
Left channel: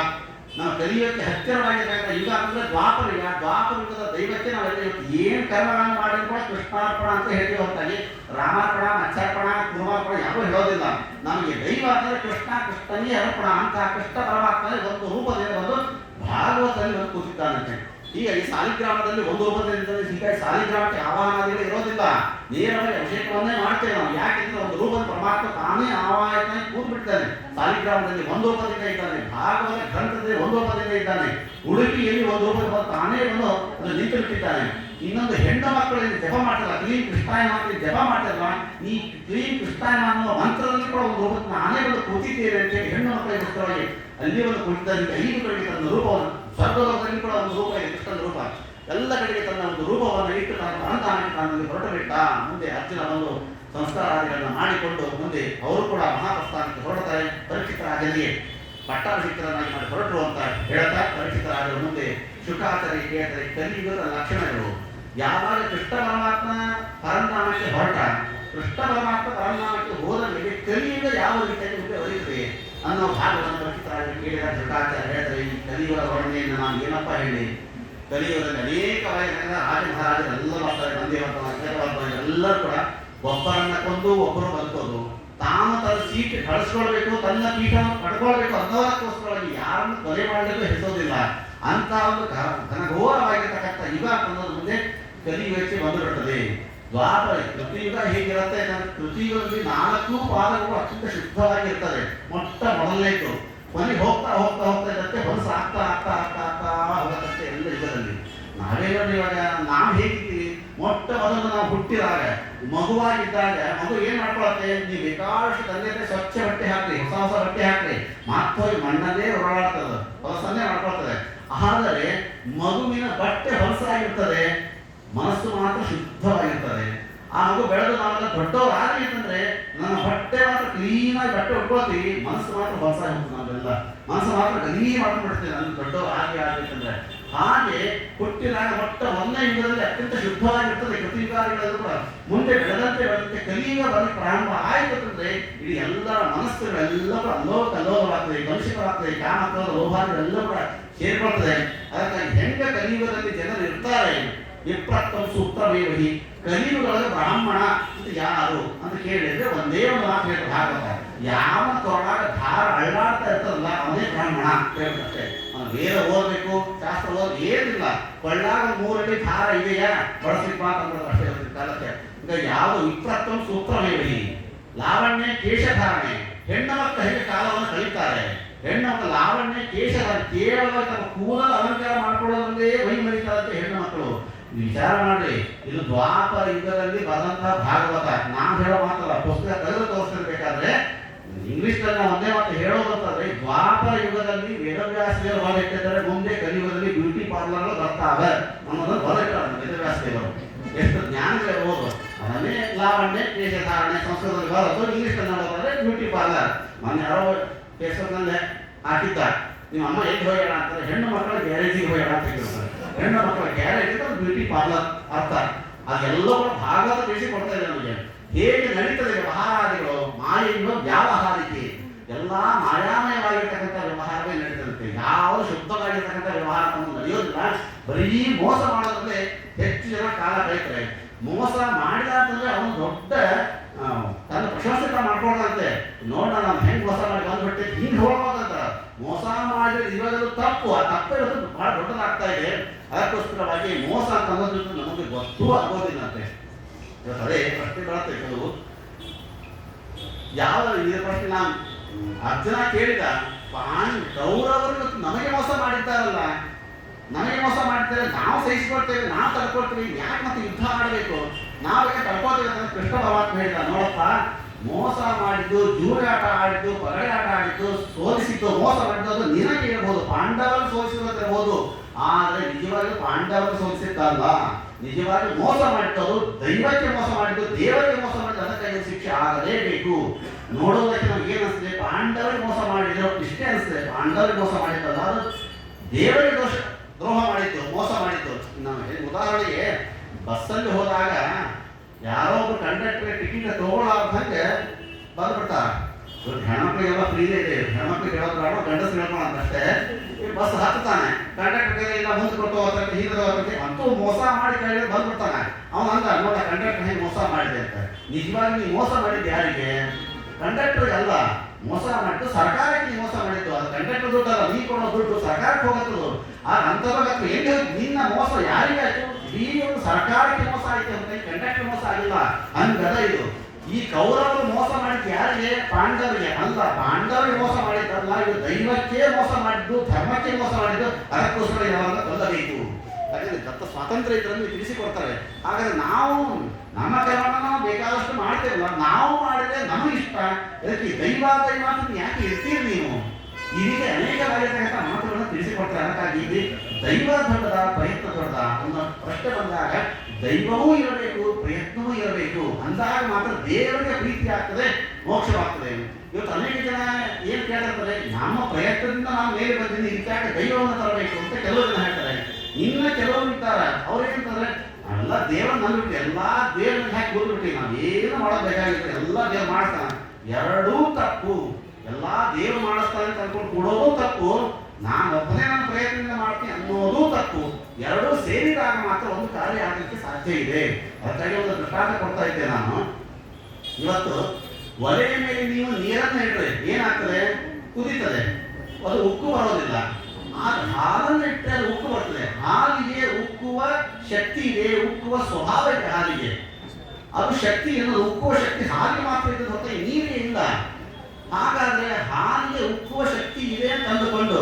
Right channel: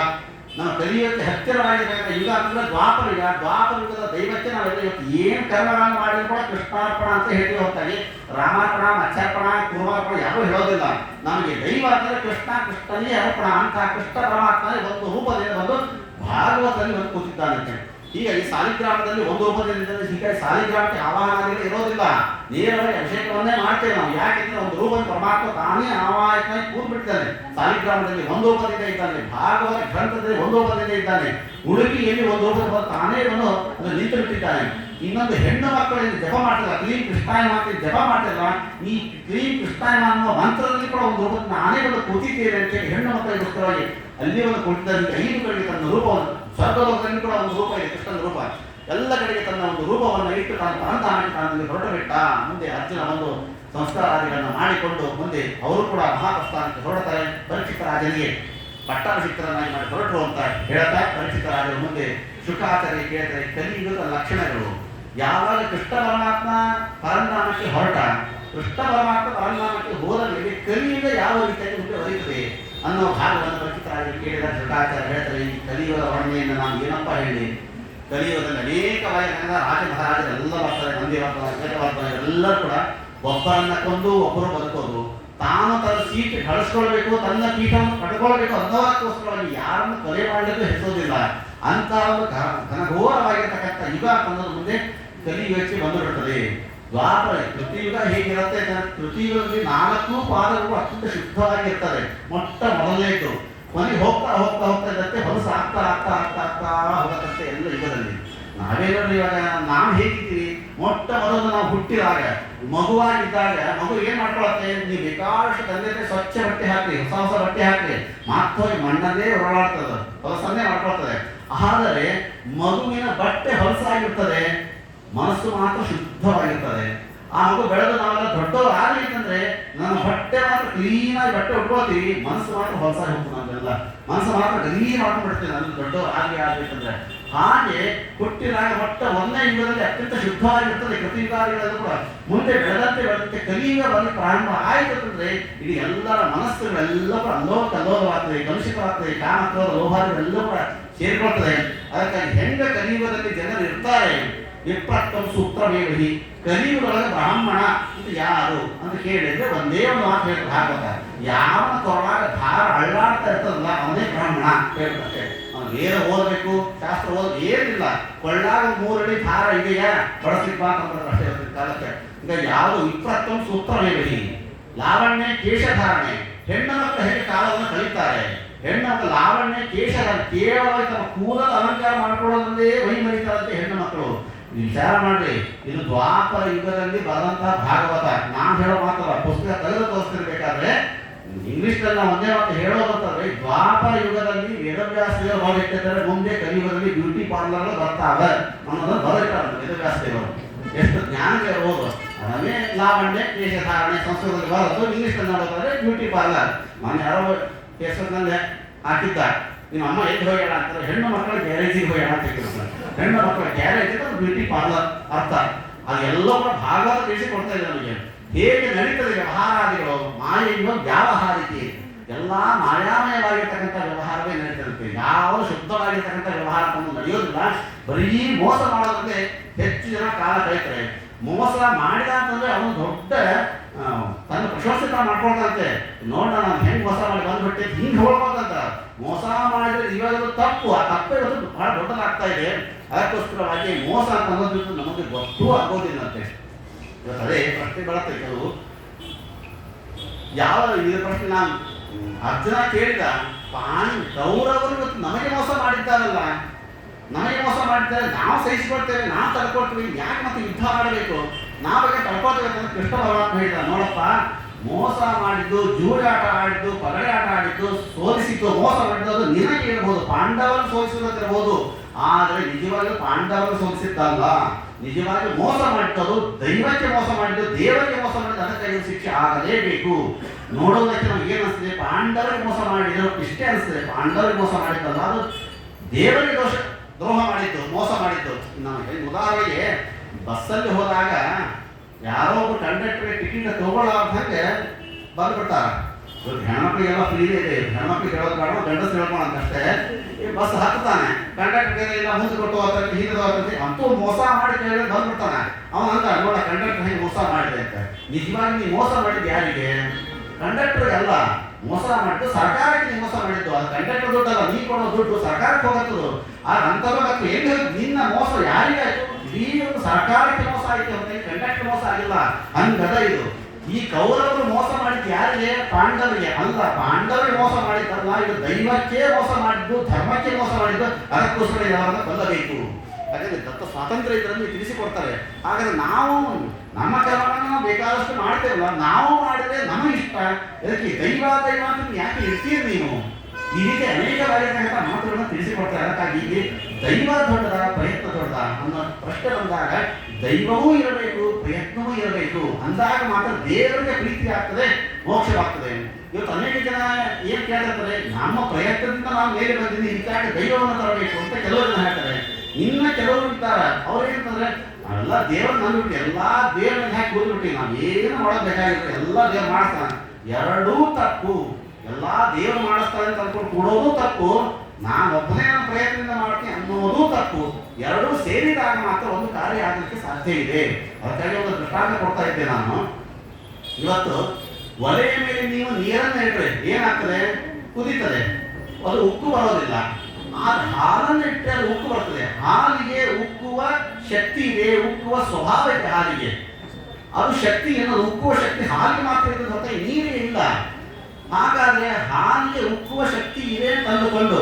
ನಾವು ಕಲಿಯುಗಕ್ಕೆ ಹತ್ತಿರವಾಗಿರ್ತಕ್ಕಂಥ ಯುಗ ಅಂದರೆ ದ್ವಾಪರ ಯುಗ. ದ್ವಾಪರ ಯುಗದ ದೈವಕ್ಕೆ ನಾವೆಲ್ಲ ಇವತ್ತು ಏನು ಕರ್ಮಗಳನ್ನು ಮಾಡಿದ್ರು ಕೂಡ ಕೃಷ್ಣಾರ್ಪಣ ಅಂತ ಹೇಳ್ತೀವಿ ಹೊರತಾಗಿ ರಾಮಾರ್ಪಣ, ಮತ್ಸ್ಯಾರ್ಪಣ, ಕೂರ್ಮಾರ್ಪಣ ಯಾರೂ ಹೇಳೋದಿಲ್ಲ. ನಮಗೆ ದೈವ ಅಂದರೆ ಕೃಷ್ಣನೇ ಅರ್ಪಣ ಅಂತ ಕೃಷ್ಣ ಪರಮಾತ್ಮನೇ ಒಂದು ರೂಪದಿಂದ ಬಂದು ಭಾಗವತದಲ್ಲಿ ಬಂದು ಕೂತಿದ್ದಾನಂತೆ. ಈಗ ಈ ಸಾಲಿಗ್ರಾಮದಲ್ಲಿ ಒಂದು ರೂಪದಲ್ಲಿ ಹೀಗಾಗಿ ಸಾಲಿಗ್ರಾಮಕ್ಕೆ ಆವಾಹನಾದಿಗಳು ಇರೋದಿಲ್ಲ, ನೇರವಾಗಿ ಅಭಿಷೇಕವನ್ನೇ ಮಾಡ್ತೇವೆ ನಾವು. ಯಾಕೆಂದ್ರೆ ಒಂದು ರೂಪದ ಪರಮಾತ್ಮ ತಾನೇ ಆವಾಹನಾಗಿ ಕೂತ್ಬಿಟ್ಟಿದ್ದಾನೆ. ಸಾಲಿಗ್ರಾಮದಲ್ಲಿ ಒಂದು ರೂಪದಿಂದ ಇದ್ದಾನೆ, ಭಾಗವತ ಗ್ರಂಥದಲ್ಲಿ ಒಂದು ರೂಪದಿಂದ ಇದ್ದಾನೆ, ಉಡುಪಿಯಲ್ಲಿ ಒಂದು ರೂಪದ ತಾನೇ ಒಂದು ನಿಂತು ಬಿಟ್ಟಿದ್ದಾನೆ. ಇನ್ನೊಂದು ಹೆಣ್ಣು ಮಕ್ಕಳಲ್ಲಿ ಜಪ ಮಾಡ್ತಿಲ್ಲ, ಕ್ಲೀಂ ಕೃಷ್ಣಾಯನ ಅಂತ ಜಪ ಮಾಡ್ತಿಲ್ಲ. ಈ ಕ್ಲೀಂ ಕೃಷ್ಣಾಯನ ಅನ್ನುವ ಮಂತ್ರದಲ್ಲಿ ಕೂಡ ಒಂದು ರೂಪದ ನಾನೇ ಒಂದು ಕೂತಿದ್ದೇವೆ ಅಂತೇಳಿ ಹೆಣ್ಣು ಮಕ್ಕಳಿಗೋಸ್ಕರವಾಗಿ ಅಲ್ಲಿ ಒಂದು ಕೊಟ್ಟಿದ್ದಾರೆ. 5 ಕಡೆಗೆ ತನ್ನ ರೂಪವನ್ನು ಸ್ವರ್ಗಲೋಕದಲ್ಲಿ ಕೂಡ ಒಂದು ರೂಪ ಇದೆ, ಕೃಷ್ಣನ ರೂಪ. ಎಲ್ಲ ಕಡೆಗೆ ತನ್ನ ಒಂದು ರೂಪವನ್ನು ಇಟ್ಟು ತಾನು ತಾನಲ್ಲಿ ಹೊರಟು ಬಿಟ್ಟ. ಮುಂದೆ ಅರ್ಜುನ ಒಂದು ಸಂಸ್ಕಾರಾದಿಗಳನ್ನು ಮಾಡಿಕೊಂಡು ಮುಂದೆ ಅವರು ಕೂಡ ಮಹಾಪ್ರಸ್ಥಾನಕ್ಕೆ ಹೊರಡ್ತಾರೆ. ಪರೀಕ್ಷಿತ ರಾಜನಿಗೆ ಪಟ್ಟಾಭಿಷಿಕ್ತರನ್ನಾಗಿ ಮಾಡಿ ಹೊರಟರು ಅಂತ ಹೇಳ್ತಾ ಪರೀಕ್ಷಿತ ರಾಜರು ಮುಂದೆ ಶುಕಾಚಾರ್ಯ ಕೇಳ್ತಾರೆ, ಕಲಿಯುಗದ ಲಕ್ಷಣಗಳು. ಯಾವಾಗ ಕೃಷ್ಣ ಪರಮಾತ್ಮ ಪರಂಧಾಮಕ್ಕೆ ಹೊರಟ, ಕೃಷ್ಣ ಪರಮಾತ್ಮ ಪರಂಧಾಮಕ್ಕೆ ಹೋದ ಮೇಲೆ ಕಲಿಯುಗ ಯಾವ ರೀತಿಯಾಗಿ ಮುಂದೆ ಹೊರೆಯುತ್ತದೆ ಅನ್ನೋ ಭಾಗವನ್ನು ಪರೀಕ್ಷಿತ ರಾಜರು ಕೇಳಿದ ಶುಕಾಚಾರ್ಯ ಹೇಳ್ತಾರೆ, ಈ ಕಲಿಯುಗದ ವರ್ಣನೆಯನ್ನು ನಾನು ಏನಪ್ಪ ಹೇಳಿ, ಕಲಿಯುಗದಲ್ಲಿ ಅನೇಕವಾಗಿ ರಾಜ ಮಹಾರಾಜರೆಲ್ಲ ಬರ್ತಾರೆ, ನಂದಿವರ್ಧನ ಎಲ್ಲರೂ ಕೂಡ ಒಬ್ಬರನ್ನ ಕೊಂದು ಒಬ್ಬರು ಬದುಕೋದು, ತಾನು ತನ್ನ ಸೀಟ್ ಗಳಿಸ್ಕೊಳ್ಬೇಕು, ತನ್ನ ಪೀಠವನ್ನು ಪಡ್ಕೊಳ್ಬೇಕು ಅನ್ನೋದಕ್ಕೋಸ್ಕರವಾಗಿ ಯಾರನ್ನು ಕೊಲೆ ಮಾಡಲಿಕ್ಕೂ ಹೆಸೋದಿಲ್ಲ ಅಂತ ಒಂದು ಘನಘೋರವಾಗಿರ್ತಕ್ಕಂಥ ಯುಗ ಅನ್ನೋದು ಮುಂದೆ ಕಲಿಯುಗಕ್ಕೆ ಬಂದುಬಿಡುತ್ತದೆ. ದ್ವಾಪರ ಕೃತಿಯುಗ ಹೇಗಿರುತ್ತೆ, ಕೃತಿಯುಗದಲ್ಲಿ 4 ಪಾದಗಳು ಅತ್ಯಂತ ಶುದ್ಧವಾಗಿರ್ತದೆ. ಮೊಟ್ಟ ಮೊದಲನೇದು ಕೊನೆಗೆ ಹೋಗ್ತಾ ಹೋಗ್ತಾ ಹೋಗ್ತಾ ಇರುತ್ತೆ, ಹೊಲಸು ಆಗ್ತಾ ಆಗ್ತಾ ಆಗ್ತಾ ಆಗ್ತಾ ಹೋಗತ್ತೆ ಎಲ್ಲ ಯುಗದಲ್ಲಿ. ನಾವೇನಾದ್ರೂ ಇವಾಗ ನಾವು ಹೇಗಿದ್ದೀವಿ, ಮೊಟ್ಟ ಮೊದಲು ನಾವು ಹುಟ್ಟಿದಾಗ ಮಗುವಾಗಿದ್ದಾಗ ಮಗು ಏನ್ ಮಾಡ್ಕೊಳತ್ತೆ, ನೀವು ಬೇಕಾದಷ್ಟು ತಂದೆ ಸ್ವಚ್ಛ ಬಟ್ಟೆ ಹಾಕಿ, ಹೊಸ ಬಟ್ಟೆ ಹಾಕಿ, ಮಾತೋಗಿ ಮಣ್ಣದೇ ಹೊರಳಾಡ್ತದೆ, ಹೊಲಸನ್ನೇ ಮಾಡ್ಕೊಳ್ತದೆ. ಆದರೆ ಮಗುವಿನ ಬಟ್ಟೆ ಹೊಲಸಾಗಿರ್ತದೆ, ಮನಸ್ಸು ಮಾತ್ರ ಶುದ್ಧವಾಗಿರ್ತದೆ. ಆ ಮಗು ಬೆಳೆದು ನಾವೆಲ್ಲ ದೊಡ್ಡವರು ಆಗಲಿ ಅಂತಂದ್ರೆ ನಮ್ಮ ಬಟ್ಟೆ ಮಾತ್ರ ಕ್ಲೀನಾಗಿ ಬಟ್ಟೆ ಉಟ್ಕೊಳ್ತೀವಿ, ಮನಸ್ಸು ಮಾತ್ರ ಹೊಲಸಾಗಿ ಹೋಗ್ತದೆ. ನಾವೆಲ್ಲ ಮನಸ್ಸು ಮಾತ್ರ ಗಲೀಜು ಮಾಡ್ಕೊಂಡ್ಬಿಡ್ತೀವಿ ಅಲ್ಲಿ ದೊಡ್ಡವರು ಆಗ್ಬೇಕಂದ್ರೆ. ಹಾಗೆ ಹುಟ್ಟಿದಾಗ ಮೊಟ್ಟ ಒಂದನೇ ಯುಗದಲ್ಲಿ ಅತ್ಯಂತ ಶುದ್ಧವಾಗಿರ್ತದೆ ಕೃತಿಯುಗಾದಿಗಳಲ್ಲೂ ಕೂಡ. ಮುಂದೆ ಬೆಳೆದಂತೆ ಕಲಿಯುಗ ಬಂದು ಪ್ರಾರಂಭ ಆಯಿತು ಅಂತಂದ್ರೆ ಇಡೀ ಎಲ್ಲರ ಮನಸ್ಸುಗಳೆಲ್ಲ ಕಲ್ಲೋಲವಾಗ್ತದೆ, ಕಲುಷಿತವಾಗ್ತದೆ, ಕಾಮ ಕ್ರೋಧ ಲೋಭಾದಿಗಳೆಲ್ಲ ಕೂಡ ಸೇರ್ಕೊಳ್ತದೆ. ಅದಕ್ಕಾಗಿ ಹೆಂಗ ಕಲಿಯುಗದಲ್ಲಿ ಜನರು ಇರ್ತಾರೆ, ವಿಪ್ರತ್ವಂ ಸೂತ್ರಮೇವಹಿ, ಕಲಿಯುಗದೊಳಗೆ ಬ್ರಾಹ್ಮಣ ಅಂತ ಯಾರು ಅಂತ ಕೇಳಿದ್ರೆ ಒಂದೇ ಒಂದು ಮಾತು ಹೇಳ್ತಾರೆ ಭಾಗವತ, ಯಾವನ ತೊಳಾಗ ಧಾರ ಅಳ್ಳಾಡ್ತಾ ಇರ್ತದಲ್ಲ ಅವನೇ ಬ್ರಾಹ್ಮಣ ಹೇಳ್ತಷ್ಟೇ. ಅವನು ವೇದ ಓದಬೇಕು, ಶಾಸ್ತ್ರ ಓದ ಏನಿಲ್ಲ, ಕೊಳ್ಳಾಗ 3 ಅಡಿ ಧಾರ ಇದೆಯಾ ಬಳಸ್ಲಿಕ್ಕೆ ಮಾತ್ರ ಅಷ್ಟೇ ಇರ್ತಿದ್ದ ಕಾಲಕ್ಕೆ. ಈಗ ಯಾವುದು ವಿಪ್ರತ್ವಂ ಸೂತ್ರಮೇವಹಿ, ಲಾವಣ್ಯ ಕೇಶಧಾರಣೆ, ಹೆಣ್ಣು ಮಕ್ಕಳು ಹೇಗೆ ಕಾಲವನ್ನು ಕಳೀತಾರೆ, ಹೆಣ್ಣು ಮಕ್ಕಳು ಲಾವಣ್ಯ ಕೇಶಧಾರಣೆ ಕೇವಲ ತಮ್ಮ ಕೂದಲು ಅಲಂಕಾರ ಮಾಡ್ಕೊಳ್ಳೋದ್ರಲ್ಲೇ ವೈಮರಿತಾರಂತೆ ಹೆಣ್ಣು ಮಕ್ಕಳು. ವಿಚಾರ ಮಾಡ್ರಿ, ಇದು ದ್ವಾಪರ ಯುಗದಲ್ಲಿ ಬರೆದಂತಹ ಭಾಗವತ. ನಾನು ಹೇಳೋ ಮಾತಲ್ಲ, ಪುಸ್ತಕ ತೆಗೆದು ತೋರಿಸ್ತಿರ್ಬೇಕಾದ್ರೆ ಇಂಗ್ಲಿಷ್ನಲ್ಲಿ ನಾವು ಒಂದೇ ಮಾತು ಹೇಳೋದಂತಂದ್ರೆ, ದ್ವಾಪರ ಯುಗದಲ್ಲಿ ವೇದವ್ಯಾಸದೇವರು ಹೊರಟಿದ್ದಾರೆ, ಮುಂದೆ ಕಲಿಯುಗದಲ್ಲಿ ಬ್ಯೂಟಿ ಪಾರ್ಲರ್ ಬರ್ತಾವೆ ಅನ್ನೋದನ್ನು ಬರೆದಿದ್ದಾರೆ ವೇದವ್ಯಾಸದೇವರು. ಎಷ್ಟು ಜ್ಞಾನ ಇರ್ಬೋದು. ಅದನ್ನೇ ಲಾವಣ್ಯ ವೇಷಧಾರಣೆ ಸಂಸ್ಕೃತದಲ್ಲಿ ಬರೋದು, ಇಂಗ್ಲಿಷ್ನಲ್ಲಿ ನೋಡೋದಾದ್ರೆ ಬ್ಯೂಟಿ ಪಾರ್ಲರ್. ನಾನು ಯಾರೋ ಫೇಸ್ಬುಕ್ನಲ್ಲಿ ಹಾಕಿದ್ದ, ನಿಮ್ಮ ಅಮ್ಮ ಎಲ್ಲಿ ಹೋಗ್ಯಾಳ ಅಂತಾರೆ, ಹೆಣ್ಣು ಮಕ್ಕಳ ಗ್ಯಾರೇಜಿಗೆ ಹೋಗ್ಯಾಳ ಅಂತ ಹೇಳ್ತಾರೆ. ಹೆಣ್ಣು ಮಕ್ಕಳ ಗ್ಯಾರೇಜ್ ಅಂದ್ರೆ ಬ್ಯೂಟಿ ಪಾರ್ಲರ್ ಅರ್ಥ. ಅದೆಲ್ಲ ಕೂಡ ಭಾಗವತ ತಿಳಿಸಿಕೊಡ್ತಾ ಇದೆ ನಮಗೆ. ಹೇಗೆ ನಡೀತದೆ ವ್ಯವಹಾರಾದಿಗಳು, ಮಾಯೆಯುವ ವ್ಯಾವಹಾರಿಕೆ, ಎಲ್ಲ ಮಾಯಾಮಯವಾಗಿರ್ತಕ್ಕಂಥ ವ್ಯವಹಾರವೇ ನಡೀತಿರುತ್ತೆ. ಯಾವ ಶುದ್ಧವಾಗಿರ್ತಕ್ಕಂಥ ವ್ಯವಹಾರ ತಮ್ಮ ನಡೆಯೋದಿಲ್ಲ. ಬರೀ ಮೋಸ ಮಾಡೋದ್ರಲ್ಲಿ ಹೆಚ್ಚು ಜನ ಕಾಲ ಕಳೀತಾರೆ. ಮೋಸ ಮಾಡಿದ ಅಂತಂದ್ರೆ ಅವನು ದೊಡ್ಡ ತನ್ನ ಪ್ರಶಂಸಕ ಮಾಡ್ಕೊಳ್ದಂತೆ, ನೋಡ ನಾನು ಹೆಂಗ್ ಮೋಸ ಮಾಡಿ ಬಂದ್ಬಿಟ್ಟೆ ಹಿಂಗೆ ಹೋಗ್ಬೋದಂತ. ಮೋಸ ಮಾಡಿದ್ರೆ ಇವಾಗಲೂ ತಪ್ಪು, ಆ ತಪ್ಪೇ ಇವತ್ತು ಬಹಳ ದೊಡ್ಡದಾಗ್ತಾ ಇದೆ. ಅದಕ್ಕೋಸ್ಕರವಾಗಿ ಮೋಸ ಅಂತ ಅನ್ನೋದು ನಮಗೆ ಗೊತ್ತೂ ಆಗೋದಿಲ್ಲಂತೆ. ಇವತ್ತು ಅದೇ ಪ್ರಶ್ನೆ ಬರುತ್ತೆ ಕೆಲವು. ಯಾವ ಇದೇ ಪ್ರಶ್ನೆ ನಾನು ಅರ್ಜುನ ಕೇಳಿದ, ಕೌರವರು ಇವತ್ತು ನಮಗೆ ಮೋಸ ಮಾಡಿದ್ದಾರಲ್ಲ, ನಮಗೆ ಮೋಸ ಮಾಡಿದ್ದಾರೆ, ನಾವು ಸಹಿಸಿಕೊಳ್ತೇವೆ, ನಾವು ತಡ್ಕೊಳ್ತೇವೆ, ಯಾಕೆ ಮತ್ತೆ ಯುದ್ಧ ಮಾಡಬೇಕು, ನಾವೇ ತಡ್ಕೊಳ್ತೇವೆ ಅಂತ ಕೃಷ್ಣ ಪರಮಾತ್ಮ ಹೇಳಿದ. ನೋಡಪ್ಪ, ಮೋಸ ಮಾಡಿದ್ದು, ಜೂಜಾಟ ಆಡಿದ್ದು, ಪಗಡೆ ಆಟ ಆಡಿದ್ದು, ಸೋಲಿಸಿದ್ದು, ಮೋಸ ಮಾಡಿದ್ದು ಅದು ನಿನಗೆ ಇರಬಹುದು, ಪಾಂಡವರನ್ನು ಸೋಲಿಸಿರೋದಿರಬಹುದು. ಆದರೆ ನಿಜವಾಗಿ ಪಾಂಡವರನ್ನು ಸೋಲಿಸಿದ್ದಲ್ಲ, ನಿಜವಾಗಿ ಮೋಸ ಮಾಡಿದ್ದು ದೈವಕ್ಕೆ ಮೋಸ ಮಾಡಿದ್ದು, ದೇವರಿಗೆ ಮೋಸ ಮಾಡಿದ್ದು, ಅದಕ್ಕೆ ಶಿಕ್ಷೆ ಆಗಲೇಬೇಕು. ನೋಡೋದಕ್ಕೆ ನಮ್ಗೆ ಏನು ಅನಿಸ್ತದೆ, ಪಾಂಡವರಿಗೆ ಮೋಸ ಮಾಡಿದ್ರು ಇಷ್ಟೇ ಅನಿಸ್ತದೆ, ಪಾಂಡವರಿಗೆ ಮೋಸ ಮಾಡಿದ್ದಲ್ಲ, ಅದು ದೇವರಿಗೆ ದ್ರೋಹ ಮಾಡಿದ್ದು, ಮೋಸ ಮಾಡಿದ್ದು. ನಮಗೆ ಉದಾಹರಣೆಗೆ ಬಸ್ಸಲ್ಲಿ ಹೋದಾಗ ಯಾರೋ ಒಬ್ಬರು ಕಂಡಕ್ಟರ್ ಟಿಕೆಟ್ ತಗೊಳ್ಳಾರ್ದಂಗೆ ಬಂದ್ಬಿಡ್ತಾರೆ. ಹೆಣ್ಮಕ್ಳಿಗೆಲ್ಲ ಫ್ರೀ ಇದೆ, ಹೆಣ್ಮಕ್ಳಿಗೆ ಹೇಳೋದು ಬೇಡ, ಗಂಡಸರು ಹೇಳ್ಕೊಳ್ಳೋಂತಷ್ಟೇ. ಬಸ್ ಹತ್ತಾನೆ, ಕಂಡಕ್ಟರ್ ಇಲ್ಲ ಮುಂದೆ ಕೊಟ್ಟು ಹೋಗ್ತಾರೆ, ಹಿಂದೆ ಹೋಗ್ತದೆ, ಅಂತೂ ಮೋಸ ಮಾಡಿ ಕೇಳಿದ್ರೆ ಬಂದ್ಬಿಡ್ತಾನೆ. ಅವನು ಅಂತ ನೋಡ ಕಂಡಕ್ಟರ್ ಹೆಂಗೆ ಮೋಸ ಮಾಡಿದೆ ಅಂತ. ನಿಜವಾಗಿ ನೀವು ಮೋಸ ಮಾಡಿದ್ದು ಯಾರಿಗೆ? ಕಂಡಕ್ಟರ್ಗೆ ಅಲ್ಲ, ಮೋಸ ಮಾಡಿದ್ದು ಸರ್ಕಾರಕ್ಕೆ ನೀವು ಮೋಸ ಮಾಡಿದ್ದು. ಅದು ಕಂಡಕ್ಟರ್ ದುಡ್ಡಲ್ಲ, ನೀ ಕೊಡೋ ದುಡ್ಡು ಸರ್ಕಾರಕ್ಕೆ ಹೋಗತ್ತದು. ಆಗ ಅಂತರ್ಗತ ಎಲ್ಲಿ ನಿನ್ನ ಮೋಸ ಯಾರಿಗಾಯ್ತು? ಇಡೀ ಒಂದು ಸರ್ಕಾರಕ್ಕೆ ಮೋಸ ಆಯ್ತು ಅಂತ, ಕಂಡಕ್ಟರ್ ಮೋಸ ಆಗಿಲ್ಲ ಹಂಗದ ಇದು. ಈ ಕೌರವರು ಮೋಸ ಮಾಡಿದ್ದು ಯಾರಿಗೆ? ಪಾಂಡವರಿಗೆ ಅಲ್ಲ, ಪಾಂಡವರಿಗೆ ಮೋಸ ಮಾಡಿದ್ದಲ್ಲ, ಇದು ದೈವಕ್ಕೆ ಮೋಸ ಮಾಡಿದ್ದು, ಧರ್ಮಕ್ಕೆ ಮೋಸ ಮಾಡಿದ್ದು. ಅದಕ್ಕೋಸ್ಕರ ಅವರನ್ನು ಕೊಲ್ಲಬೇಕು. ಯಾಕಂದ್ರೆ ದತ್ತ ಸ್ವಾತಂತ್ರ್ಯ ಇದರಲ್ಲಿ ತಿಳಿಸಿಕೊಡ್ತಾರೆ. ಹಾಗಾದ್ರೆ ನಾವು ನಮ್ಮ ಕರ್ಮನ ಬೇಕಾದಷ್ಟು ಮಾಡ್ತೇವಲ್ಲ, ನಾವು ಮಾಡಿದ್ರೆ ನಮಗೆ ಇಷ್ಟ. ಅದಕ್ಕೆ ದೈವ ಅಂತ ಯಾಕೆ ಇರ್ತೀರಿ ನೀವು? ಈ ರೀತಿ ಅನೇಕವಾಗಿರ್ತಕ್ಕಂಥ ಮಾತುಗಳನ್ನು ತಿಳಿಸಿಕೊಡ್ತಾರೆ. ಅದಕ್ಕಾಗಿ ಇಲ್ಲಿ ದೈವ ದೊಡ್ಡದ ಪ್ರಯತ್ನ ದೊಡ್ಡದ ಅನ್ನೋ ಪ್ರಶ್ನೆ ಬಂದಾಗ ದೈವವೂ ಇರಬೇಕು, ಪ್ರಯತ್ನವೂ ಇರಬೇಕು. ಅಂದಾಗ ಮಾತ್ರ ದೇವರಿಗೆ ಪ್ರೀತಿ ಆಗ್ತದೆ, ಮೋಕ್ಷವಾಗ್ತದೆ. ಇವತ್ತು ಅನೇಕ ಜನ ಏನ್ ಕೇಳ್ತಾರೆ, ನಮ್ಮ ಪ್ರಯತ್ನದಿಂದ ನಾವು ಮೇಲೆ ಬಂದಿದ್ದೀನಿ, ಇದಕ್ಕಾಗಿ ದೈವವನ್ನು ತರಬೇಕು ಅಂತ ಕೆಲವು ಜನ ಹೇಳ್ತಾರೆ. ಇನ್ನ ಕೆಲವರು ಇದ್ದಾರೆ, ಅವ್ರು ಏನಂತಂದ್ರೆ ಎಲ್ಲ ದೇವರನ್ನ ನಂಬಿಬಿಟ್ಟು ಎಲ್ಲಾ ದೇವರನ್ನ ಹಾಕಿ ಕೂತ್ಬಿಟ್ಟು ನಾವು ಏನು ಮಾಡೋದು ಬೇಕಾಗಿರುತ್ತೆ, ಎಲ್ಲ ದೇವ್ರು ಮಾಡ್ತಾನೆ. ಎರಡೂ ತಪ್ಪು. ಎಲ್ಲಾ ದೇವ್ರು ಮಾಡಿಸ್ತಾನೆ ಅಂತ ಅನ್ಕೊಂಡು ಕೊಡೋದು ತಪ್ಪು, ನಾನು ಒಬ್ಬನೇ ನನ್ನ ಪ್ರಯತ್ನದಿಂದ ಮಾಡ್ತೀನಿ ಅನ್ನೋದು ತಪ್ಪು. ಎರಡೂ ಸೇರಿದಾಗ ಮಾತ್ರ ಒಂದು ಕಾರ್ಯ ಆಗಲಿಕ್ಕೆ ಸಾಧ್ಯ ಇದೆ. ಅದಕ್ಕಾಗಿ ಒಂದು ದೃಷ್ಟಾಂತ ಕೊಡ್ತಾ ಇದ್ದೆ ನಾನು. ಇವತ್ತು ಒಲೆಯ ಮೇಲೆ ನೀವು ನೀರನ್ನು ಇಟ್ಟರೆ ಏನಾಗ್ತದೆ? ಕುದೀತದೆ, ಅದು ಉಕ್ಕು ಬರೋದಿಲ್ಲ. ಆದ್ರೆ ಹಾಲನ್ನು ಇಟ್ಟರೆ ಅದು ಉಕ್ಕು ಬರ್ತದೆ. ಹಾಲಿಗೆ ಉಕ್ಕುವ ಶಕ್ತಿ ಇದೆ, ಉಕ್ಕುವ ಸ್ವಭಾವ ಇದೆ ಹಾಲಿಗೆ. ಅದು ಶಕ್ತಿ ಏನೋ ಉಕ್ಕುವ ಶಕ್ತಿ ಹಾಲಿಗೆ ಮಾತ್ರ ಇರ್ತದೆ ಹೊರತು ನೀರೇ ಇಲ್ಲ. ಹಾಗಾದ್ರೆ ಹಾಲಿಗೆ ಉಕ್ಕುವ ಶಕ್ತಿ ಇದೆ ಅಂತ ಅಂದುಕೊಂಡು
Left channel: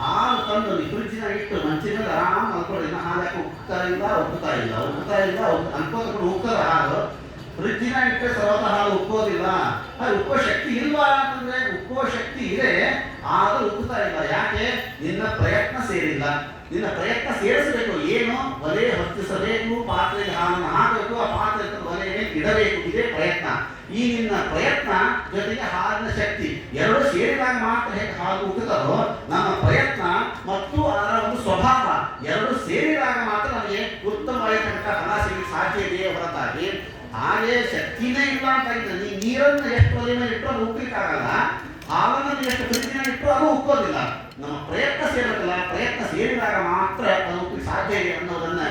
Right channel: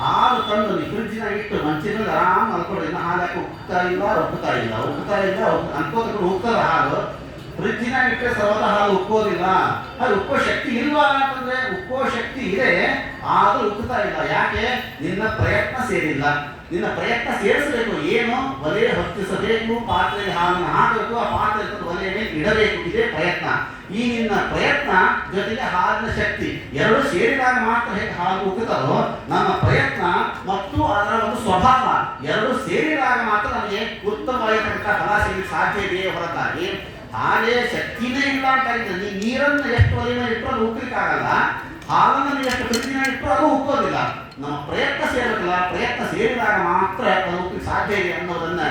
ಹಾಲು ತಂದು ಫ್ರಿಡ್ಜಿನ ಇಟ್ಟು ಮಂಚಿನ ಮೇಲೆ ಆರಾಮ್ ಅನ್ಕೊಂಡು ಹಾಲಕ್ಕೆ ಉಕ್ತಾ ಇಲ್ಲ, ಉಕ್ಕುತ್ತಾ ಇಲ್ಲ, ಉಕ್ಕುತ್ತಾ ಇಲ್ಲ ಅನ್ಕೋಕೊಂಡು ಉಕ್ತದ ಹಾಲು. ಫ್ರಿಡ್ಜಿನ ಇಟ್ಟರೆ ಸರ್ವತ ಹಾಲು ಉಕ್ಕೋದಿಲ್ಲ. ಅದು ಉಕ್ಕುವ ಶಕ್ತಿ ಇಲ್ವಾ ಅಂತಂದ್ರೆ ಉಕ್ಕುವ ಶಕ್ತಿ ಇದೆ, ಆದ್ರೂ ಉಕ್ಕುತ್ತಾ ಇಲ್ಲ. ಯಾಕೆ? ನಿನ್ನ ಪ್ರಯತ್ನ ಸೇರಿಲ್ಲ. ನಿನ್ನ ಪ್ರಯತ್ನ ಸೇರಿಸಬೇಕು. ಏನು? ಒಲೆ ಹೊತ್ತಿಸಬೇಕು, ಪಾತ್ರೆಗೆ ಹಾಲನ್ನು ಹಾಕಬೇಕು, ಆ ಪಾತ್ರೆ ಒಲೆಯ ಮೇಲೆ ಇಡಬೇಕು. ಇದೇ ಪ್ರಯತ್ನ. ಈ ನಿನ್ನ ಪ್ರಯತ್ನ ಜೊತೆಗೆ ಹಾಲಿನ ಶಕ್ತಿ ಎರಡು ಸೇರಿದಾಗ ಮಾತ್ರ ಹೇಗೆ ಹಾಲು ಉಕ್ಕುತ್ತದೋ, ನಮ್ಮ ಪ್ರಯತ್ನ ಮತ್ತು ಅದರ ಒಂದು ಸ್ವಭಾವ ಎರಡು ಸೇರಿದಾಗ ಮಾತ್ರ ನಮಗೆ ಉತ್ತಮವಾಗಿರ್ತಕ್ಕಂಥ ಫಲ ಸಿಗಲಿಕ್ಕೆ ಸಾಧ್ಯ ಇದೆಯೇ ಹೊರತಾಗಿ ಹಾಗೆ ಶಕ್ತಿನೇ ಇಲ್ಲ ಅಂತ ಆಗಿದೆ. ನೀವು ನೀರನ್ನು ಎಷ್ಟು ಒಲೆ ಮೇಲೆ ಇಟ್ಟರು ಅದು ಉಕ್ಕಲಿಕ್ಕಾಗಲ್ಲ, ಹಾಲನ್ನು ಎಷ್ಟು ಫ್ರಿಡ್ಜಿನ ಇಟ್ಟರು ಅದು ಉಕ್ಕೋದಿಲ್ಲ. ನಮ್ಮ ಪ್ರಯತ್ನ ಸೇರಬೇಕಲ್ಲ, ಪ್ರಯತ್ನ ಸೇರಿದಾಗ ಮಾತ್ರ ಅದು ಉಕ್ಕಲಿಕ್ಕೆ ಸಾಧ್ಯ ಇದೆ ಅನ್ನೋದನ್ನ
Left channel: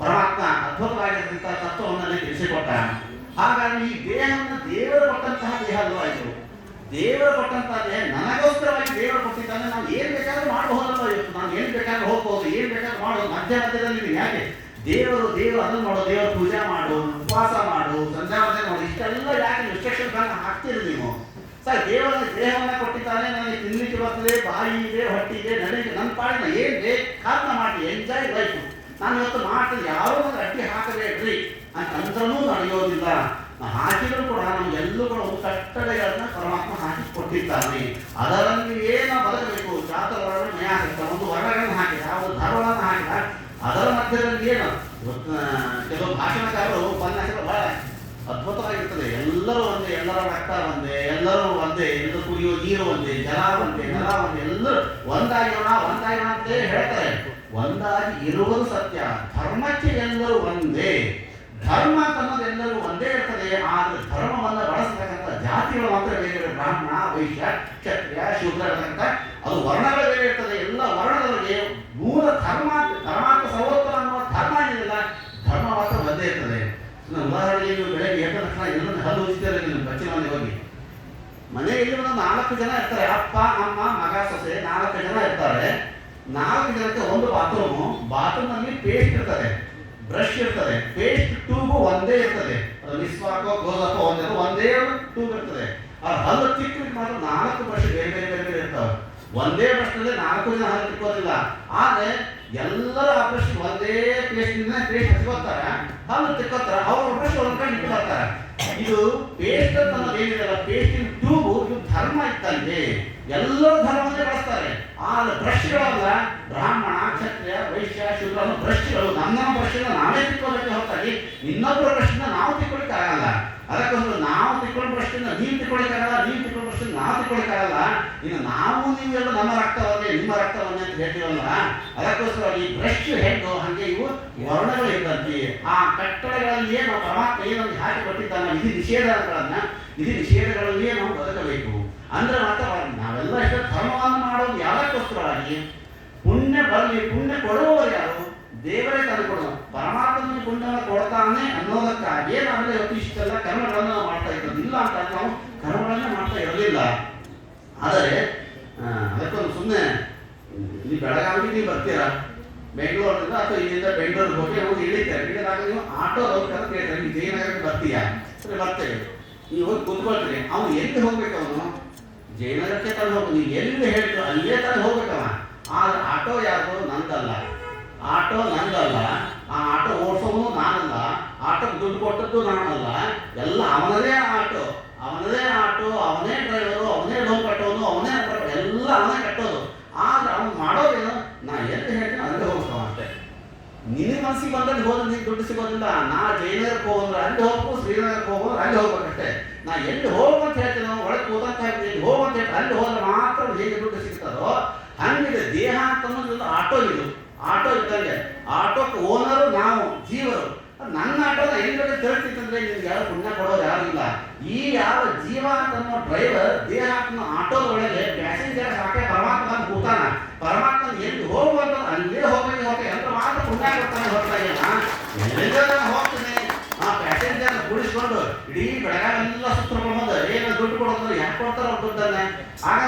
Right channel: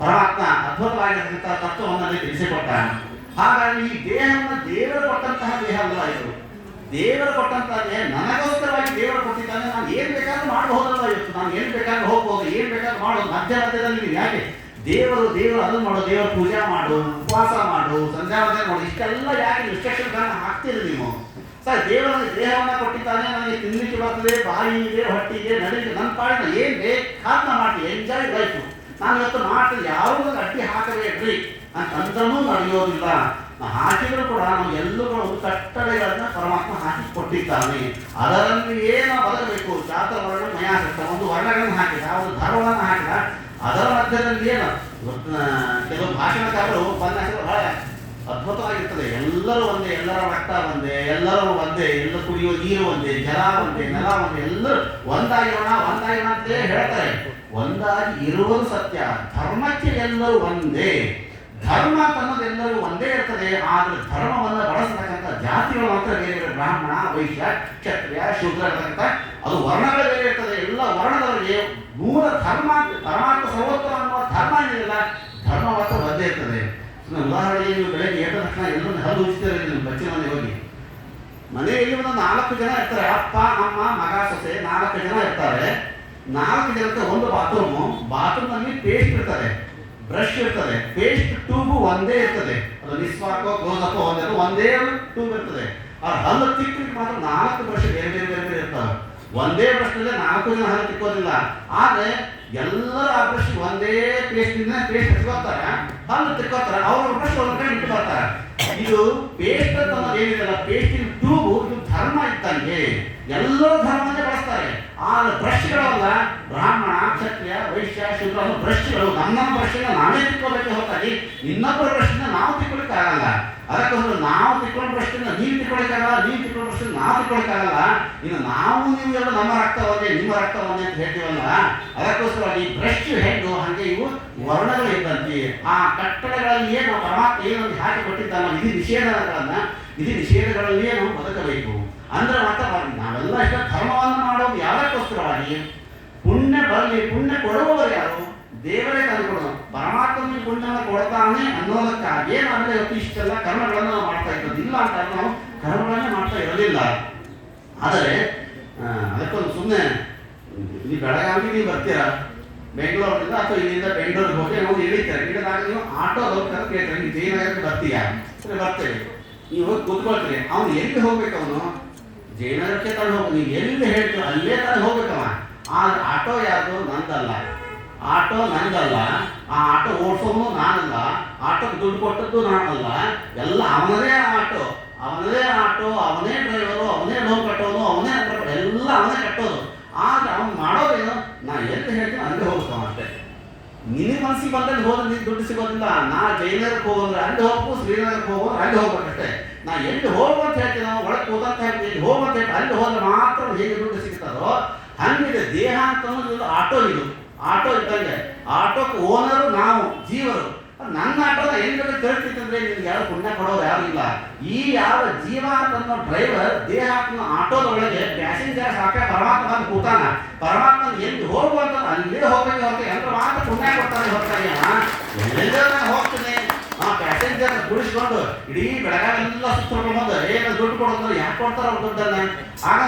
ಪರಮಾತ್ಮ ಅದ್ಭುತವಾಗಿರ್ತಕ್ಕಂಥ ತತ್ವವನ್ನು ತಿಳಿಸಿಕೊಟ್ಟ. ಹಾಗಾಗಿ ಈ ದೇಹವನ್ನು ದೇವರು ಕೊಟ್ಟಂತಹ ದೇಹ ಅಲ್ಲ ಇದು. ದೇವರು ಕೊಟ್ಟಂತಹ ದೇಹ ನನಗೋಸ್ಕರವಾಗಿ ದೇವರು ಕೊಟ್ಟಿದ್ದಾನೆ. ನಾನು ಏನ್ ಬೇಕಾದ್ರೂ ಮಾಡಬಹುದಲ್ಲ. ಇವತ್ತು ನಾನು ಏನ್ ಬೇಕಾದ್ರೂ ಹೋಗ್ಬೋದು, ಏನ್ ಬೇಕಾದ್ರೂ ಮಾಡೋದು. ಮಧ್ಯದಲ್ಲಿ ಯಾಕೆ ದೇವರು ಅದನ್ನು ಮಾಡು, ದೇವರ ಪೂಜೆ ಮಾಡು, ಉಪವಾಸ ಮಾಡು, ಸಂಧ್ಯಾವಂದನೆ ಮಾಡು, ಇಷ್ಟೆಲ್ಲ ಯಾಕೆ ರಿಸ್ಟ್ರಿಕ್ಷನ್ಗಳನ್ನು ಹಾಕ್ತೀರಿ ನೀವು? ಸರ್, ದೇವರ ದೇಹವನ್ನು ಕೊಟ್ಟಿದ್ದಾನೆ, ನನಗೆ ತಿನ್ಲಿಕ್ಕೆ ಬರ್ತದೆ, ಬಾಯಿ ಇದೆ, ಹೊಟ್ಟೆ ಇದೆ, ನಡೀಲಿ, ನನ್ನ ಪಾಡಿನ ಏನ್ ಬೇಕಾದ್ನ ಮಾಡಿ ಎಂಜಾಯ್ ಲೈಫ್. ನಾನು ಇವತ್ತು ಮಾಡ್ತೀನಿ, ಯಾರೂ ಅಡ್ಡಿ ಹಾಕಬೇಡ್ರಿ ಅಂತಂದ್ರೂ ನಡೆಯೋದಿಲ್ಲ. ಹಾಕಿದ್ರು ಕೂಡ ನಮಗೆಲ್ಲೂ ಕೂಡ ಒಂದು ಕಟ್ಟಳೆಗಳನ್ನ ಪರಮಾತ್ಮ ಹಾಕಿ ಕೊಟ್ಟಿದ್ದಾನೆ. ಅದರಲ್ಲಿ ನಾವು ಬದಕಬೇಕು. ಜಾತವರ್ಣ ನಯಾಸ ಒಂದು ವರ್ಣಗಳನ್ನು ಹಾಕಿದ, ಒಂದು ಧರ್ಮವನ್ನು ಹಾಕಿದ. ಅದರ ಮಧ್ಯದಲ್ಲಿ ಏನು ಕೆಲವು ಭಾಷಣಕಾರರು ಉಪನ್ಯಾಸಗಳು ಬಹಳ ಅದ್ಭುತವಾಗಿರ್ತದೆ. ಎಲ್ಲರೂ ಒಂದೇ, ಎಲ್ಲರ ರಕ್ತ ಒಂದೇ, ಎಲ್ಲರೂ ಒಂದೇ, ಎಲ್ಲ ಕುಡಿಯೋ ನೀರು ಒಂದೇ, ಜಲ ಒಂದೇ, ನೆಲ ಒಂದೇ, ಎಲ್ಲರೂ ಒಂದಾಗಿರೋಣ ಅಂತ ಹೇಳ್ತಾರೆ. ಒಂದಾಗಿ ಇರುವುದು ಸತ್ಯ. ಧರ್ಮಕ್ಕೆ ಎಲ್ಲರೂ ಒಂದೇ. ಧರ್ಮ ಅನ್ನೋದು ಎಲ್ಲರೂ ಒಂದೇ ಇರ್ತದೆ. ಆದ್ರೆ ಧರ್ಮವನ್ನು ಬಳಸತಕ್ಕಂಥ ಜಾತಿಗಳು ಮಾತ್ರ ಬೇರೆ ಬೇರೆ. ಬ್ರಾಹ್ಮಣ, ವೈಶ್ಯ, ಕ್ಷತ್ರಿಯ, ಶೂದ್ರ ಇರತಕ್ಕಂಥ ಅದು ವರ್ಣಗಳು ಬೇರೆ ಇರ್ತದೆ. ಎಲ್ಲ ವರ್ಣದವರಿಗೆ ಮೂಲ ಧರ್ಮ, ಪರಮಾತ್ಮ ಸರ್ವೋತ್ತಮ ಅನ್ನುವ ಧರ್ಮ ಏನಿಲ್ಲ, ಧರ್ಮ ಮಾತ್ರ ಒಂದೇ ಇರ್ತದೆ. ಉದಾಹರಣೆಗೆ ನೀವು ಬೆಳಗ್ಗೆ ಎದ್ದ ತಕ್ಷಣ ಎಲ್ಲರೂ ಹಲ್ಲು ಉಜ್ತಾರೆ. ನಿಮ್ಮ ಬಚ್ಚಿನ ಮನೆ ಹೋಗಿ, ಮನೆಯಲ್ಲಿ ಒಂದು 4 ಜನ ಇರ್ತಾರೆ. ಅಪ್ಪ, ಅಮ್ಮ, ಮಗ, ಸೊಸೆ 4 ಜನ ಇರ್ತಾರೆ. 4 ಜನಕ್ಕೆ ಒಂದು ಬಾತ್ರೂಮ್ ನಲ್ಲಿ ಪೇಸ್ಟ್ ಇರ್ತದೆ, ಬ್ರಷ್ ಇರ್ತದೆ, ಪೇಸ್ಟ್ ಟ್ಯೂಬ್ ಒಂದೇ ಇರ್ತದೆ. ಅದು ನಿಸ್ವಾಕೋ ಕ್ಲೋಸಪ್ ಒಂದೇ ಟ್ಯೂಬ್ ಇರ್ತದೆ. ಆ ಹಲ್ಲು ತಿಕ್ಕಲಿಕ್ಕೆ ಮಾತ್ರ 4 ಬ್ರಷ್ ಬೇರೆ ಬೇರೆ ಬೇರೆ ಬೇರೆ ಇರ್ತವೆ. ಒಂದೇ ಬ್ರಷ್ ನಲ್ಲಿ 4 ಜನ ಹಲ್ಲು ತಿಕ್ಕೋದಿಲ್ಲ. ಆದ್ರೆ ಎಲ್ಲರೂ ಆ ಬ್ರಷ್ ಒಂದೇ ಪೇಸ್ಟ್ ಹಚ್ಕೋತಾರೆ, ಹಲ್ಲು ತಿಕ್ಕೋತಾರೆ. ಅವ್ರ ಬ್ರಷ್ ಒಂದ್ ಕಡೆ ಇಟ್ಟು ಬರ್ತಾರೆ. ಇದು ಪೇಸ್ಟ್ ಅನ್ನೋದು ಏನಿದೆಲ್ಲ, ಪೇಸ್ಟಿನ ಟ್ಯೂಬ್ ಇದು ಧರ್ಮ ಇದ್ದಂಗೆ. ಎಲ್ಲರೂ ಧರ್ಮವನ್ನೇ ಬಳಸ್ತಾರೆ. ಆದ್ರೆ ಬ್ರಷ್ಗಳಲ್ಲ, ಬ್ರಾಹ್ಮಣ, ಕ್ಷತ್ರಿಯ, ವೈಶ್ಯ, ಶೂದ್ರ ಅನ್ನೋ ಬ್ರಷ್ಗಳು ನಮ್ಮ ಬ್ರಷ್ಗಳನ್ನ ನಾವೇ ತಿಕ್ಕೋಬೇಕೆ ಹೊರತಾಗಿ ಇನ್ನೊಬ್ಬರ ಬ್ರಷ್ನ ನಾವು ತಿಕ್ಕೊಳಿಕ್ಕೆ ಆಗಲ್ಲ. ಅದಕ್ಕೋಸ್ಕರ ನಾವು ತಿಕ್ಕೊಂಡ ಬ್ರಷ್ನ ನೀವು ತಿಕ್ಕೊಳಿಕ್ಕಾಗಲ್ಲ, ನೀವು ತಿಕ್ಕೊಂಡ ಬ್ರಷ್ನ ನಾವು ತಿಕ್ಕೊಳಿಕ್ಕಾಗಲ್ಲ. ಇನ್ನು ನಾವು ನೀವೆಲ್ಲ ನಮ್ಮ ರಕ್ತವನ್ನೇ, ನಿಮ್ಮ ರಕ್ತವನ್ನೇ ಅಂತ ಹೇಳ್ತೀವಲ್ಲ, ಅದಕ್ಕೋಸ್ಕರ ಈ ಬ್ರಷ್ ಹೆಂಗು ಹಂಗೆ ಇವು ವರ್ಣಗಳು ಇದ್ದಂತೆ. ಆ ಕಟ್ಟಡಗಳಲ್ಲಿಯೇ ನಾವು ಪರಮಾತ್ಮ ಏನೊಂದು ಹಾಕಿ ಕೊಟ್ಟಿದ್ದಾನ ವಿಧಿ ನಿಷೇಧಗಳಲ್ಲಿಯೇ ನಾವು ಬದುಕಬೇಕು. ಅಂದ್ರೆ ಮಾತ್ರ ನಾವೆಲ್ಲ ಇಷ್ಟ ಧರ್ಮವನ್ನು ಮಾಡೋದು ಯಾವಕ್ಕೋಸ್ಕರವಾಗಿ? ಪುಣ್ಯ ಬರಲಿ, ಪುಣ್ಯ ಕೊಡುವವರು ಯಾರು? ದೇವರೇ ತಂದುಕೊಡೋದು. ಪರಮಾತ್ಮನ ಪುಣ್ಯವನ್ನು ಕೊಡ್ತಾನೆ ಅನ್ನೋದಕ್ಕಾಗಿ ನಾವೆಲ್ಲ ಇವತ್ತು ಇಷ್ಟೆಲ್ಲ ಕರ್ಮಗಳನ್ನು ನಾವು ಮಾಡ್ತಾ ಇರೋದು. ಇಲ್ಲ ಅಂತ ನಾವು ಕರ್ಮಗಳನ್ನೇ ಮಾಡ್ತಾ ಇರಲಿಲ್ಲ. ಆದರೆ ಅದಕ್ಕೊಂದು ಸುಮ್ಮನೆ ಇಲ್ಲಿ ಬೆಳಗಾವಿಗೆ ನೀವು ಬರ್ತೀರಾ, ಬೆಂಗಳೂರಿನಿಂದ ಅಥವಾ ಇಲ್ಲಿಂದ ಬೆಂಗಳೂರಿಗೆ ಹೋಗಿ ನಾವು ಇಳಿತಾರೆ. ಇಳಿದಾಗ ನೀವು ಆಟೋದವ್ರು ಕರೆದು ಕೇಳ್ತಾರೆ, ನೀವು ಜಯನಗರಕ್ಕೆ ಬರ್ತೀಯಾ? ಸರಿ, ಬರ್ತೇವೆ. ನೀವು ಹೋಗಿ ಕೂತ್ಕೊಳ್ತೀರಿ. ಅವನು ಎಲ್ಲಿ ಹೋಗ್ಬೇಕು? ಅವನು ಜಯನಗರಕ್ಕೆ ತಂದು ಹೋಗಿ, ನೀವು ಎಲ್ಲಿ ಹೇಳ್ತೀರೋ ಅಲ್ಲೇ ತಂದು ಹೋಗ್ಬೇಕವ. ಆದ್ರೆ ಆಟೋ ಯಾವುದು? ನಂದಲ್ಲ. ಆಟೋ ನಂದಲ್ಲ. ಆ ಆಟೋ ಓಡಿಸೋನು ನಾನಲ್ಲ. ಆಟೋಕ್ಕೆ ದುಡ್ಡು ಕೊಟ್ಟದ್ದು ನಾನಲ್ಲ, ಎಲ್ಲ ಅವನದೇ ಆಟೋ, ಅವನೇ ಡ್ರೈವರು, ಅವನೇ ಲೋನ್ ಕಟ್ಟೋನು, ಅವನೇ ಎಲ್ಲ ಅವನೇ ಕಟ್ಟೋದು. ಆದ್ರೆ ಅವ್ನು ಮಾಡೋದೇನು, ನಾ ಎಲ್ಲಿ ಹೇಳ್ತೀನಿ ಅಲ್ಲಿ ಹೋಗ್ತಾವ ಅಷ್ಟೇ. ನಿನ್ನ ಮನಸ್ಸಿಗೆ ಬಂದಲ್ಲಿ ಹೋದ್ರೆ ನೀನು ದುಡ್ಡು ಸಿಗೋದಿಲ್ಲ. ನಾ ಜೈನಗರಕ್ಕೆ ಹೋಗೋದ್ರೆ ಅಲ್ಲಿ ಹೋಗ್ಬೇಕು, ಶ್ರೀನಗರಕ್ಕೆ ಹೋಗೋದ್ರೆ ಅಲ್ಲಿ ಹೋಗ್ಬೇಕಷ್ಟೇ. ನಾ ಎಲ್ಲಿ ಹೋಗುವಂತ ಹೇಳ್ತೀನಿ, ನಾವು ಒಳಗೆ ಕೂದಂತ ಹೇಳ್ತೀನಿ, ಇಲ್ಲಿ ಹೋಗುವಂತ ಹೇಳ್ತೀನಿ, ಅಲ್ಲಿ ಹೋದ್ರೆ ಮಾತ್ರ ಹೇಗೆ ದುಡ್ಡು ಸಿಗ್ತದೋ ಹಂಗಿದೆ ದೇಹ ಅಂತ ಅನ್ನೋದು. ಆಟೋ ಇದ್ದಂಗೆ, ಆಟೋಕ್ಕೆ ಓನರು ನಾವು, ಜೀವರು. ನನ್ನ ಆಟೋನ ಹೆಂಗೆ ತಿಳ್ತಿತ್ತಂದ್ರೆ ನಿಮ್ಗೆ ಯಾರು ಪುಣ್ಯ ಕೊಡೋರು ಯಾರು ಇಲ್ಲ. ಈ ಯಾವ ಜೀವ ಅಂತನ್ನೋ ಡ್ರೈವರ್ ದೇಹ ಅಂತನೋ ಆಟೋದ ಒಳಗೆ ಪ್ಯಾಸೆಂಜರ್ ಸಾಕೆ ಪರಮಾತ್ಮ ಬಂದು ಕೂತಾನ. ಪರಮಾತ್ಮ ಎಲ್ಲಿ ಹೋಗುವಂತ ಅಲ್ಲೇ ಹೋಗ್ಬೇಕು, ಎಂತ ಮಾತ್ರ ಪುಣ್ಯ ಕೊಡ್ತಾನೆ. ಹೋಗ್ತಾನೆ ಹೋಗ್ತೀನಿ ಪ್ಯಾಸೆಂಜರ್ ಕೂಡಿಸ್ಕೊಂಡು ಇಡೀ ಬೆಳಗಾವೆಲ್ಲ ಸುತ್ತಕೊಂಡು ಬಂದು ಏನು ದುಡ್ಡು ಕೊಡೋದ್ರೆ ಯಾಕೆ ಕೊಡ್ತಾರ ಅವ್ರು ದುಡ್ಡನ್ನ. ಆಗ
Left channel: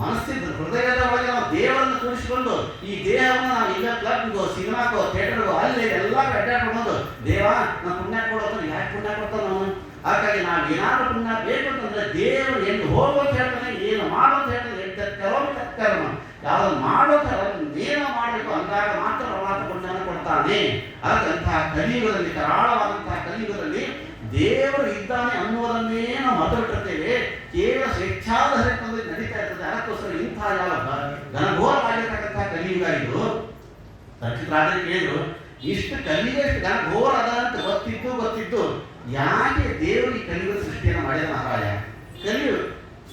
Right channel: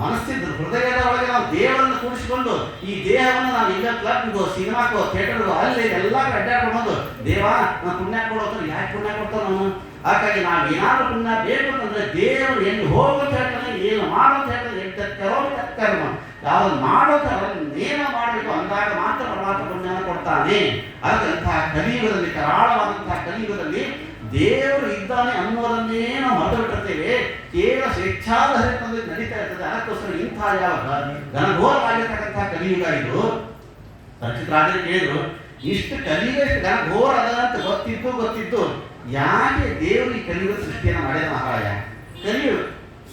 ಮನಸ್ಸಿದ್ದು ಹೃದಯದ ಒಳಗೆ ನಾವು ದೇವರನ್ನು ಕೂಡಿಸ್ಕೊಂಡು ಈ ದೇಹವನ್ನು ನಾವು ಈಗ ಕ್ಲಬ್ಗೂ, ಸಿನಿಮಾಕ್ಕೋ, ಥಿಯೇಟರ್ಗೂ ಅಲ್ಲಿ ಎಲ್ಲ ಅಡ್ಡಾಡ್ಕೊಂಡು ಬಂದು ದೇವ ನಾವು ಪುಣ್ಯ ಕೊಡೋದ್ರೆ ಯಾಕೆ ಪುಣ್ಯ ಕೊಡ್ತಾರ ಅವನು. ಹಾಗಾಗಿ ನಾವು ಏನಾದ್ರೂ ಪುಣ್ಯ ಬೇಕು ಅಂತಂದ್ರೆ ದೇವರು ಎಲ್ಲಿ ಹೋಗುವಂತ ಹೇಳ್ತಾನೆ, ಏನು ಮಾಡುವಂತ ಹೇಳ್ತಾನೆ, ಎಲ್ಲಿ ಯಾವ್ದು ಮಾಡೋದು ಏನೋ ಮಾಡಬೇಕು ಅಂದಾಗ ಮಾತ್ರ ಪರಮಾತ್ಮ ಪುಣ್ಯವನ್ನು ಕೊಡ್ತಾನೆ. ಅದಕ್ಕಂತಹ ಕಲಿಯುಗದಲ್ಲಿ, ಕರಾಳವಾದಂತಹ ಕಲಿಯುಗದಲ್ಲಿ ದೇವರು ಇದ್ದಾನೆ ಅನ್ನೋದನ್ನೇ ನಾವು ಮತ ಬಿಟ್ಟಿರ್ತೇವೆ. ಕೇವಲ ಸ್ವೇಚ್ಛಾಧಾರಿತದಲ್ಲಿ ನಡೀತಾ ಇರ್ತದೆ. ಅದಕ್ಕೋಸ್ಕರ ಇಂತಹ ಯಾವ ಘನಘೋರವಾಗಿರ್ತಕ್ಕಂತಹ ಕಲಿಯುಗ ಇದು. ರಚಿತರಾಜರು ಕೇಳಿದ್ರು, ಇಷ್ಟು ಕಲಿಯುಗ ಎಷ್ಟು ಘನಘೋರ ಅದ ಅಂತ ಗೊತ್ತಿದ್ದು ಯಾಕೆ ದೇವರು ಈ ಕಲಿಯುಗ ಸೃಷ್ಟಿಯನ್ನು ಮಾಡಿದ ಮಹಾರಾಯ? ಕಲಿಯುಗ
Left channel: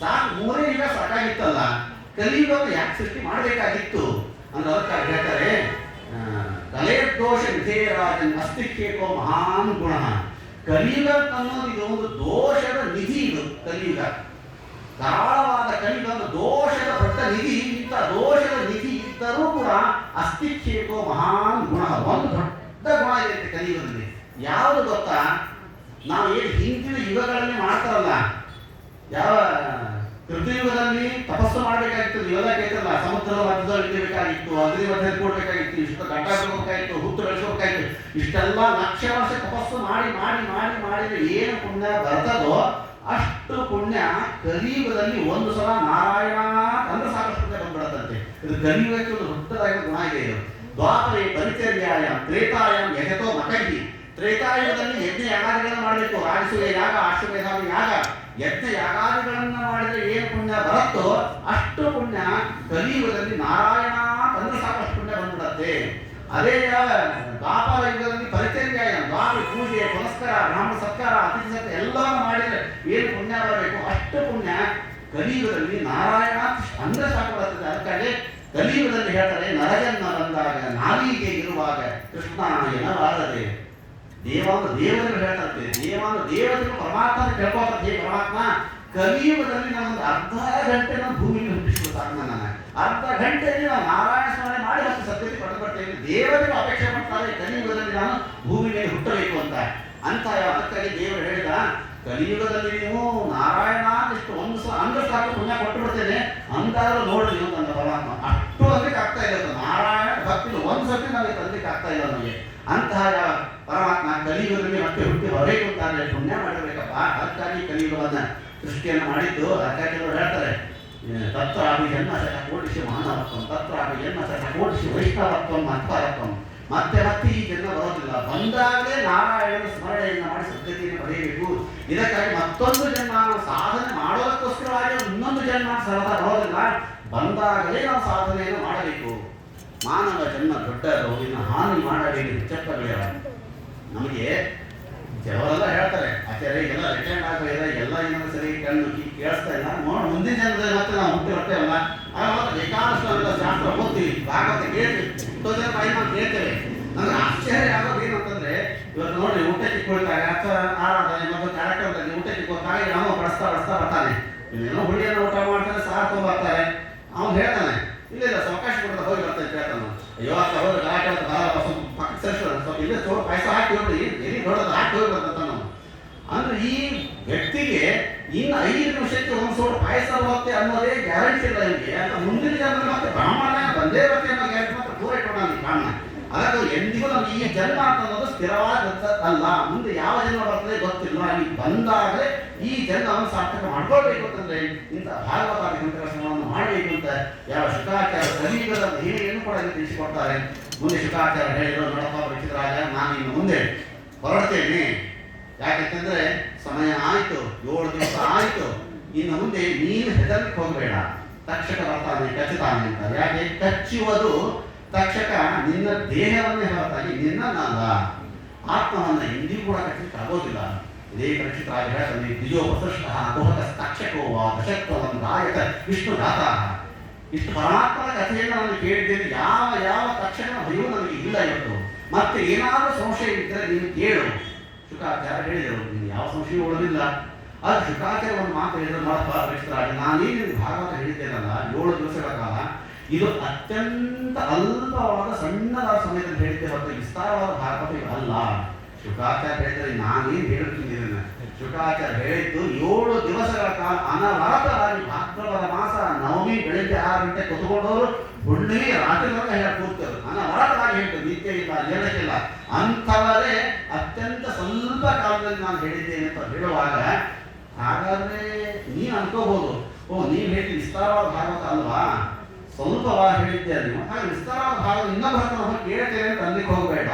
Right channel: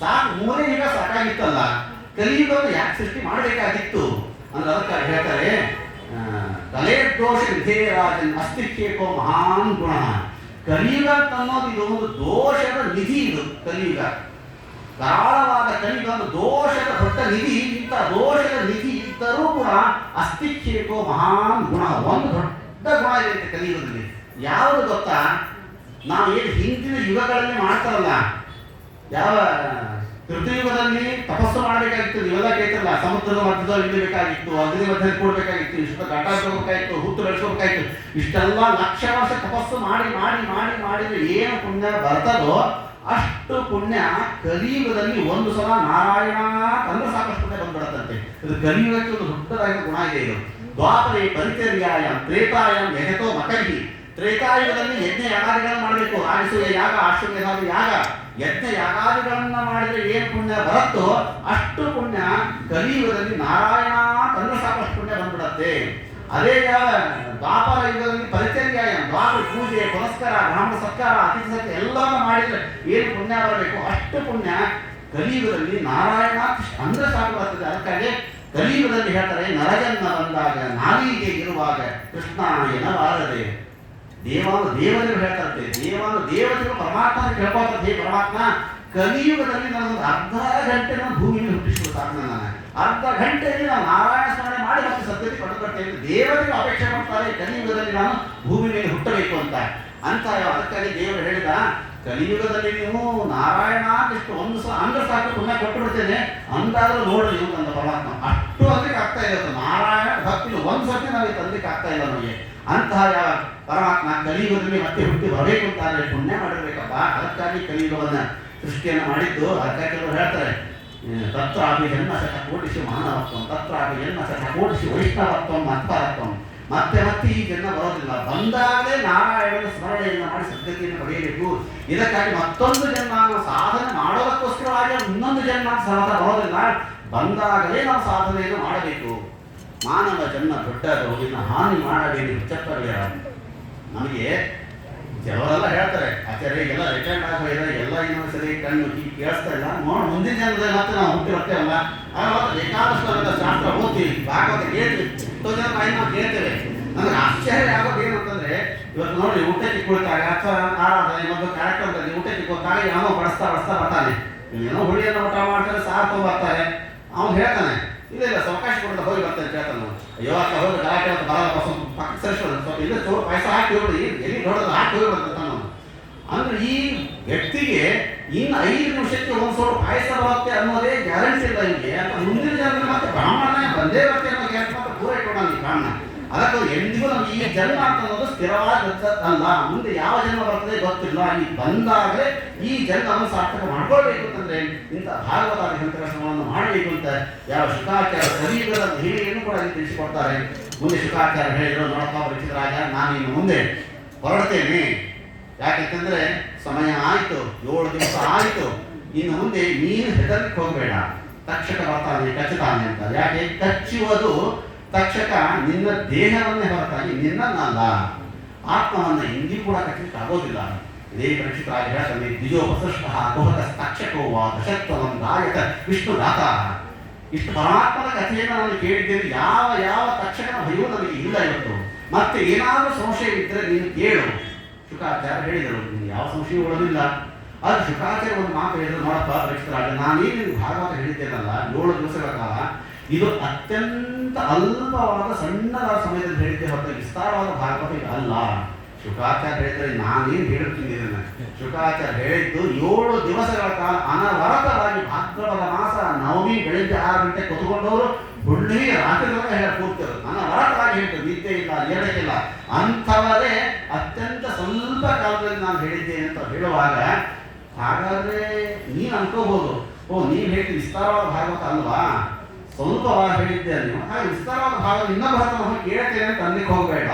ಸಾಕು, ಮೂರೇ ಯುಗ ಸಾಕಾಗಿತ್ತಲ್ಲ, ಕಲಿಯುಗವನ್ನು ಯಾಕೆ ಸೃಷ್ಟಿ ಮಾಡಬೇಕಾಗಿತ್ತು ಅಂದ್ರೆ ಅದಕ್ಕಾಗಿ ಹೇಳ್ತಾರೆ, ಕಲೆ ದೋಷ ವಿಧೇಯರಾಜನ್ ಅಸ್ತಿಕ್ಷೇಪೋ ಮಹಾನ್ ಗುಣ. ಕಲಿಯುಗ ಅನ್ನೋದು ಇದು ಒಂದು ದೋಷದ ನಿಧಿ. ಇದು ಕಲಿಯುಗ ಧಾರಾಳವಾದ ಕಲಿಯುಗ ಒಂದು ದೋಷದ ದೊಡ್ಡ ನಿಧಿ. ಇಂಥ ದೋಷದ ನಿಧಿ ಇದ್ದರೂ ಕೂಡ ಅಸ್ತಿಕ್ಷೇಪೋ ಮಹಾನ್ ಗುಣ, ಒಂದು ದೊಡ್ಡ ಗುಣ ಇದೆ ಕಲಿಯುಗದಲ್ಲಿ. ಯಾವುದು ಗೊತ್ತಾ? ನಾವು ಏನು ಹಿಂದಿನ ಯುಗಗಳಲ್ಲಿ ಮಾಡ್ತಾರಲ್ಲ, ಯಾವ ಕೃತಯುಗದಲ್ಲಿ ತಪಸ್ಸು ಮಾಡಬೇಕಾಗಿತ್ತು, ನೀವೆಲ್ಲ ಕೇಳ್ತಿರಲ್ಲ, ಸಮುದ್ರದ ಮಧ್ಯದಲ್ಲಿ ಇಡಬೇಕಾಗಿತ್ತು, ಅಗ್ನಿ ಮಧ್ಯದಲ್ಲಿ ಕೊಡಬೇಕಾಗಿತ್ತು, ಇಷ್ಟು ಗಂಟ ಬೆಳಬೇಕಾಗಿತ್ತು, ಹುಟ್ಟು ಬೆಳೆಸಬೇಕಾಗಿತ್ತು, ಇಷ್ಟೆಲ್ಲ ಲಕ್ಷ ವರ್ಷ ತಪಸ್ಸು ಮಾಡಿದ್ರೆ ಏನು ಪುಣ್ಯ ಬರ್ತದೋ ಅಷ್ಟು ಪುಣ್ಯ ಕಲಿಯುಗದಲ್ಲಿ ಒಂದು ಸಲ ನಾರಾಯಣ ಅಂದ್ರೆ ಸಾಕಷ್ಟು ಪುಣ್ಯ ಬಂದ್ಬಿಡತ್ತಂತೆ. ಇದು ಕಲಿಯುಗಕ್ಕೆ ಒಂದು ದೊಡ್ಡದಾದ ಗುಣ ಇದೆ. ಇದು ದ್ವಾಪರೇ ಪರಿಚರ್ಯಾಯಂ ತ್ರೇತಾಯಂ ಯಜತೋ ಮಕರ್ಹಿ. ತ್ರೇತಾಯುಗದಲ್ಲಿ ಯಜ್ಞ ಯಾಗಾದಿಗಳನ್ನು ಮಾಡಬೇಕು, ಆರಿಸುವ ಯಾಗ, ಆಶ್ರಮೇಧಾದಿ ಯಾಗ, ಯಜ್ಞ ಯಾಗಾದಿಗಳನ್ನ ಮಾಡಿದ್ರೆ ಏನು ಪುಣ್ಯ ಬರುತ್ತೋ ಅಷ್ಟು ಪುಣ್ಯ ಕಲಿಯುಗದಲ್ಲಿ ನಾರಾಯಣ ತಂದ್ರೆ ಸಾಕಷ್ಟು ಪುಣ್ಯ ಬಂದ್ಬಿಡತ್ತೆ. ಅದೇ ದ್ವಾಪರ ಯುಗದಲ್ಲಿ ಪರಿಚರ್ಯಾಯ, ದ್ವಾಪರ ಪೂಜೆ, ಪುನಸ್ಕಾರ, ಬ್ರಾಹ್ಮಣ ಸತ್ಕಾರ, ಅತಿಥಿ ಸತ್ಯ ಎಲ್ಲವನ್ನ ಮಾಡಿದ್ರೆ ಏನು ಪುಣ್ಯ ಬರಬೇಕು ಅಷ್ಟು ಪುಣ್ಯ ಕಲಿಯುಗದಲ್ಲಿ ನಾರಾಯಣ ಅಂದ್ರೆ ಸಾಕು ಬರ್ತದೆ. ಅದಕ್ಕಾಗಿ ಕಲಿಯುಗದಲ್ಲಿ ಹೇಳ್ತಾರೆ, ನರಜನ್ಮ ಬಂದಾಗ ನಾಲಿಗೆ ಇರುವಾಗ ಕೃಷ್ಣ ಎನ್ನಬಾರದೆ. ದೇವತೆಗಳು ಹೇಳ್ತಾರೆ, ದೇವತೆಗಳು ಪರಮಾತ್ಮ ಕೇಳ್ಕೊಳ್ತಾರೆ, ಪರಮಾತ್ಮ ಕಲಿಯುಗದಲ್ಲಿ ನಾನೊಂದು ಅರ್ಧ ಗಂಟೆ ನಾನು ಭೂಮಿಯಲ್ಲಿ ಹುಟ್ಟಿಸ್ಬಿಡ್ತಾರೆ. ನಾನು ಅರ್ಧ ಗಂಟೆಯಲ್ಲಿ ನಾವು ನಾರಾಯಣ ಸ್ಮರಣೆ ಮಾಡಿ ಮತ್ತು ಸದ್ಯತೆ ಪಡೆದುಕೊಳ್ತೇವೆ. ದೇವತೆಗಳು ಅಪೇಕ್ಷೆ ಮಾಡ್ತಾರೆ ಕಲಿಯುಗದಲ್ಲಿ ನಾನು ಭೂಮಿ ಮೇಲೆ ಹುಟ್ಟಬೇಕು ಅಂತ. ಅದಕ್ಕಾಗಿ ದೇವರು ಹೇಳಿದ, ಕಲಿಯುಗದಲ್ಲಿ ನೀವು ನಾರಾಯಣ ಎಷ್ಟು ಒಂದು ಸಲ ಅಂದ್ರೆ ಸಾಕು ಪುಣ್ಯ ಕೊಟ್ಟು ಬಿಡ್ತೇನೆ ಅಂತಾದ್ರೂ ನೋಡ್ರಿ ನೀವು ನನ್ನ ಪರಮಾತ್ಮ ಅಷ್ಟು ಅದಕ್ಕೆ ಆಗ್ತಾ ಇಲ್ಲ. ನಾರಾಯಣ ಭಕ್ತಿ ಒಂದು ಸರ್ತಿ ನಾವು ತಂದಕ್ಕೆ ಆಗ್ತಾ ಇಲ್ಲ ನಮಗೆ. ಅಂತಹ ಪರಮಾತ್ಮ ಕಲಿಯುಗದಲ್ಲಿ ಮತ್ತೆ ಹುಟ್ಟಿ ಬರಬೇಕು ಅಂತಾದ್ರೆ ಪುಣ್ಯ ಮಾಡಿರ್ಬೇಕಪ್ಪ. ಅದಕ್ಕಾಗಿ ಕಲಿಯುಗವನ್ನ ಸೃಷ್ಟಿಯನ್ನು ಮಾಡಿದ್ದು. ಅದಕ್ಕಾಗಿ ಅವರು ಹೇಳ್ತಾರೆ, ತತ್ರಾಪಿ ಜನ್ಮ ಶತಕೋಟಿಷು ಮಾನವತ್ವಂ, ತತ್ರಾಪಿ ಜನ್ಮ ಶತಕೋಟಿಷು ವೈಷ್ಣವತ್ವಂ ಮತ್ಪರತ್ವಂ. ಮತ್ತೆ ಈ ಜನ್ಮ ಬರೋದಿಲ್ಲ, ಬಂದಾಗಲೇ ನಾರಾಯಣನ ಸ್ಮರಣೆಯನ್ನು ಮಾಡಿ ಸದ್ಗತಿಯನ್ನು ಪಡೆಯಬೇಕು. ಇದಕ್ಕಾಗಿ ಮತ್ತೊಂದು ಜನ್ಮ ನಾವು ಸಾಧನೆ ಮಾಡೋದಕ್ಕೋಸ್ಕರವಾಗಿ ಇನ್ನೊಂದು ಜನ್ಮ ಸರಳ ಬರೋದಿಲ್ಲ, ಬಂದಾಗಲೇ ನಾವು ಸಾಧನೆಯನ್ನು ಮಾಡಬೇಕು. ಮಾನವ ಜನ್ಮ ದೊಡ್ಡದು, ಇನ್ನು ಹಾನಿ ಮಾಡಬೇಡಿ ಹುಚ್ಚಪ್ಪಗಳಿಯರ. ನಮಗೆ ಕೆಲವರೆಲ್ಲ ಹೇಳ್ತಾರೆ, ಆಚಾರ್ಯರಿಗೆಲ್ಲ ರಿಟೈರ್ಡ್ ಆಗೋಲ್ಲ, ಎಲ್ಲ ಇನ್ನೊಂದು ಸರಿ ಕಣ್ಣು ಕೇಳಿಸ್ತಾ ಇಲ್ಲ, ನೋಡಿ ಮುಂದಿನ ಜನರಲ್ಲಿ ಮತ್ತೆ ನಾವು ಹುಟ್ಟಿ ಬರ್ತೇವಲ್ಲ, ಬೇಕಾದಷ್ಟು ನಾವೆಲ್ಲ ಶಾಸ್ತ್ರ ಓದ್ತೀವಿ, ಭಾಗವತ ಕೇಳ್ತೀವಿ, ಎಷ್ಟೋ ಜನ ಬಾಯಿ ನಾವು ಕೇಳ್ತೇವೆ. ನನಗೆ ಆಶ್ಚರ್ಯ ಆಗೋದು ಏನು ಅಂತಂದ್ರೆ, ಇವತ್ತು ನೋಡಿ ಊಟಕ್ಕೆ ಕುಳಿತಾಗ ಅಥವಾ ಇನ್ನೊಂದು ಕಾರ್ಯಕ್ರಮದಲ್ಲಿ ಊಟಕ್ಕೆ ಹೋದಾಗ ಏನೋ ಬಡಿಸ್ತಾ ಬರ್ತಾನೆ, ಏನೋ ಹುಳಿಯನ್ನು ಊಟ ಮಾಡ್ತಾರೆ, ಸಾರು ತೊಗೊಂಡ್ಬರ್ತಾರೆ. ಅವ್ನು ಹೇಳ್ತಾನೆ, ಇಲ್ಲ ಅವಕಾಶ ಕೊಡ್ತಾ ಹೋಗಿ ಬರ್ತಾನೆ. ಕೇಳ್ತಾನೆ, ಅಯ್ಯೋ ಅಕ್ಕ ಹೋಗಿ ಗಲಾಟೆ ಅಂತ ಬರಲ್ಲ, ಸ್ವಲ್ಪ ಪಕ್ಕ ಸರಿಸೋಣ, ಸ್ವಲ್ಪ ಇಲ್ಲೇ ಚೋರು ಪಾಯಸ ಹಾಕಿ ಹೋಗಿ ಎಲ್ಲಿ ದೊಡ್ಡದು ಹಾಕಿ ಹೋಗಿ ಬರ್ತಾನೆ. ಅಂದ್ರೆ ಈ ವ್ಯಕ್ತಿಗೆ ಇನ್ನು 5 ನಿಮಿಷಕ್ಕೆ ಒಂದು ಸೋಡು ಪಾಯಸ ಬರುತ್ತೆ ಅನ್ನೋದೇ ಗ್ಯಾರಂಟಿ ಇಲ್ಲ ನಿಮಗೆ ಅಂತ. ಮುಂದಿನ ಜನ್ಮ ಮತ್ತೆ ಬ್ರಾಹ್ಮಣ ಬಂದೇ ಬರುತ್ತೆ ಅನ್ನೋ ಗ್ಯಾರಂಟಿ ಮಾತ್ರ ಪೂರ ಇಟ್ಕೊಂಡ ಕಾರಣ. ಅದಕ್ಕೆ ಎಂದಿಗೂ ನಮ್ಗೆ ಈ ಜನ್ಮ ಅಂತ ಅನ್ನೋದು ಸ್ಥಿರವಾದ ಅಲ್ಲ, ಮುಂದೆ ಯಾವ ಜನ್ಮ ಬರ್ತದೆ ಗೊತ್ತಿಲ್ಲ. ಈ ಬಂದಾಗಲೇ ಈ ಜನ್ಮವನ್ನು ಸಾರ್ಥಕ ಮಾಡ್ಕೊಳ್ಬೇಕು ಅಂತಂದ್ರೆ ಇಂಥ ಭಾಗವತಾದಿ ಗ್ರಂಥಗಳನ್ನು ಮಾಡಬೇಕು ಅಂತ ಯಾವ ಶುಕಾಚಾರ್ಯ ಕಲಿಯುಗದ ಹೇಳಿಯನ್ನು ಕೂಡ ಇಲ್ಲಿ ತಿಳಿಸಿಕೊಡ್ತಾರೆ. ಮುಂದೆ ಶುಕಾಚಾರ್ಯ ಹೇಳಿದ್ರು, ನೋಡಪ್ಪ ರಿಚಿತರಾಜ, ನಾನು ಇನ್ನು ಮುಂದೆ ಹೊರಡ್ತೇನೆ. ಯಾಕೆಂತಂದ್ರೆ ಸಮಯ ಆಯಿತು, 7 ದಿವಸ ಆಯಿತು, ಇನ್ನು ಮುಂದೆ ನೀನು ಹೆದರ್ಲಿಕ್ಕೆ ಹೋಗಬೇಡ, ತಕ್ಷಕ ಬರ್ತಾನೆ ಕಚ್ಚುತ್ತಾನೆ ಅಂತ. ಯಾಕೆ ಕಚ್ಚುವುದು ತಕ್ಷಕ ನಿನ್ನ ದೇಹವನ್ನೇ ಹೊರತಾಗಿ ನಿನ್ನನ್ನಲ್ಲ, ಆತ್ಮವನ್ನ ಇಂದಿಗೂ ಕೂಡ ಕಚ್ಚಲಿಕ್ಕೆ ಆಗೋದಿಲ್ಲ. ಇದೇ ಪರೀಕ್ಷಿತರಾಗಿ ಹೇಳ್ತಾನೆ, ದ್ವಿಜೋಪಸೃಷ್ಟ ಕುಹಕ ತಕ್ಷಕೋ ವಾ ದಶತ್ವಂ ಗಾಯಕ ವಿಷ್ಣು ಗಾತ. ಇಷ್ಟು ಪರಮಾತ್ಮನ ಕಥೆಯನ್ನು ನಾನು ಕೇಳಿದ್ದೇನೆ, ಯಾವ ಯಾವ ತಕ್ಷಕನ ಭಯವೂ ನನಗೆ ಇಲ್ಲ ಇವತ್ತು. ಮತ್ತೆ ಏನಾದರೂ ಸಂಶಯ ಇದ್ದರೆ ನೀನು ಕೇಳು. ಶುಕಾಚಾರ್ಯ ಹೇಳಿದರು, ನೀನು ಯಾವ ಸಂಶಯ ಉಳಿದಿಲ್ಲ. ಅದು ಶುಕಾಚಾರ್ಯ ಒಂದು ಮಾತು ಹೇಳಿದ್ರು, ನೋಡಪ್ಪ ಪರೀಕ್ಷಿತರಾಗಿ, ನಾನೇನು ಭಾಗವತ ಹೇಳಿದ್ದೇನಲ್ಲ 7 ದಿವಸಗಳ ಕಾಲ, ಇದು ಅತ್ಯಂತ ಅಲ್ಪವಾದ ಸಣ್ಣದಾದ ಸಮಯದಲ್ಲಿ ಹೇಳಿದ್ದೆ ಹೊರತು ವಿಸ್ತಾರವಾದ ಭಾಗವತ ಇದು ಅಲ್ಲ. ಶುಕಾಚಾರ್ಯ ಹೇಳಿದರೆ ನಾನೇನು ಹೇಳುತ್ತೀನಿ ಇದನ್ನು. ಶುಕಾಚಾರ್ಯ ಹೇಳಿದ್ದು 7 ದಿವಸಗಳ ಕಾಲ ಅನವರತವಾಗಿ ಭಾದ್ರಪದ ಮಾಸ ನವಮಿ ಬೆಳಿಗ್ಗೆ 6 ಗಂಟೆ ಕೂತ್ಕೊಂಡವರು ಹುಣ್ಣಿಮೆ ರಾತ್ರಿ ಹೇಳಿ ಕೂರ್ತರು. ಅನವರತವಾಗಿ ಹೇಳ್ತಾರೆ, ನಿದ್ದೆ ಇಲ್ಲ, ಏಳಕ್ಕಿಲ್ಲ. ಅಂಥವರೇ ಅತ್ಯಂತ ಸ್ವಲ್ಪ ಕಾಲದಲ್ಲಿ ನಾನು ಹೇಳಿದ್ದೇನೆ ಅಂತ ಹೇಳುವಾಗ, ಹಾಗಾದ್ರೆ ನೀನು ಅನ್ಕೋಬಹುದು, ಓ ನೀನು ಹೇಳಿದ ವಿಸ್ತಾರವಾದ ಭಾಗವತ ಅಲ್ವಾ, ಸ್ವಲ್ಪವಾಗಿ ಹೇಳಿದ್ದೆ ನೀವು, ಹಾಗೆ ವಿಸ್ತಾರವಾದ ಭಾಗವತ ಇನ್ನೊಬ್ಬ ಹತ್ರ ಕೇಳ್ತೇನೆ ಅಂತ ಅನ್ಲಿಕ್ಕೆ ಹೋಗಬೇಡ.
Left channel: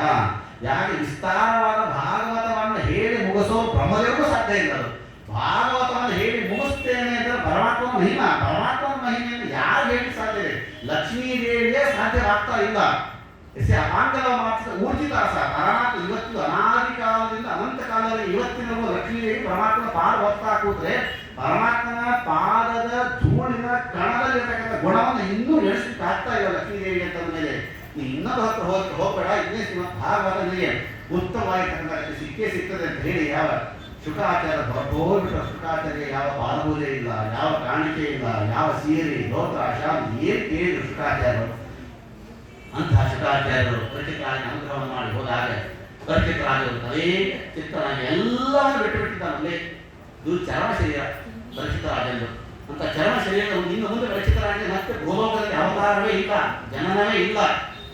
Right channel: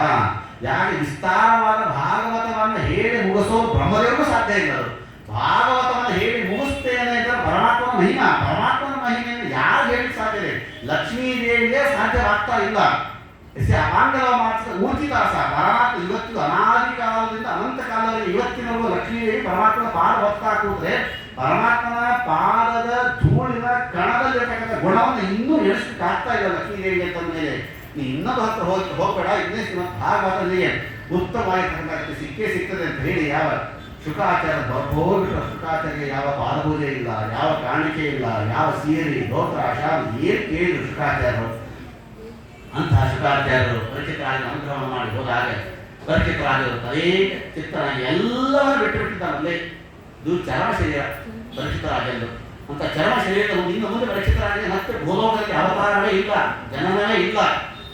ಯಾಕೆ ವಿಸ್ತಾರವಾದ ಭಾಗವತವನ್ನು ಹೇಳಿ ಮುಗಿಸೋ ಬ್ರಹ್ಮದೇವರಿಗೂ ಸಾಧ್ಯ ಇಲ್ಲ. ಅದು ಭಾಗವತವನ್ನು ಹೇಳಿ ಮುಗಿಸ್ತೇನೆ ಅಂದರೆ ಪರಮಾತ್ಮನ ಮಹಿಮಾ, ಪರಮಾತ್ಮನ ಮಹಿಮೆಯನ್ನು ಯಾರು ಹೇಳಿ ಸಾಧ್ಯ ಇದೆ? ಲಕ್ಷ್ಮೀ ದೇವಿಯೇ ಸಾಧ್ಯವಾಗ್ತಾ ಇಲ್ಲ. ಅಪಾಂಗಲ ಮಾತ್ರ ಊರ್ಜಿದಾಸ ಪರಮಾತ್ಮ ಇವತ್ತು ಅನಾದಿ ಕಾಲದಿಂದ ಅನಂತ ಕಾಲದಲ್ಲಿ ಇವತ್ತಿನವರೆಗೂ ಲಕ್ಷ್ಮೀ ದೇವಿ ಪರಮಾತ್ಮನ ಪಾದ ಹೊತ್ತಾ ಕೂತ್ರೆ ಪರಮಾತ್ಮನ ಪಾದದ ಧೂಳಿನ ಕಣದಲ್ಲಿರ್ತಕ್ಕಂಥ ಗುಣವನ್ನು ಇನ್ನೂ ಎಣಿಸ್ಲಿಕ್ಕೆ ಆಗ್ತಾ ಇಲ್ಲ ಲಕ್ಷ್ಮೀ ದೇವಿ ಅಂತ ಮೇಲೆ. ಇನ್ನೊಂದು ಹತ್ರ ಹೋಗಬೇಡ, ಇನ್ನೇ ಭಾಗವತ ನಿಮಗೆ ಉತ್ತಮವಾಗಿರ್ತಕ್ಕಂಥ ಸಿಗ್ತದೆ ಅಂತ ಹೇಳಿ ಯಾವ ಶುಕಾಚಾರ್ಯ ದೊಡ್ಡ ಶುಕಾಚಾರ್ಯ ಯಾವ ಪಾದಪೂಜೆ ಇಲ್ಲ, ಯಾವ ಕಾಣಿಕೆ ಇಲ್ಲ, ಯಾವ ಸೀರೆ ದೋತ್ರ ಶಾಲು ಏನು ಕೇಳಿದ್ರು ಶುಕಾಚಾರ್ಯರು. ಅಂತಹ ಶುಕಾಚಾರ್ಯರು ಪರೀಕ್ಷಿತರಾಜನ ಅನುಗ್ರಹವನ್ನು ಮಾಡಿ ಹೋದಾಗ ಪರೀಕ್ಷಿತರಾಜರು ತದೇ ಚಿತ್ತನಾಗಿ ಎಲ್ಲವನ್ನು ಬಿಟ್ಟು ಬಿಟ್ಟಿದ್ದಾನಲ್ಲೇ. ಇದು ಚರಮ ಶರೀರ ಪರೀಕ್ಷಿತರಾಜಂದು. ಅಂತ ಚರಮ ಶರೀರದ ಇನ್ನು ಮುಂದೆ ಪರೀಕ್ಷಿತರಾಜನಿಗೆ ಮತ್ತೆ ಭೂಲೋಕದಲ್ಲಿ ಅವತಾರವೇ ಇಲ್ಲ, ಜನನವೇ ಇಲ್ಲ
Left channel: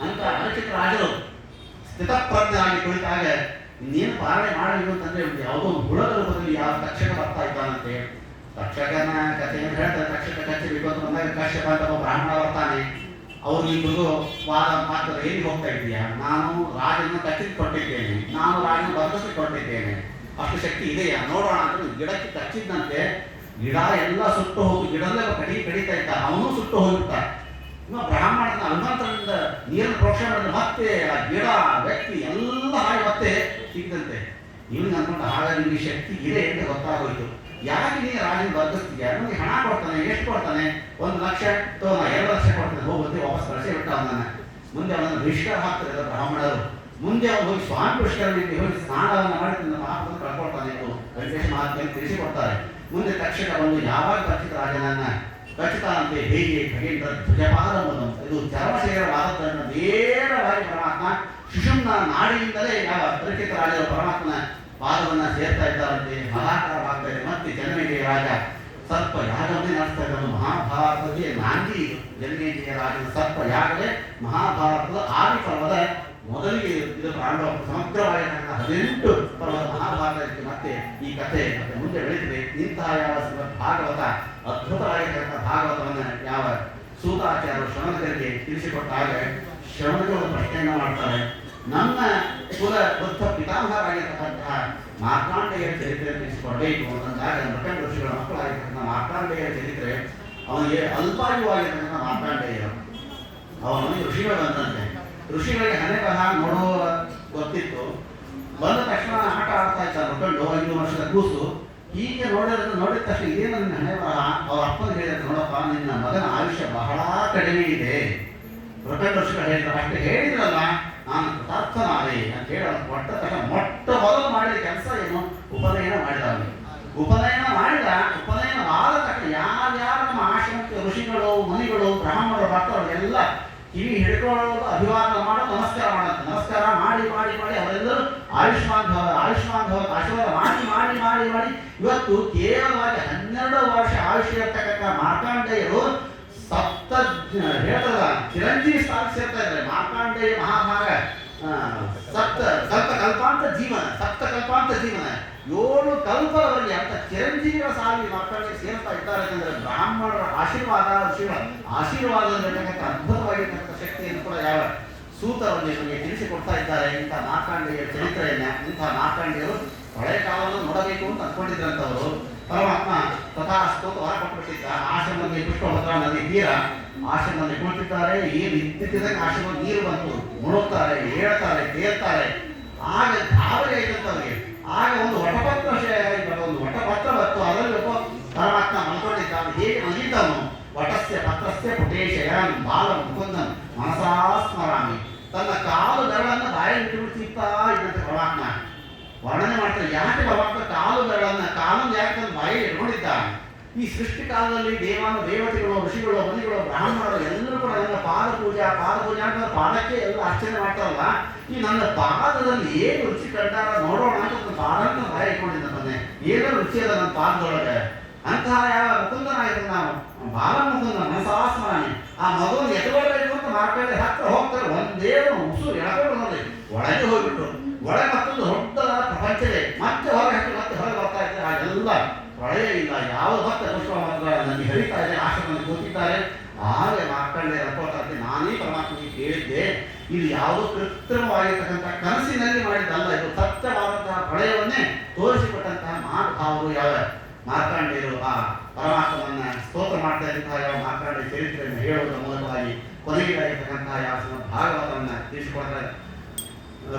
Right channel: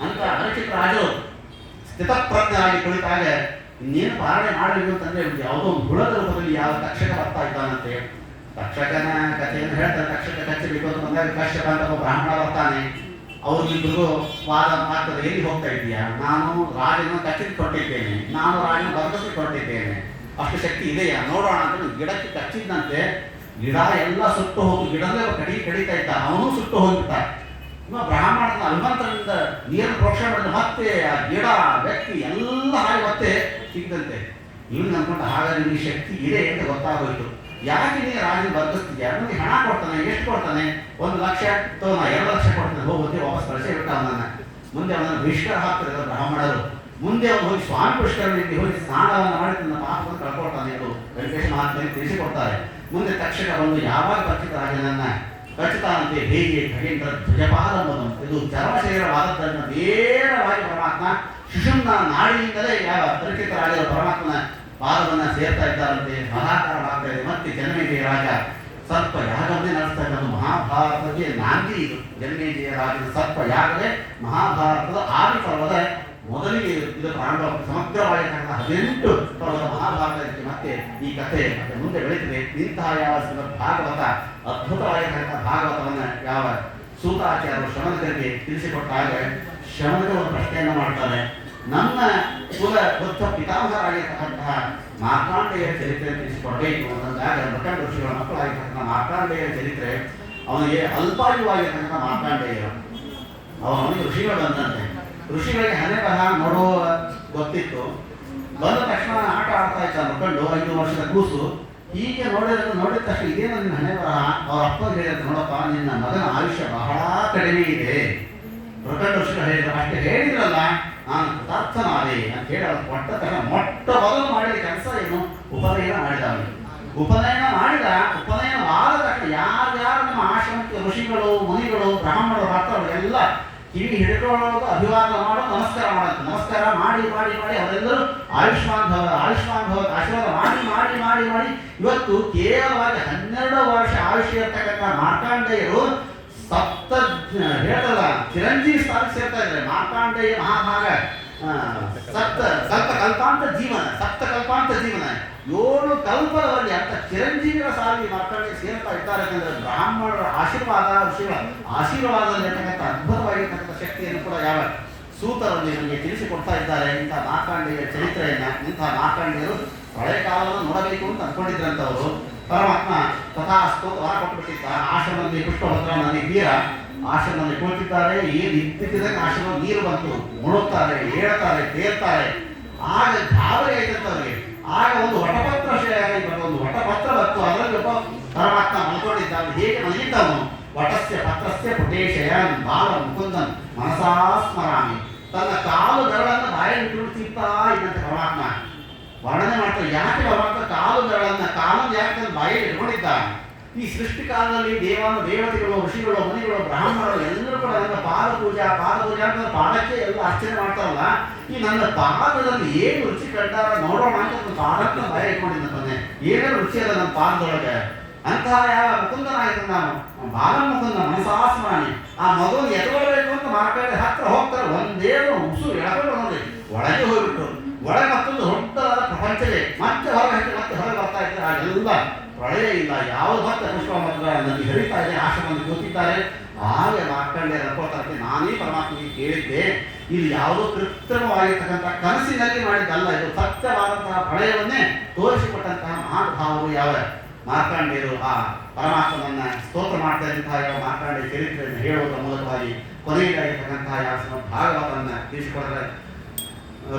ಅಂತ ಪರೀಕ್ಷಿತರಾಜರು ಸ್ಥಿತಪ್ರಜ್ಞರಾಗಿ ಕುಳಿತಾಗ ಇನ್ನೇನು ಪಾಲನೆ ಮಾಡಬೇಕು ಅಂತಂದ್ರೆ ಯಾವುದೋ ಒಂದು ಹುಳದ ರೂಪದಲ್ಲಿ ಯಾವ ತಕ್ಷಕ ಬರ್ತಾ ಇದ್ದಾನಂತೆ. ತಕ್ಷಕನ ಕಥೆಯನ್ನು ಹೇಳ್ತಾರೆ, ತಕ್ಷಕ ಕಚ್ಚಬೇಕು ಅಂತ ಬಂದಾಗ ಕಶ್ಯಪ ಅಂತ ಒಬ್ಬ ಬ್ರಾಹ್ಮಣ ಬರ್ತಾನೆ. ಅವ್ರಿಗಿಬ್ರಿಗೂ ವಾದ ಆಗ್ತದೆ, ಎಲ್ಲಿ ಹೋಗ್ತಾ ಇದೀಯಾ? ನಾನು ರಾಜನ ಕಚ್ಚಿದ್ದು ಕೊಟ್ಟಿದ್ದೇನೆ, ನಾನು ರಾಜನ ಬದಲಿಸಿ ಕೊಟ್ಟಿದ್ದೇನೆ, ಅಷ್ಟು ಶಕ್ತಿ ಇದೆಯಾ ನೋಡೋಣ ಅಂತ ಗಿಡಕ್ಕೆ ಕಚ್ಚಿದ್ದಂತೆ. ಗಿಡ ಎಲ್ಲ ಸುಟ್ಟು ಹೋಗಿ ಗಿಡದಲ್ಲೇ ಕಡಿತಾ ಇದ್ದ, ಅವನು ಸುಟ್ಟು ಹೋಗ್ಬಿಟ್ಟ. ಇನ್ನು ಬ್ರಾಹ್ಮಣನ ಹನುಮಂತನಿಂದ ನೀರನ್ನು ಪ್ರೋಕ್ಷಣೆ ಮಾಡಿದ ಮತ್ತೆ ಆ ಗಿಡ ವ್ಯಕ್ತಿ ಎಲ್ಲ ಹಾಗೆ ಮತ್ತೆ ಸಿಕ್ಕಿದಂತೆ. ಇವನಿಗೆ ಅನ್ಕೊಂಡು ಹಾಗಾದ್ರೆ ನಿಮಗೆ ಶಕ್ತಿ ಇದೆ ಅಂತ ಗೊತ್ತಾಗೋಯ್ತು. ಯಾಕೆ ನೀನು ರಾಜನ ಬರ್ದಿಸ್ತೀಯ? ನನಗೆ ಹಣ ಕೊಡ್ತಾನೆ, ಎಷ್ಟು ಕೊಡ್ತಾನೆ? 1 ಲಕ್ಷ ಅಥವಾ 2 ಲಕ್ಷ ಕೊಡ್ತಾನೆ, ಹೋಗುತ್ತೆ ವಾಪಸ್ ಕಳಿಸಿ ಬಿಟ್ಟ ಅವನನ್ನ. ಮುಂದೆ ಅವನನ್ನು ಬಹಿಷ್ಕಾರ ಹಾಕ್ತಾರೆ ಬ್ರಾಹ್ಮಣರು. ಮುಂದೆ ಅವನು ಹೋಗಿ ಸ್ವಾಮಿ ಪುಷ್ಕರಣಿಗೆ ಹೋಗಿ ಸ್ನಾನವನ್ನು ಮಾಡಿ ತನ್ನ ಪಾಪವನ್ನು ಕಳ್ಕೊಳ್ತಾನೆ. ಅದು ವೆಂಕಟೇಶ ಮಹಾತ್ಮೆಯನ್ನು ತಿಳಿಸಿಕೊಡ್ತಾರೆ. ಮುಂದೆ ತಕ್ಷಕ ಬಂದು ಯಾವಾಗ ಪಕ್ಷಿತ ರಾಜನನ್ನ ಖಚಿತಾಂತೆ ಹೇಗೆ ಖಗೇಂದ್ರ ಧ್ವಜಪಾದಂಬುದು ಇದು ಚರ್ಮ ಶರೀರವಾದದ್ದನ್ನು ನೇರವಾಗಿ ಪರಮಾತ್ಮ ಸುಷುಮ್ನ ನಾಡಿಯಿಂದಲೇ ಯಾವ ಪರಿಚಿತ ರಾಜರು ಪರಮಾತ್ಮನ ಪಾದವನ್ನು ಸೇರ್ತಾ ಇದ್ದಾರಂತೆ. ಮಹಾಕಾರವಾಗ್ತಾ ಇದೆ. ಮತ್ತೆ ಜನಮೇಜಯ ರಾಜ ಸರ್ಪ ಯಾಗವನ್ನೇ ನಡೆಸ್ತಾ ಇರೋದು. ಮಹಾಭಾರತಕ್ಕೆ ನಾಂದಿ ಇದು. ಜನಮೇಜಯ ರಾಜನ ಸರ್ಪ ಯಾಗವೇ ಮಹಾಭಾರತದ ಆದಿ ಪರ್ವದ ಮೊದಲಿಗೆ ಇದು ಪ್ರಾರಂಭ. ಸಮಗ್ರವಾಗಿರ್ತಕ್ಕಂಥ 18 ಪರ್ವದ ಮಹಾಭಾರತಕ್ಕೆ ಮತ್ತೆ ಈ ಕಥೆ ಮತ್ತೆ ಮುಂದೆ ಬೆಳೀತದೆ. ಇಂತಹ ಯಾವ ಭಾಗವತ ಅದ್ಭುತವಾಗಿರ್ತಕ್ಕಂಥ ಭಾಗವತವನ್ನು ಯಾವ ಸೂತಾಚಾರ್ಯರು ಶ್ರಮಣಕರಿಗೆ ತಿಳಿಸಿಕೊಟ್ಟಾಗ ಶ್ರಮಣಕರು ಒಂದು ಪ್ರಶ್ನೆಯನ್ನು ಮಾಡ್ತಾರೆ. ನನ್ನ ಕುಲ ಬುದ್ಧ ಪಿತಾಮಹರಾಗಿರ್ತಕ್ಕಂತಹ ಮಾರ್ಕಾಂಡೇಯರ ಚರಿತ್ರೆ ತಿಳಿಸಿಕೊಡಬೇಕು ಅಂತಂದಾಗ ಮೃಕಂಡ ಋಷಿಗಳ ಮಕ್ಕಳಾಗಿರ್ತಕ್ಕಂಥ ಮಾರ್ಕಾಂಡೇಯರ ಚರಿತ್ರೆ ಅವನಿಗೆ ಅಲ್ಪಾಯುವಾಗಿರ್ತಕ್ಕಂಥ ಮಾರ್ಕಾಂಡೇಯರು ಅವನಿಗೆ ಋಷಿಗಳು ಬಂದಂತೆ. ಋಷಿಗಳಿಗೆ ಹಣೆ ಬರಹ ನೋಡುವ ಗೊತ್ತಿತ್ತು. ಬಂದ ತಕ್ಷಣ ಆಟ ಆಡ್ತಾ ಇದ್ದ ಮಕ್ಕಳು 5 ವರ್ಷದ ಕೂಸು. ಹೀಗೆ ನೋಡಿದ ತಕ್ಷಣ ಇದೇನು ನಿನ್ನ ಹಣೆ ಬರಹ? ಅವ್ರ ಅಪ್ಪ ಹೇಳಿದ್ರೆ, ನೋಡಪ್ಪ ನಿನ್ನ ಮಗನ ಆಯುಷ್ಯ ಬಹಳ ಕಡಿಮೆ ಇದೆ. ಪ್ರಕಟ ಋಷಿಗಳು ಹೇಳಿದ್ರು. ಅಷ್ಟೇ ಹೇಳಿದ್ರಲ್ಲ, ನಾನು ಕೃತಾರ್ಥನಾದೆ ಅಂತ ಹೇಳಿ ಅವ್ರು ಕೊಟ್ಟ ತಕ್ಷಣ ಮೊಟ್ಟ ಮೊದಲು ಮಾಡಿದ ಕೆಲಸ ಏನು? ಉಪನಯನ ಮಾಡಿದ. ಅವನಿಗೆ ಉಪನಯನ ಆದ ತಕ್ಷಣ ಯಾರ್ಯಾರು ನಮ್ಮ ಆಶ್ರಮಕ್ಕೆ ಋಷಿಗಳು ಮುನಿಗಳು ಬ್ರಾಹ್ಮಣರು ಬರ್ತಾರೆ ಎಲ್ಲ ಕಿವಿ ಹಿಡ್ಕೊಳ್ಳೋದು, ಅಭಿವಾದನ ಮಾಡೋದು, ನಮಸ್ಕಾರ ಮಾಡೋದು. ನಮಸ್ಕಾರ ಮಾಡಿ ಅವರೆಲ್ಲರೂ ಆಯುಷ್ಮಾನ್ ಭವ ಆಶೀರ್ವಾದ ಮಾಡಿ ಇವತ್ತು ಕೇವಲವಾಗಿ 12 ವರ್ಷ ಆಯುಷ್ಯ ಇರ್ತಕ್ಕಂಥ ಮಾರ್ಕಾಂಡೇಯರು ಹೇಳ್ತಲ್ಲ ಚಿರಂಜೀವಿ ಸ್ಥಾನಕ್ಕೆ ಸೇರ್ತಾ ಇದ್ದಾರೆ. ಮಾರ್ಕಾಂಡೇಯ ಮಹಾಭಾಗ ಕಲ್ಪಾಂತ ಜೀವನ 7 ಕಲ್ಪದವರೆಗೆ ಅಂತ ಚಿರಂಜೀವಿಗಳ ಸಾಲಿ ಮಾರ್ಕಾಂಡೇಯ ಸೇರ್ತಾ ಇದ್ದಾರೆ. ಯಾಕಂದ್ರೆ ಬ್ರಾಹ್ಮಣರ ಆಶೀರ್ವಾದ, ಋಷಿಗಳ ಆಶೀರ್ವಾದದಲ್ಲಿರ್ತಕ್ಕಂಥ ಅದ್ಭುತವಾಗಿರ್ತಕ್ಕಂಥ ಶಕ್ತಿಯನ್ನು ಕೂಡ ಯಾವ ಸೂತರನ್ನು ನಮಗೆ ತಿಳಿಸಿಕೊಡ್ತಾ ಇದ್ದಾರೆ. ಇಂಥ ಮಾರ್ಕಾಂಡೇಯ ಚರಿತ್ರೆಯನ್ನ, ಇಂಥ ಮಾರ್ಕಾಂಡೇಯರು ಹಳೆ ಕಾಲವನ್ನು ನೋಡಬೇಕು ಅಂತ ಅಂದ್ಕೊಂಡಿದ್ರಂಥವರು. ಪರಮಾತ್ಮ ತಥಾಸ್ತು ವರ ಕೊಟ್ಟುಬಿಟ್ಟಿದ್ದ. ಆಶ್ರಮದಲ್ಲಿ ಪುಷ್ಪಭದ್ರ ನದಿ ತೀರ ಆಶ್ರಮದಲ್ಲಿ ಕುಳಿತಿದ್ದಾರೆ. ಏನು ಇದ್ದಕ್ಕಿದ್ದಂಗೆ ಆಶ್ರಮ ನೀರು ಬಂತು, ಮುಳುಗ್ತಾರೆ, ಹೇಳ್ತಾರೆ, ತೇರ್ತಾರೆ. ಆಗ ಗಾಬರಿ ಆಯ್ತಂತವ್ರಿಗೆ. ಆಗ ಒಂದು ವಟಪತ್ರ ಒಂದು ವಟಪತ್ರ ಬಂತು. ಅದರಲ್ಲಿ ಒಬ್ಬ ಪರಮಾತ್ಮ ಮಲ್ಕೊಂಡಿದ್ದ. ಅವನು ಹೇಗೆ ಮಲಗಿದ್ದವನು? ವಟಸ್ಯ ಪತ್ರಸ್ಯ ಪುಟೇಶಯನ್ ಬಾಲ ಮುಕುಂದನ್ ಮನಸಾ ಸ್ಮರಾಮಿ. ತನ್ನ ಕಾಲು ಬೆರಳನ್ನು ಬಾಯಲ್ಲಿ ಇಟ್ತಾ ಇದ್ದಂತೆ ಪರಮಾತ್ಮ ವರ್ಣನೆ ಮಾಡ್ತಾರೆ. ಯಾಕೆ ಪರಮಾತ್ಮ ಕಾಲು ಬೆರಳನ್ನ ಕಾಲನ್ನು ಯಾಕೆ ತನ್ನ ಬಾಯಲ್ಲಿ ಇಟ್ಕೊಂಡಿದ್ದ? ಈ ಸೃಷ್ಟಿ ಕಾಲದಲ್ಲಿ ದೇವತೆಗಳು, ಋಷಿಗಳು, ಮುನಿಗಳು, ಬ್ರಾಹ್ಮಣರು ಎಲ್ಲರೂ ಕೂಡ ನನ್ನ ಪಾದ ಪೂಜೆ ಅಂತ ಪಾದಕ್ಕೆ ಎಲ್ಲ ಅರ್ಚನೆ ಮಾಡ್ತಾರಲ್ಲ. ಈ ನನ್ನ ಪಾದದಲ್ಲಿ ಏನು ರುಚಿ ಕಂಡಾರ ನೋಡೋಣ ಅಂತ ಒಂದು ಪಾದಕ್ಕೆ ಬಾಯ ಇಟ್ಕೊಂಡಿದ್ದಾನೆ. ಏನಾದ್ರು ರುಚಿ ಅದ ನನ್ನ ಪಾದದೊಳಗೆ. ಅಂತಹ ಯಾವ ಮುಕುಂದನಾಗಿದ್ದ ನಾವು ಬಾಲ ಮುಕುಂದ ಮನಸಾಸ್ಮಾನಿ. ಆ ಮಗುವನ್ನು ಎತ್ಕೊಳ್ಬೇಕು ಅಂತ ಮಾರ್ಕಂಡೆ ಹತ್ರ ಹೋಗ್ತಾರೆ. ಒಂದೇ ಉಸು ಎಳ್ಕೊಂಡು ನೋಡಿ ಒಳಗೆ ಹೋಗ್ಬಿಟ್ರು. ಒಳಗೆ ಮತ್ತೊಂದು ದೊಡ್ಡದಾದ ಪ್ರಪಂಚವೇ. ಮತ್ತೆ ಹೊರಗೆ ಹಾಕಿ ಮತ್ತೆ ಹೊರಗೆ ಬರ್ತಾ ಇದ್ದಾರೆ. ಆಗೆಲ್ಲ ಪ್ರಳಯ ಇಲ್ಲ, ಯಾವುದು ಮತ್ತೆ ಪುಷ್ಪಭದ್ರ ನದಿ ಹರಿತಾ ಇದೆ. ಆಶ್ರಮದಲ್ಲಿ ಕೂತಿದ್ದಾರೆ. ಆಗ ಮಾರ್ಕಂಡೆ ರಥೋತ್ತರಕ್ಕೆ ನಾನೇ ಪರಮಾತ್ಮನಿಗೆ ಕೇಳಿದ್ದೆ, ಇದು ಯಾವುದೋ ಕೃತ್ರಿಮವಾಗಿರ್ತಕ್ಕಂಥ ಕನಸಿನಲ್ಲಿ ಮಾಡಿದ್ದಲ್ಲ, ಇದು ಸತ್ಯವಾದಂತಹ ಪ್ರಳಯವನ್ನೇ ತೋರಿಸಿಕೊಟ್ಟಂತಹ ಮಹಾನುಭಾವರು ಯಾವ ಮಾರ್ಕಾಂಡೇಯರು. ಆ ಪರಮಾತ್ಮನನ್ನ ಸ್ತೋತ್ರ ಮಾಡ್ತಾ ಇದ್ದಂತಹ ಯಾವ ಮಾರ್ಕಾಂಡೇಯ ಚರಿತ್ರೆಯನ್ನು ಹೇಳುವುದರ ಮೂಲಕವಾಗಿ ಕೊನೆಯದಾಗಿರ್ತಕ್ಕಂತಹ ಯಾವ ಭಾಗವತವನ್ನು ತಿಳಿಸಿಕೊಡ್ತಾರೆ.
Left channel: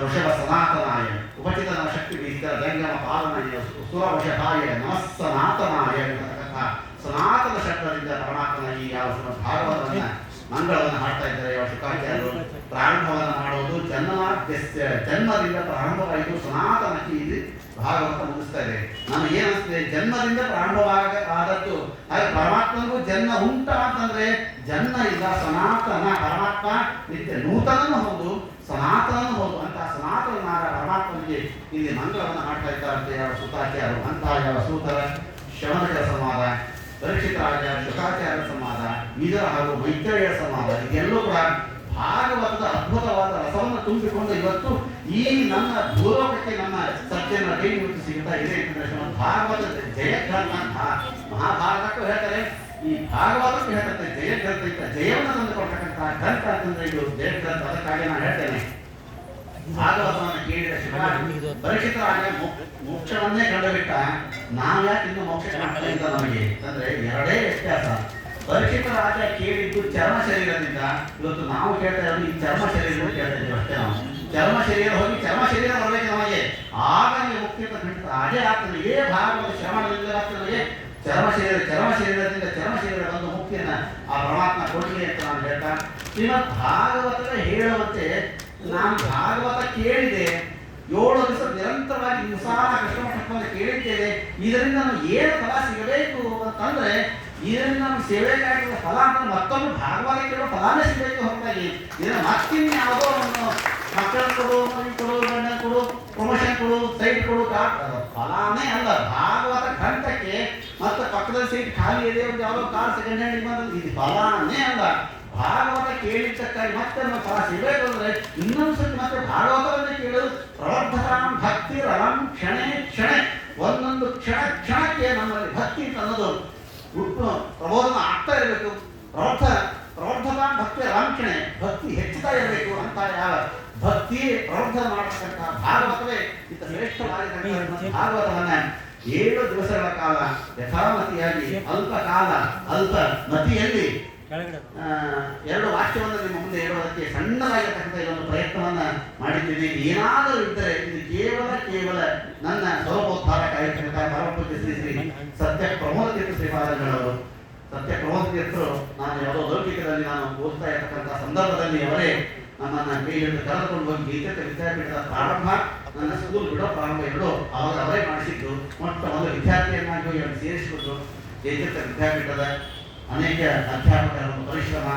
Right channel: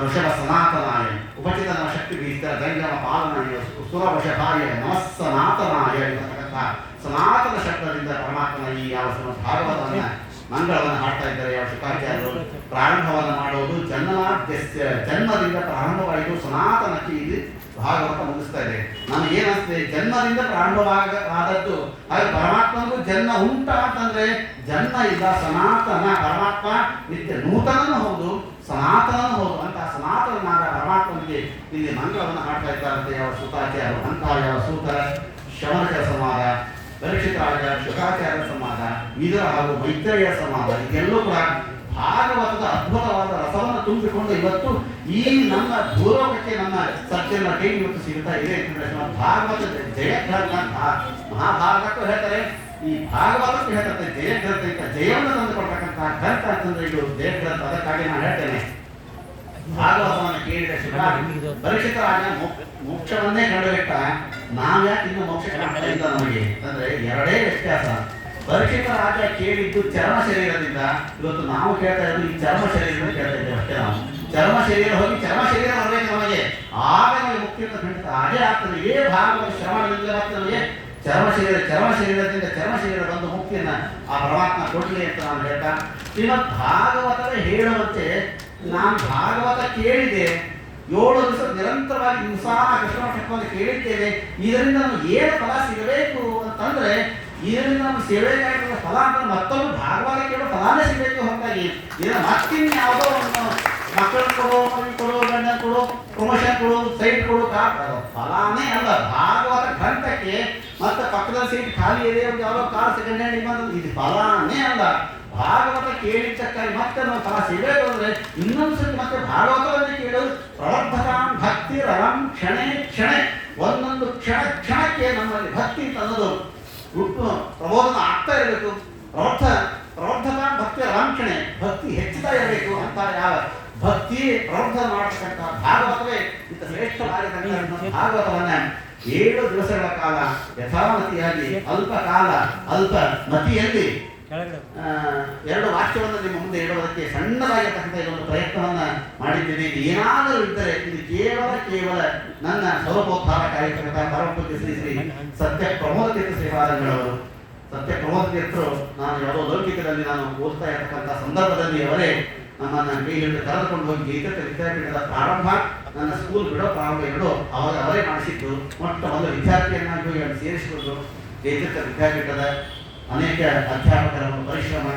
ಋಷಭ ಸನಾತನಾಯ ಉಪಚಿತನ ಶಕ್ತಿ ಬೀಸಿದ ಜಂಗಮ ಪಾಲನಾಯ ಸುರವಶಭಾಯ ನಮಸ್ಸನಾತನಾಯ ಇರತಕ್ಕಂತಹ ಸನಾತನ ಶಬ್ದದಿಂದ ಪರಮಾತ್ಮನ ಈ ಯಾವ ಭಾಗವತವನ್ನ ಮಂಗಳವನ್ನು ಹಾಡ್ತಾ ಇದ್ದಾರೆ ಯಾವ ಶುಕಾಚಾರ್ಯರು. ಪ್ರಾರಂಭವನ್ನು ಮಾಡೋದು ಜನ್ಮದಿಂದ ಪ್ರಾರಂಭವಾಯಿತು ಸನಾತನಕ್ಕೆ ಇದು ಭಾಗವತ ಮುಗಿಸ್ತಾ ಇದೆ. ನನಗೆ ಏನಿಸ್ತದೆ, ಜನ್ಮದಿಂದ ಪ್ರಾರಂಭವಾದದ್ದು. ಹಾಗೆ ಪರಮಾತ್ಮನಿಗೂ ಜನ್ಮ ಉಂಟಾ ಅಂತಂದ್ರೆ ಜನ್ಮ ಇಲ್ಲ, ಸನಾತನ. ಪರಮಾತ್ಮ ನಿತ್ಯ ನೂತನನೂ ಹೌದು, ಸನಾತನನೂ ಹೌದು. ಅಂತ ಸನಾತನನಾದ ಪರಮಾತ್ಮನಿಗೆ ಇಲ್ಲಿ ಮಂಗಳವನ್ನು ಹಾಡ್ತಾ ಇದ್ದಾರಂತೆ ಯಾವ ಸುತಾಚಾರ್ಯರು. ಅಂತಹ ಯಾವ ಸೂತರ ಶಮನಕರ ಸಂವಾದ, ಪರೀಕ್ಷಿತ ರಾಜ ಶುಕಾಚಾರ್ಯರ ಸಂವಾದ, ವಿದುರ ಹಾಗೂ ಮೈತ್ರೇಯ ಸಂವಾದ, ಇದೆಲ್ಲೂ ಕೂಡ ಭಾಗವತದ ಅದ್ಭುತವಾದ ರಸವನ್ನು ತುಂಬಿಕೊಂಡು ಇವತ್ತು ಈ ನಮ್ಮ ಭೂಲೋಕಕ್ಕೆ ನಮ್ಮ ಸತ್ಯನ ಕೈ ಇವತ್ತು ಸಿಗುತ್ತಾ ಇದೆ. ಭಾಗವತದ ಜಯಗ್ರಂಥ ಅಂತ ಮಹಾಭಾರತಕ್ಕೂ ಹೇಳ್ತಾರೆ, ಈ ಭಾಗವತಕ್ಕೂ ಹೇಳ್ತಾರೆ ಜಯಗ್ರಂಥ ಅಂತ. ಜಯವನ್ನು ತಂದುಕೊಡ್ತಕ್ಕಂತಹ ಗ್ರಂಥ ಅಂತಂದ್ರೆ ಇದು ಜಯಗ್ರಂಥ. ಅದಕ್ಕಾಗಿ ನಾನು ಹೇಳ್ತೇನೆ, ಭಾಗವತವನ್ನು ಕೇಳಿದ ಪರೀಕ್ಷಿತ ರಾಜ ಮೋಕ್ಷವನ್ನೇ ಕಂಡುಬಿಟ್ಟ. ನಾವ್ಯಾಕೆ ಇನ್ನು ಮೋಕ್ಷ ಕಾಣ್ತಾ ನಮಗೆ ಅಂದ್ರೆ ಎರಡೇ ವ್ಯತ್ಯಾಸ. ಪರೀಕ್ಷಿತ ರಾಜ ಕೇಳಿದ್ದು ಚರ್ಮ ಶರೀರದಿಂದ, ಇವತ್ತು ನಾವು ಕೇಳ್ತಾ ಇರೋದು ಈ ಚರ್ಮ ಶರೀರದಿಂದ ಕೇಳ್ತಾ ಇದ್ದೇವೆ ಅಷ್ಟೇ. ನಾವು ಚರ್ಮ ಶರೀರ ಹೋಗಿ ಚರ್ಮ ಶರೀರ ಬರಬೇಕು ನಮಗೆ, ಆಗ ನಮಗೆ ಮುಕ್ತಿ ಅಂತ ಖಂಡಿತ ಅದೇ ಆಗ್ತದೆ. ಇದೇ ಭಾಗವತ ಶ್ರವಣದಿಂದ ನಮಗೆ ಚರ್ಮ ಶರೀರದಿಂದ ಚರ್ಮ ಶರೀರ ಬಂದು ಮುಕ್ತಿಯನ್ನ ಆ ಪರಮಾತ್ಮ ಕೊಡಲಿ ಅಂತ ನಾನು ಹೇಳ್ತಾ, ಶ್ರೀಮದ್ ಭಾಗವತರೇ ಹೇಳುವಂತೆ ನಾನು ಭಾಗವತ ಕೇಳಿದೆ, 7 ದಿವಸ ನಿರಂತರವಾಗಿ ಹಿಂಸಾನ ಕೃಷ್ಣಮಠವನ್ನು ಕೇಳಿದ್ದೇವೆ. ಇದರಿಂದ ನಮ್ಗೆ ಏನು ಫಲ ಸಿಗಬೇಕು ಅಂತಂದ್ರೆ, ಇದರಿಂದ ನಮ್ಗೆ ಸೇವೆಗಾಗಿರುವ ಫಲ ಅಂತ ಮತ್ತೊಂದು ಭಾಗವತ ಕೇಳೋ ಫಲಾನೇ ಸಿಗಬೇಕು ಹೊರತಾಗಿ ಇದನ್ನು ಮತ್ತಿನ್ ಯಾವುದೋ ಒಂದು ಮಕ್ಕಳು ಕೊಡು, ಮಗು ಕೊಡು, ಗಂಡ ಕೊಡು, ಪ್ರಮೋಷನ್ ಕೊಡು, ಸೈಟ್ ಕೊಡು, ಅದು ಫಲಾನೇ ಅಲ್ಲ. ಭಾಗವತ ಗ್ರಂಥಕ್ಕೆ ಮತ್ತೆ ಪಕ್ಕದಲ್ಲಿ ಸೀಟ್ ಖಾಲಿ ಇದೆ, ಒಂದು ಯಾವುದೋ ಕಾರ್ ಸೆಕೆಂಡ್ ಹ್ಯಾಂಡ್ ಬಂದು ಇದು ಫಲಾನೇ ಅಲ್ಲ. ಭಾಗವತ ಕೇಳಿದ್ದಕ್ಕಾಗಿ ಮತ್ತೆ ನಾವು ಫಲ ಸಿಗಬೇಕು ಅಂದ್ರೆ ಇನ್ನೊಂದು ಸತಿ ಮತ್ತೆ ಭಾಗವತವನ್ನೇ ಕೇಳೋದು. ಪ್ರವರ್ಧತಾಂ ಭಕ್ತಿ ರಳಂ ಕ್ಷಣೆ ಕ್ಷಣೆ, ಒಂದೊಂದು ಕ್ಷಣಕ್ಕೆ ನಮ್ಮಲ್ಲಿ ಭಕ್ತಿ ಅಂತ ಅನ್ನೋದು ಪ್ರಬೋಧನ ಆಗ್ತಾ ಇರಬೇಕು. ಪ್ರವರ್ಧತಾಂ ಭಕ್ತಿ ರಳಂ ಕ್ಷಣೆ, ಭಕ್ತಿ ಹೆಚ್ಚುತ್ತಾ ಇರಬೇಕು. ಅಂತ ಯಾವ ಭಕ್ತಿ ಪ್ರವರ್ಧನ ಮಾಡತಕ್ಕಂಥ ಭಾಗವತವೇ ಇಂಥ ಶ್ರೇಷ್ಠವಾಗಿರ್ತಕ್ಕಂಥ ಭಾಗವತವನ್ನ 7 ದಿವಸಗಳ ಕಾಲ ಯಥಾಮತಿಯಾಗಿ ಅಲ್ಪ ಕಾಲ ಅಲ್ಪ ಮತಿಯಲ್ಲಿ 2 ವಾಕ್ಯವನ್ನು ನಿಮ್ಮ ಮುಂದೆ ಇಡುವುದಕ್ಕೆ ಸಣ್ಣದಾಗಿರ್ತಕ್ಕಂಥ ಇದೊಂದು ಪ್ರಯತ್ನವನ್ನ ಮಾಡಿದ್ದೇನೆ. ಏನಾದರೂ ಇದ್ದರೆ ಇದು ಕೇವಲ ನನ್ನ ಸ್ವರೂಪೋದ್ಧಾರಕ್ಕಾಗಿರ್ತಕ್ಕಂಥ ಪರಮಪೂಜ್ಯ ಶ್ರೀ ಶ್ರೀ ಸತ್ಯ ಪ್ರಮೋದ ತೀರ್ಥ ಶ್ರೀಪಾದಂಗಳವರು. ಸತ್ಯ ಪ್ರಮೋದ ತೀರ್ಥರು ನಾನು ಯಾವುದೋ ಲೌಕಿಕದಲ್ಲಿ ನಾನು ಓದ್ತಾ ಇರ್ತಕ್ಕಂಥ ಸಂದರ್ಭದಲ್ಲಿ ಅವರೇ ನನ್ನನ್ನು ಕೈ ಹಿಡಿದು ಕರೆದುಕೊಂಡು ಹೋಗಿ ಗೀತ ವಿದ್ಯಾಪೀಠದ ಪ್ರಾರಂಭ, ನನ್ನ ಸ್ಕೂಲ್ ಬಿಡೋ ಪ್ರಾರಂಭ ಎರಡೂ ಅವಾಗ ಅವರೇ ಮಾಡಿಸಿದ್ದು. ಮೊಟ್ಟ ಮೊದಲು ವಿದ್ಯಾರ್ಥಿಯನ್ನಾಗಿ ಹೋಗಿ ಅಲ್ಲಿ ಸೇರಿಸಿಕೊಂಡು ಜಯತೀರ್ಥ ವಿದ್ಯಾಪೀಠದ ಅನೇಕ ಅಧ್ಯಾಪಕರ ಒಂದು ಪರಿಶ್ರಮ,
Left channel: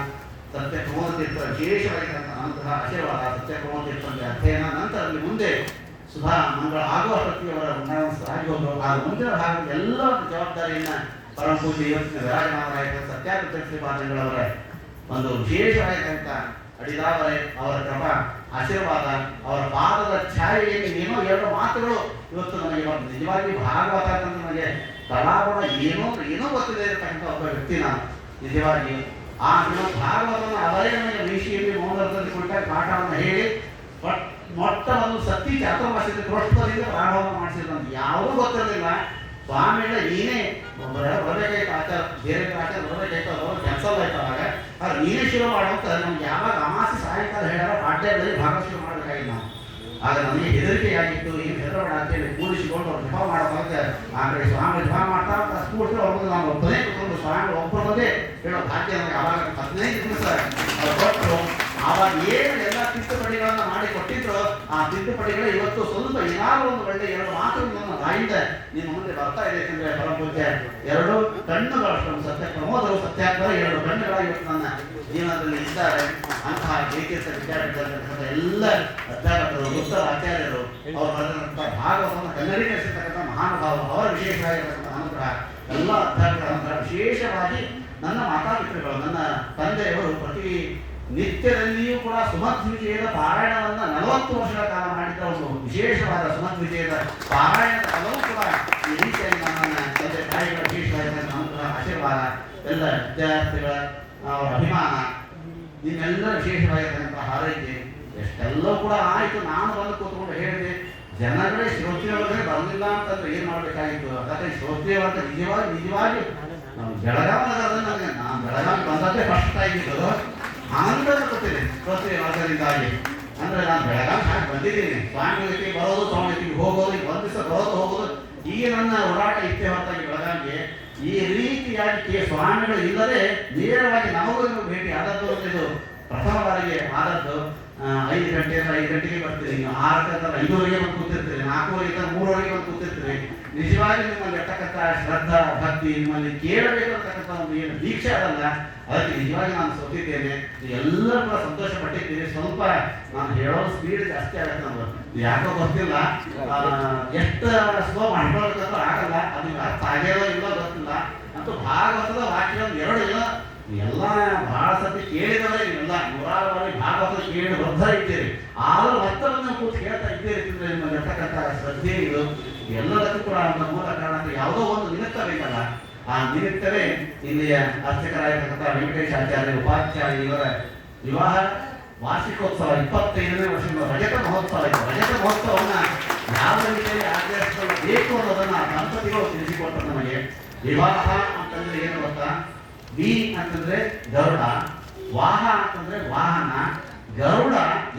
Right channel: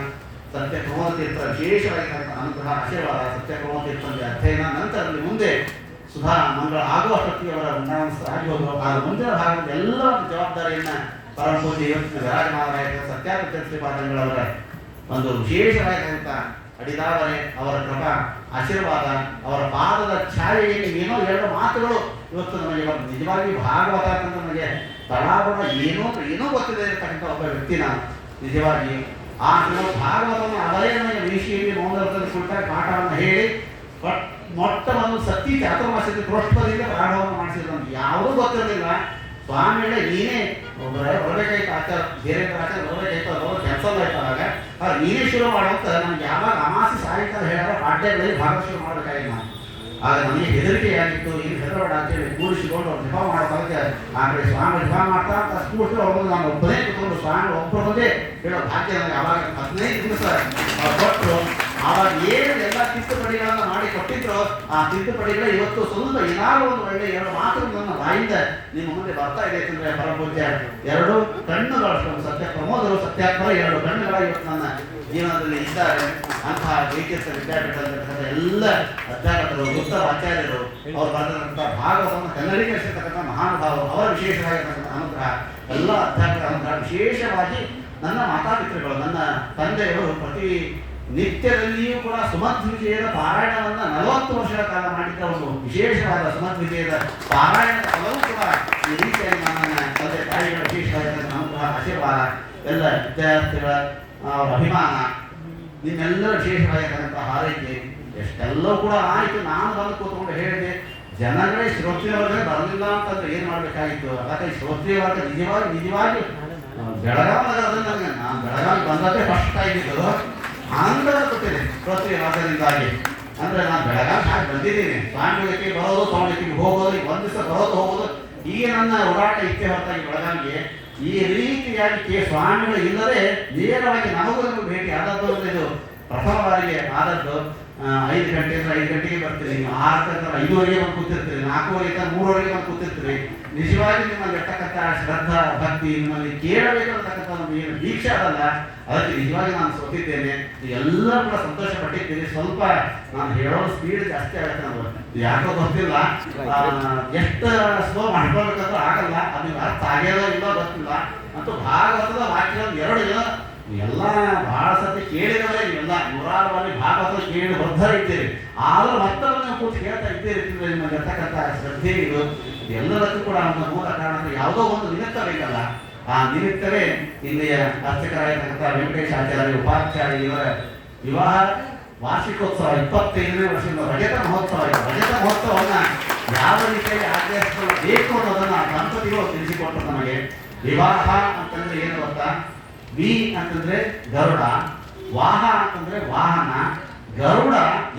ಸತ್ಯ ಪ್ರಮೋದ ತೀರ್ಥ ವಿಶೇಷವಾಗಿರ್ತಕ್ಕಂಥ ಅನುಗ್ರಹ ಆಶೀರ್ವಾದ, ಸತ್ಯ ಪ್ರಮೋದ ತೀರ್ಥದ ಅಧ್ಯಯನ, ನಂತರದಲ್ಲಿ ಮುಂದೆ ಸುಧಾ ಮಂಗಳ ಆಗುವಷ್ಟೊತ್ತಿಗೆ ಅವರ ಆಗೋದು. ಆ ಮುಂದಿನ ಭಾಗದ ಎಲ್ಲ ಜವಾಬ್ದಾರಿಯನ್ನ ಪರಮಪೂಜೆ ಇವತ್ತಿನ ವಿರಾಜಮಾನರಾಗಿದ್ದ ಸತ್ಯಾಪೀಠ ಶ್ರೀಪಾದಂಗಳವರ ಒಂದು ವಿಶೇಷವಾಗಿರ್ತಕ್ಕಂಥ ಅಡಿದಾವರೆ ಅವರ ಕೃಪಾ ಆಶೀರ್ವಾದ, ಅವರ ಪಾದದ ಛಾಯೆಯಲ್ಲಿ ಏನೋ 2 ಮಾತುಗಳು ಇವತ್ತು ನಮಗೆ ನಿಜವಾಗಿ ಭಾಗವತ ಅಂತ ನನಗೆ ತಳಾಬಳ ಏನೋ ಗೊತ್ತಿದೆ ಇರತಕ್ಕಂಥ ಒಬ್ಬ ವ್ಯಕ್ತಿ ನಾನು. ನಿಜವಾಗಿ ಆ ಶ್ರೀಮದ್ ಭಾಗವತವನ್ನು ಅವರೇ ನಮಗೆ ಋಷಿಯಲ್ಲಿ ಮೌನವ್ರತದ ಕುರಿತ ಪಾಠವನ್ನು ಹೇಳಿ ಮೊಟ್ಟ ಒಂದು ಸತ್ಯ ಚಾತುರ್ಮಾಸ್ಯದ ಪ್ರೋಷ್ಠದಿಂದ ಪ್ರಾರಂಭವನ್ನು ಮಾಡಿಸಿದಂತೆ ಯಾವುದೂ ಗೊತ್ತಿರಲಿಲ್ಲ. ಸ್ವಾಮಿಗಳ ನೀನೇ ಬರಬೇಕಾಯ್ತು ಆಚಾರ ಬೇರೆ ಆಚಾರ ಬರಬೇಕಾಯ್ತು ಅವರು ಕ್ಯಾನ್ಸಲ್ ಆಯ್ತು. ಆಗ ನೀನೇ ಶುರು ಮಾಡುವಂತ ನಮ್ಗೆ ಯಾವಾಗ ಅಮಾಸಿ ಸಾಯಂಕಾಲ ಹೇಳೋ ಪಾಠ್ಯಗಳಲ್ಲಿ ಭಾಗ ಶುರು ಮಾಡಬೇಕಾಗಿಲ್ಲ ನಾವು. ಆಗ ನಮಗೆ ಹೆದರಿಕೆಯಾಗಿತ್ತು, ಏನು ಹೆದರಬೇಡ ಅಂತೇಳಿ ಕೂರಿಸಿಕೊಂಡು ಅವ್ರು ಜಪ ಮಾಡೋದಾಗ ಆ ಕಡೆ ಸ್ವಾಮಿ ಜಪ ಮಾಡ್ತಾ ಕೂಡಿದ್ರೆ ಅವ್ರದ್ದು ನಾನು ಒಬ್ಬನೇ ಕೂತ್ಕೊಂಡು ಸ್ವಾಮಿ ಒಬ್ಬರ ಬಗ್ಗೆ ಹೇಳೋ ಭಾಗ್ಯ ನನಗೆ ಆವಾಗ 15 ದಿವಸ ಕೊಟ್ಟರು. ಆವಾಗ ಏನು ಎಲ್ಲ ತಿದ್ದುಪಡಿಗಳನ್ನು ಮಾಡಿ ಕೊಟ್ಟಿದ್ರು, ಆ ತಿದ್ದುಪಡಿಗಳೇ ಇವತ್ತು ಸ್ವಲ್ಪ ಏನಾದ್ರು ಒಂದು ಒಳ್ಳೆ 2 ಮಾತು ನನ್ನ ಬಾಯಿಂದ ನಿಮ್ಮ ಮುಂದೆ ಬರ್ತಾ ಇದೆ ಅಂತಂದ್ರೆ ಪರಮಪೂಜ್ಯ 2 ಕಣ್ಣುಗಳು ಸತ್ಯ ಪ್ರಮೋದರು ಸತ್ಯಾತ್ಮರ 2 ಕಣ್ಣುಗಳ ಇವತ್ತು ನನ್ನ ಜೀವನದಲ್ಲಿ ಇದ್ದಾರೆ. ಅಂತಹ ಏಕೇಶ ವಿದ್ಯಾಪೀಠದ ಎಲ್ಲ ಅಧ್ಯಾಪಕರು ಉತ್ತಮ ಆಚಾರ್ಯರು ಅವರು ಬರೆದಂತಹ ಭಾಗವತವನ್ನು ಕನ್ನಡೀಕರಿಸಿರ್ತಕ್ಕಂಥ ಮಹಾನುಭಾವರು ಅವರ ವಿಶೇಷವಾಗಿರ್ತಕ್ಕಂಥ ಅನುಗ್ರಹ ಎಲ್ಲ ಅಧ್ಯಾಪಕರ ಅನುಗ್ರಹ. ವಿಶೇಷವಾಗಿ ನನ್ನ ಮಾತಾಪಿತೃಗಳು ನನ್ನ ತಂದೆಯವರು ಪ್ರತಿ ನಿತ್ಯದಲ್ಲಿಯೂ ಕೂಡ ಸುಮತ್ ವಿಜಯದ ಪಾರಾಯಣವನ್ನು 40 ವರ್ಷಗಳ ಕಾಲ ಮಾಡಿದ್ದ ಒಂದು ವಿಶೇಷವಾದ ಸುಮತ್ ವಿಜಯದ ಪಾರಾಯಣದ ಫಲವೂ ಕೂಡ ಈ ರೀತಿಯಾಗಿ ನನ್ನ ತಂದೆ ತಾಯಿಗಳ ವಿಶೇಷವಾಗಿರ್ತಕ್ಕಂಥ ಅನುಗ್ರಹ ಆಶೀರ್ವಾದ ಎಲ್ಲ ವಿದ್ಯಾರ್ಥಿಗಳ ಅಭಿಮಾನ ನಿಮ್ಮೆಲ್ಲರ ವಿಶೇಷವಾಗಿರ್ತಕ್ಕಂಥ ಹಾರೈಕೆ ಎಷ್ಟೆಲ್ಲವೂ ಕೂಡ ಆಯಿತು. ನಾನು ಬಂದು ಕೂತ್ಕೊಂಡು ಹೇಳಿದೆ, ಜನಗಳೇ ಶ್ರೋತ್ರಿಯವರ್ಗೇ ಬರಲಿಲ್ಲ ಅಂತಂದ್ರೆ ಏನು ಮಾಡಬೇಕಾಗಿತ್ತು. ಅದಕ್ಕೆ ಶ್ರೋತ್ರಿಯವರ್ಗ ನಿಜವಾಗಿ ಬೆಳಗಾವಿ ನಗರದಲ್ಲಿ ನನಗೆ ನಾನು ಬೆಳಗಾವಿ ಬಂದದ್ದೇ ಫಸ್ಟ್ ಆಗಿದ್ದು ಆನಂದ ಗೊತ್ತಿದೆ ಶ್ರೋತ್ರಿಯವರ್ಗದಿಂದಾಗಿ. ಅಂದರೆ ನಾನು ಬೆಳಗಾವಿ ಹಾಕಿ ಬಂದಿದ್ದೀನಿ, ಸ್ವಾಮಿಗಳಿಗೆ ಬರೋದು ಸ್ವಾಮಿಗೆ ಹೋಗೋದು, ಈಗ ಒಂದು ದಿವಸ ಬರೋದು ಹೋಗೋದು, ಈಗ ನನ್ನ ಓಡಾಟ ಇಚ್ಛೆ ಹೊರತಾಗಿ ಬೆಳಗಾವಿಗೆ ಈ ರೀತಿಯಾಗಿ ಸ್ವಾಮಿಗಳು ಇಲ್ಲದೆ ನೇರವಾಗಿ ನಮಗೂ ಭೇಟಿ ಆದದ್ದು. ಇದು ಪ್ರಥಮ ಬಾರಿಗೆ ಆದದ್ದು. 5 ಗಂಟೆ 5 ಗಂಟೆಗೆ ಬರ್ತೀರಿ, 6 ಗಂಟೆ 5:30 ಬಂದು ಕೂತಿರ್ತೀರಿ, 4:30 3:00 ಬಂದು ಕೂತಿರ್ತೀರಿ. ನಿಜವಾಗಿ ನಿಮ್ಮಲ್ಲಿ ಇರ್ತಕ್ಕಂಥ ಶ್ರದ್ಧಾ ಭಕ್ತಿ ನಿಮ್ಮಲ್ಲಿ ಕೇಳಬೇಕಂತಕ್ಕಂಥ ಒಂದು ಏನು ದೀಕ್ಷೆ ಅದಲ್ಲ, ಅದಕ್ಕೆ ನಿಜವಾಗಿ ನಾನು ಸೋತಿದ್ದೇನೆ. ಎಲ್ಲರೂ ಕೂಡ ಸಂತೋಷ ಪಟ್ಟಿದ್ದೀರಿ. ಸ್ವಲ್ಪ ನಾನು ಹೇಳೋ ಸ್ಪೀಡ್ ಜಾಸ್ತಿ ಆಗುತ್ತೆ, ನಮ್ಗೆ ಯಾಕೋ ಗೊತ್ತಿಲ್ಲ, ಎಷ್ಟು ಸ್ಲೋ ಮಾಡ್ಕೊಳ್ಬೇಕಂದ್ರೂ ಆಗಲ್ಲ. ಅದು ಅರ್ಥ ಆಗ್ಯಾರೋ ಇಲ್ಲೋ ಗೊತ್ತಿಲ್ಲ. ಅಂತೂ ಭಾಗವತದ ವಾಕ್ಯ 2 ಇಲ್ಲ ಎಲ್ಲ ಬಹಳ ಸತಿ ಕೇಳಿದವರೇ ನೀವೆಲ್ಲ 106 ಭಾಗವತ ಕೇಳಿ ಬದ್ಧ ಇದ್ದೀರಿ. ಆದರೂ ಮತ್ತೊಮ್ಮೆ ನೀವು ಕೂತು ಕೇಳ್ತಾ ಇದ್ದೀರಿ ಅಂದರೆ ನಿಮಗೆ ಇರ್ತಕ್ಕಂಥ ಶ್ರದ್ಧೆಗಳು ಎಲ್ಲದಕ್ಕೂ ಕೂಡ ಒಂದು ಮೂಲ ಕಾರಣ. ಯಾವುದೋ ಒಂದು ನಿಮಿತ್ತ ಬೇಕಲ್ಲ, ಆ ನಿಮಿತ್ತವೇ ಇಲ್ಲಿಯ ಅರ್ಚಕರಾಗಿರ್ತಕ್ಕಂಥ ವೆಂಕಟೇಶ ಆಚಾರ್ಯ ಉಪಾಧ್ಯಾಯ ಇವರ ವಿವಾಹ ವಾರ್ಷಿಕೋತ್ಸವ 25ನೇ ವರ್ಷದ ರಜತ ಮಹೋತ್ಸವ ಇದೆ. ರಜತ ಮಹೋತ್ಸವವನ್ನು ಯಾವ ರೀತಿಯಲ್ಲಿ ಆಚರಿಸಿಕೊಳ್ಳಬೇಕು ಅನ್ನೋದನ್ನು ದಂಪತಿಗಳು ತಿಳಿಸಿಕೊಟ್ಟು ನಮಗೆ. ವಿವಾಹ ಅಂತಂದ್ರೆ ಏನು ಗೊತ್ತಾ? ವಿ ಅಂತಂದ್ರೆ ಗರುಡ, ವಾಹ ಅಂತಂದ್ರೆ ವಾಹನ. ಗರುಡ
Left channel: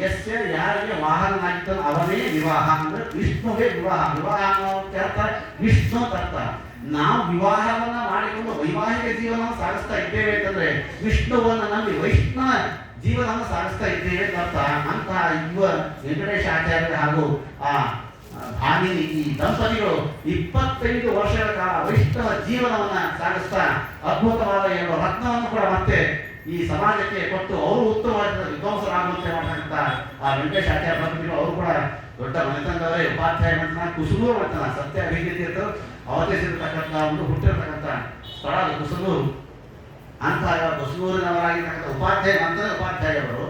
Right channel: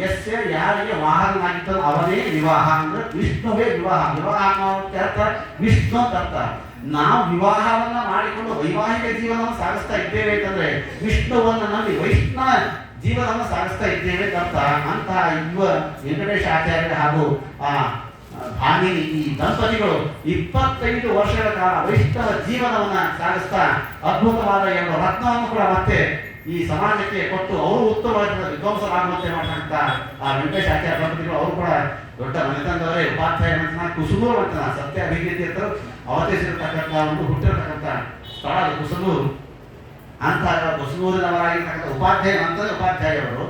ಎಷ್ಟೇ ಯಾರಿಗೆ ವಾಹನನಾಗಿತ್ತು ಅವನೇ ವಿವಾಹ ಅಂದ್ರೆ ವಿಷ್ಣುವೇ ವಿವಾಹ. ವಿವಾಹ ಅರ್ಥ ವಿಷ್ಣು ಅರ್ಥ. ನಾವು ವಿವಾಹವನ್ನ ಮಾಡಿಕೊಂಡು ವೈವಾಹಿಕ ಜೀವನವನ್ನು ಸಾಗಿಸ್ತಾ ಇದ್ದೇವೆ ಅಂತಂದ್ರೆ ವಿಷ್ಣುವನ್ನ ನಂಬಿ ವೈಷ್ಣವ ಜೀವನವನ್ನು ಸಾಗಿಸ್ತಾ ಇದ್ದೇವೆ ಅಂತ. ಅಂತಹ ವೆಂಕಟೇಶ ಆಚಾರ್ಯ ಹಾಗೂ ಭಾಮಿನಿ ಈ ದಂಪತಿಗಳು 25 ವರ್ಷಗಳ ಕಾಲ ವೈಷ್ಣವ ಜೀವನವನ್ನ ಸಾಗಿಸ್ತಾ ಅದ್ಭುತವಾದ 2 ರತ್ನವನ್ನು ಕೂಡ ಮತ್ತೆ ಈ ಸಮಾಜಕ್ಕೆ ಕೊಟ್ಟು ಅವರು ಉತ್ತಮವಾದ ವಿದ್ವಾಂಸರಾಗುವಂತೆ ಮಾಡತಕ್ಕಂಥ ಆ ವೆಂಕಟೇಶ ಆಚಾರ್ಯ ದಂಪತಿಗಳು ಅವರು ಕೂಡ ದೊಡ್ಡ ಮನೆತನದವರೇ. ಉಪಾಧ್ಯಾಯ ಮನೆತನ, ಕುಸುಮೂರು ಮನೆತನ, ಸತ್ಯ ಅಭಿವೃದ್ಧಿ ಅಂತ ಅವತರಿಸಿರ್ತಕ್ಕಂಥ ಒಂದು ಹುಟ್ಟಿರ್ತಕ್ಕಂಥ ಸ್ಥಳ ಅದು ಕುಸುಮೂರು. ಅಂತ ಕುಸುಮೂರಿನವರಾಗಿರ್ತಕ್ಕಂಥ ಉಪಾಧ್ಯಾಯ ನಂತರ ಉಪಾಧ್ಯಾಯವರು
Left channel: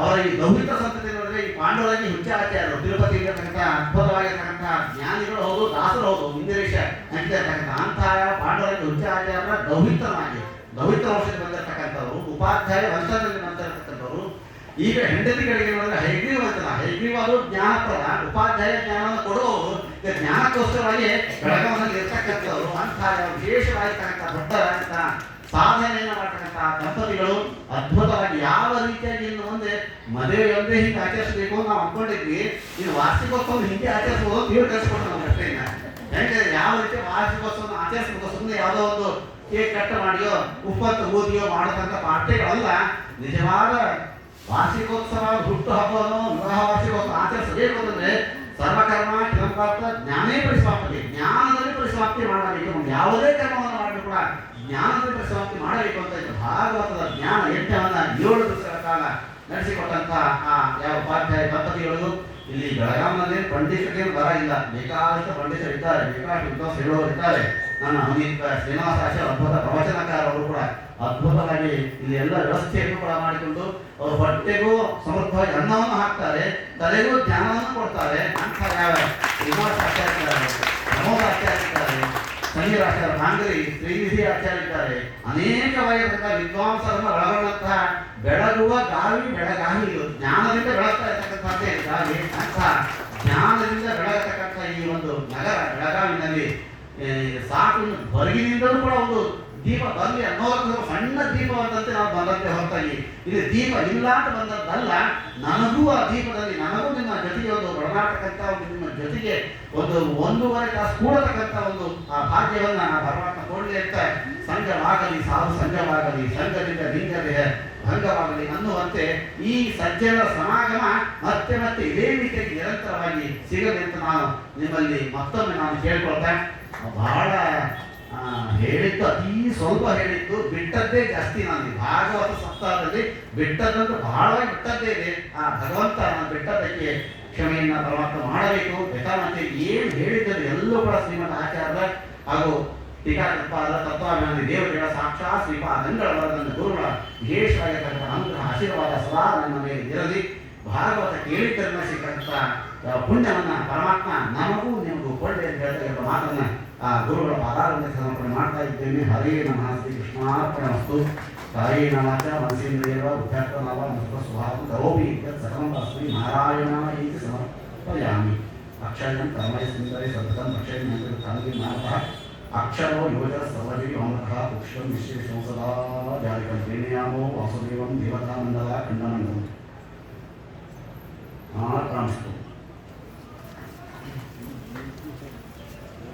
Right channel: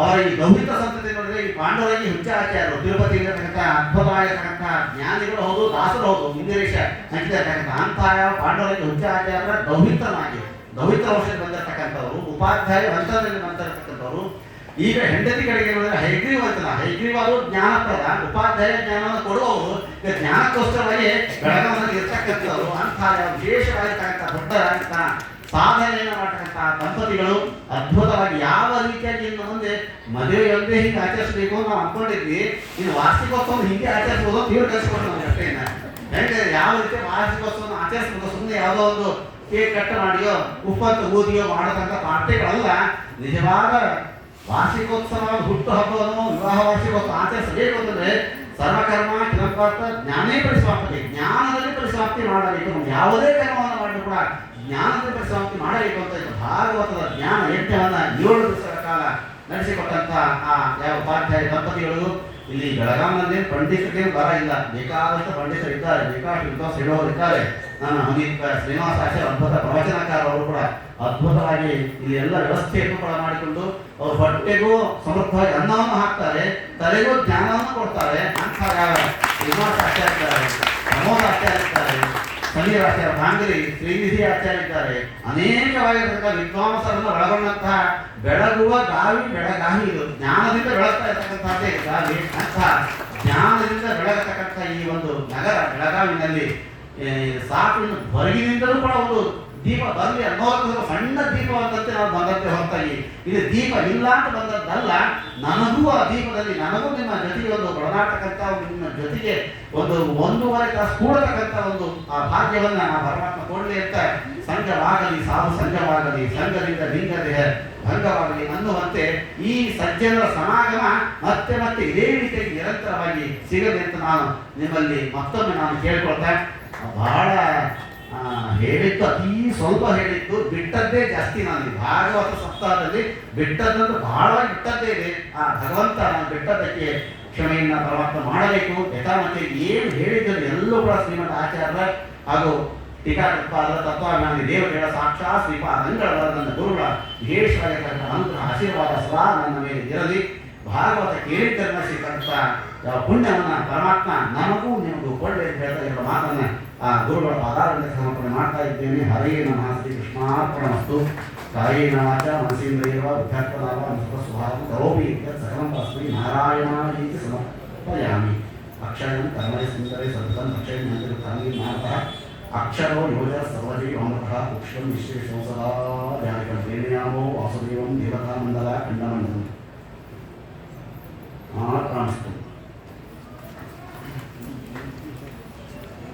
ಅವರ ಈ ದೌಹಿತ ಸಂತತಿ ನೋಡಿದ್ರೆ ಈ ಪಾಂಡವರಾಗಿ ಹುಚ್ಚಾಚಾರ್ಯರು ತಿರುಪತಿ ಇರತಕ್ಕಂಥ ಅದ್ಭುತವಾಗಿರ್ತಕ್ಕಂಥ ಜ್ಞಾನಿಗಳು ಹೌದು, ದಾಸರು ಹೌದು, ಇಂದಿರೇಶ ಅಂತಿರ್ತಕ್ಕಂಥ ಅಂತಹ ಪಾಂಡವರಾಗಿ ಹುಚ್ಚಾಚಾರ್ಯರ ದೌಹಿತ ವಂಶದಲ್ಲಿ ಬಂದಿರತಕ್ಕಂಥವ್ರು, ಉಪಾಧ್ಯಾಯ ವಂಶದಲ್ಲಿ ಬಂದಿರತಕ್ಕಂಥವ್ರು. ಈಗ ಹೆಂಡತಿ ಕಡೆಗೆ ನೋಡಿದ್ರೆ ಹೈಗ್ರೀವ ಅಂತಲ್ಲ, ಹೈಗ್ರೀವ ಅದು ಜ್ಞಾನಪ್ರದ, ಉಪಾಧ್ಯಾಯ ಜ್ಞಾನವನ್ನು ಕೊಡುವವರು ಈಗ ಜ್ಞಾನಕ್ಕೋಸ್ಕರವಾಗಿ ಬೆಳಗಾವಿಯಲ್ಲಿ ಇರ್ತಕ್ಕಂಥವ್ರು. ಅಂತಹ ವಿಶೇಷವಾಗಿರ್ತಕ್ಕಂಥ ದೊಡ್ಡ ಸಾಧನೆಯನ್ನು ಮಾಡತಕ್ಕಂಥ ದಂಪತಿಗಳು ಅದ್ಭುತವಾಗಿ ಯಾವ ರೀತಿಯಾಗಿ ಇನ್ನು ಮುಂದೆ ಮದುವೆಯೊಂದೇ ಹೀಗೆ ಆಚರಿಸಬೇಕು ಅಂತ ನಾವು ಅನ್ಕೊಂಡಿದ್ವಿ. ಇನ್ನು ವಾರ್ಷಿಕೋತ್ಸವ ಹಿಂಗೆ ಆಚರಿಸಬಹುದು ತೀವ್ರ ಕಲಿಸ್ಕೊಂಡು ನಾವು ಅಷ್ಟೇನ ಹೆಂಗೆ ಯಾವ ರೀತಿ ವಾರ್ಷಿಕೋತ್ಸವವನ್ನು ಆಚರಿಸಬಹುದು. ಸುಮ್ಮನೆ ಯಾವುದೋ ಒಂದು ಕೇಕ್ ಕಟ್ ಮಾಡಿಯೋ ಉಪ್ಪತ್ತು ಊದಿಯೋ ಮಾಡತಕ್ಕಂಥ ಪಾರ್ಟಿಗಳಲ್ಲ. ನಿಜವಾದ ವಾರ್ಷಿಕೋತ್ಸವ ಹುಟ್ಟು ಹಬ್ಬವನ್ನು ವಿವಾಹ ವಾರ್ಷಿಕೋತ್ಸವ ಆಚರಿಸಬೇಕು ಅಂತಂದ್ರೆ ಸರ್ವಕರ್ಮ ಕಿರಂಪಾರ್ಥ ಜ್ಞಾನೇ ಪರಿಸಮಾಪ್ತಿ, ಜ್ಞಾನದಲ್ಲಿ ಪರಿಸಮಾಪ್ತಿ ಮಾಡಬೇಕು. ಯಾವುದೇ ಕರ್ಮವನ್ನು ಮಾಡಬೇಕು ಕೂಡ ಜ್ಞಾನದಲ್ಲಿ ಪರಿಸಮಾಪ್ತಿ ಮಾಡಬೇಕು ಅಂತ ಇತ್ತು. ಭಾಗವತದ ಜ್ಞಾನ ಯಜ್ಞವನ್ನ 7 ದಿವಸಗಳ ಕಾಲ ನಡೆಸಿಕೊಟ್ಟಂತ ಆ ಯಾವ ಉಪಾಧ್ಯಾಯ ದಂಪತಿಗಳು ಇಲ್ಲಿ ಬೆಳಗಾವಿನಲ್ಲಿ ಪಂಡಿತರಿಗೆ ಬರ ಇಲ್ಲ, ಬೇಕಾದಷ್ಟು ಪಂಡಿತರು ಇದ್ದಾರೆ, ಬೇಕಾದಷ್ಟು ವಿದ್ವಾಂಸ ಹೇಳುವವರು ಇದ್ದಾರೆ. ನನ್ನ ಹಮೀದ್ ಶ್ರೀನಿವಾಸ ಆಚಾರ್ಯ ಅದ್ಭುತ ಪ್ರವಚನಕಾರರು ಕೂಡ ಅದ್ಭುತವಾಗಿ ಇಲ್ಲಿ ಎಲ್ಲ ವ್ಯವಸ್ಥೆಯನ್ನು ಕೂಡ ಮಾಡಿಕೊಂಡು ಅವ್ರ ಹೊಟ್ಟೆಗೂ ಸಮೃದ್ಧವಾಗಿ ಅನ್ನವನ್ನು ಹಾಕ್ತಾರೆ, ತಲೆಗೂ ಜ್ಞಾನವನ್ನು ಕೊಡ್ತಾರೆ. ಅಂತ ಶ್ರೀನಿವಾಸ ಆಚಾರ್ಯ ಇದ್ದಾರೆ, ಪ್ರಮೋದ ಆಚಾರ್ಯ ಇದ್ದಾರೆ, ಸಮೀರಾಚಾರ್ಯ ಕಾಂಗರಿ, ಶ್ರೀನಿಧಿ ಆಚಾರ್ಯ ಇದ್ದಾರೆ. ಅನೇಕವಾಗಿರತಕ್ಕಂಥ ವಿದ್ವಾಂಸರನ್ನು ಒಳಗೊಂಡಂತಹ ಬೆಳಗುವ ಗಾವಿ ಬೆಳಗಾವಿ, ಇದು ಜ್ಞಾನದಿಂದ ಬೆಳಗ್ತಾ ಇರತಕ್ಕಂಥದ್ದೇ ಗಾವಿ ಅಂತ. ಜ್ಞಾನದಿಂದ ಬೆಳಗತಕ್ಕಂಥ ಈ ಒಂದು ನಗರ ಬೆಳಗಾವಿನಲ್ಲಿ ಸಾಕು, ಹೊರಗಿನಿಂದಲೂ ಕೂಡ ಒಂದು ದೀಪ ಬರಲಿ ಅನ್ನೋದಕ್ಕೋಸ್ಕರ ಸಣ್ಣ ದೀಪವಂತಂತೆ ನಾವು ಬಂದದ್ದೇ ಹೊರತಾಗಿ ಇಲ್ಲಿ ದೀಪ ಇಲ್ಲ ಅಂತ ಬಂದದ್ದಲ್ಲ. ನನಗೂ ಆ ದೀಪದಲ್ಲಿ ನನಗೂ ನಿಮ್ಮ ಜೊತೆಗೆ ಒಂದು ಒಡನಾಟಕ್ಕಂಥ ನಿಮ್ಮ ಜೊತೆಗೆ ಒಂದೂವರೆ ತಾಸು ಕೂಡತಕ್ಕಂಥ ಒಂದು ಆ ಭಾಗ್ಯವನ್ನು ನಾವು ಪರಮಾತ್ಮ ಕೊಡಲಿ ಅಂತ, ಸಂಘವಾಗಲಿ ಸಾಧು ಸಂಘವಾಗಲಿ, ಸಂಘದಿಂದ ಲಿಂಗದೇಹ ಭಂಗವಾಗಲಿ ಅನ್ನುವಂತೆ ಈ ಸಜ್ಜನರ ಸಮಾಗಮ ಮತ್ತೆ ಮತ್ತೆ ಇದೇ ರೀತಿಯಾಗಿ ನಿರಂತರವಾಗಿ ಸಿಗಲಿ ಅಂತ ನಾನು ನಿಮ್ಮಲ್ಲಿ ಮತ್ತೊಮ್ಮೆ ನಾನು ಕೇಳ್ಕೊಳ್ತಾ, ಬಹಳ ಹೇಳಿದ್ದು ಅತೀ ಸ್ವಲ್ಪ ಹೇಳಿದ್ದು, ಬಿಟ್ಟದ್ದೇ ಜಾಸ್ತಿ. ನಾನು ಭಾಗವತ ಸಪ್ತಾಹದಲ್ಲಿ ಬಿಟ್ಟದ್ದಂದ್ರೆ ಬಹಳ ಬಿಟ್ಟದ್ದೇ ಇದೆ. ಆ ಭಗವಂತ ನಾನು ಬಿಟ್ಟದ್ದಕ್ಕೆ ಕ್ಷಮೆಯನ್ನ ಪರಮಾತ್ಮ ಮಾಡಬೇಕು. ಯಥಾಮತೆ ಏನು ಹೇಳಿದ್ದರು ಎಲ್ಲೂ ಕೂಡ ಶ್ರೀಮಂತ ಆಚಾರ್ಯ ಹಾಗೂ ಟೀಕಾಕೃತ್ಪಾದರ ತತ್ವಾಭಿಮಾನಿ ದೇವತೆಗಳ ಸಾಕ್ಷಾತ್ ಶ್ರೀಪಾದಂಗಳ ನನ್ನ ಗುರುಗಳ ವಿಶೇಷವಾಗಿರ್ತಕ್ಕಂಥ ಅನುಗ್ರಹ ಆಶೀರ್ವಾದ ಸದಾ ನನ್ನ ಮೇಲೆ ಇರಲಿ. ಭಾಗವತ ಕೇಳಿದ್ದನ್ನ ಸಿಕ್ಕಂಥ ಪುಣ್ಯವನ್ನು ಪರಮಾತ್ಮ ನಮಗೂ ನಿಮಗೂ ಕೊಳ್ಳೆ ಅಂತ ಹೇಳ್ತಾ ಇರುವ ಮಾತನ್ನ ಆ ಗುರುಗಳ ಪಾದಾರದಿಂದ ಸಮರ್ಪಣೆ ಮಾಡ್ತಾ ಇದ್ದೇನೆ. ಹರೇ ನಮಃ. ಶ್ರೀ ಕೃಷ್ಣಾರ್ಪಣಮಸ್ತು. ಕಾಯೇನಾಚ ಮನಸೇಂದ್ರಿಯವ ಬುದ್ಧಾತ್ಮನಾವ ಅನುಸ್ಮೃತ ಸ್ವಭಾವಂ ಕರೋಮಿ ಯತ್ ಸಕಲಂ ತಸ್ಮೈ ನಾರಾಯಣಾಯೇತಿ ಸಮರ್ಪಯಾಮಿ. ಅಕ್ಷರಂ ಕರ್ಮೈ ಸುಂದರೈ ಸತತಂ ರಕ್ಷಣೆ ತಾಂಗಿ ಮಾತಃ ಅಕ್ಷರೋ ಯೋಜ ಸರ್ವಜೀ ಅಮೃತಃ ಪುಷ್ಪಂ ವಿಶ್ವೇಶಂ ಸದಾ ಜಾಲಿಕಂ ಪ್ರೇಮಯಾಮೋ ವಾಸುದೇವಂ ದೇವತಾ ಮಂಡಲ ಖಂಡಮಂಡಲಂ. ಪ್ರಾಣಿಸ್ತು.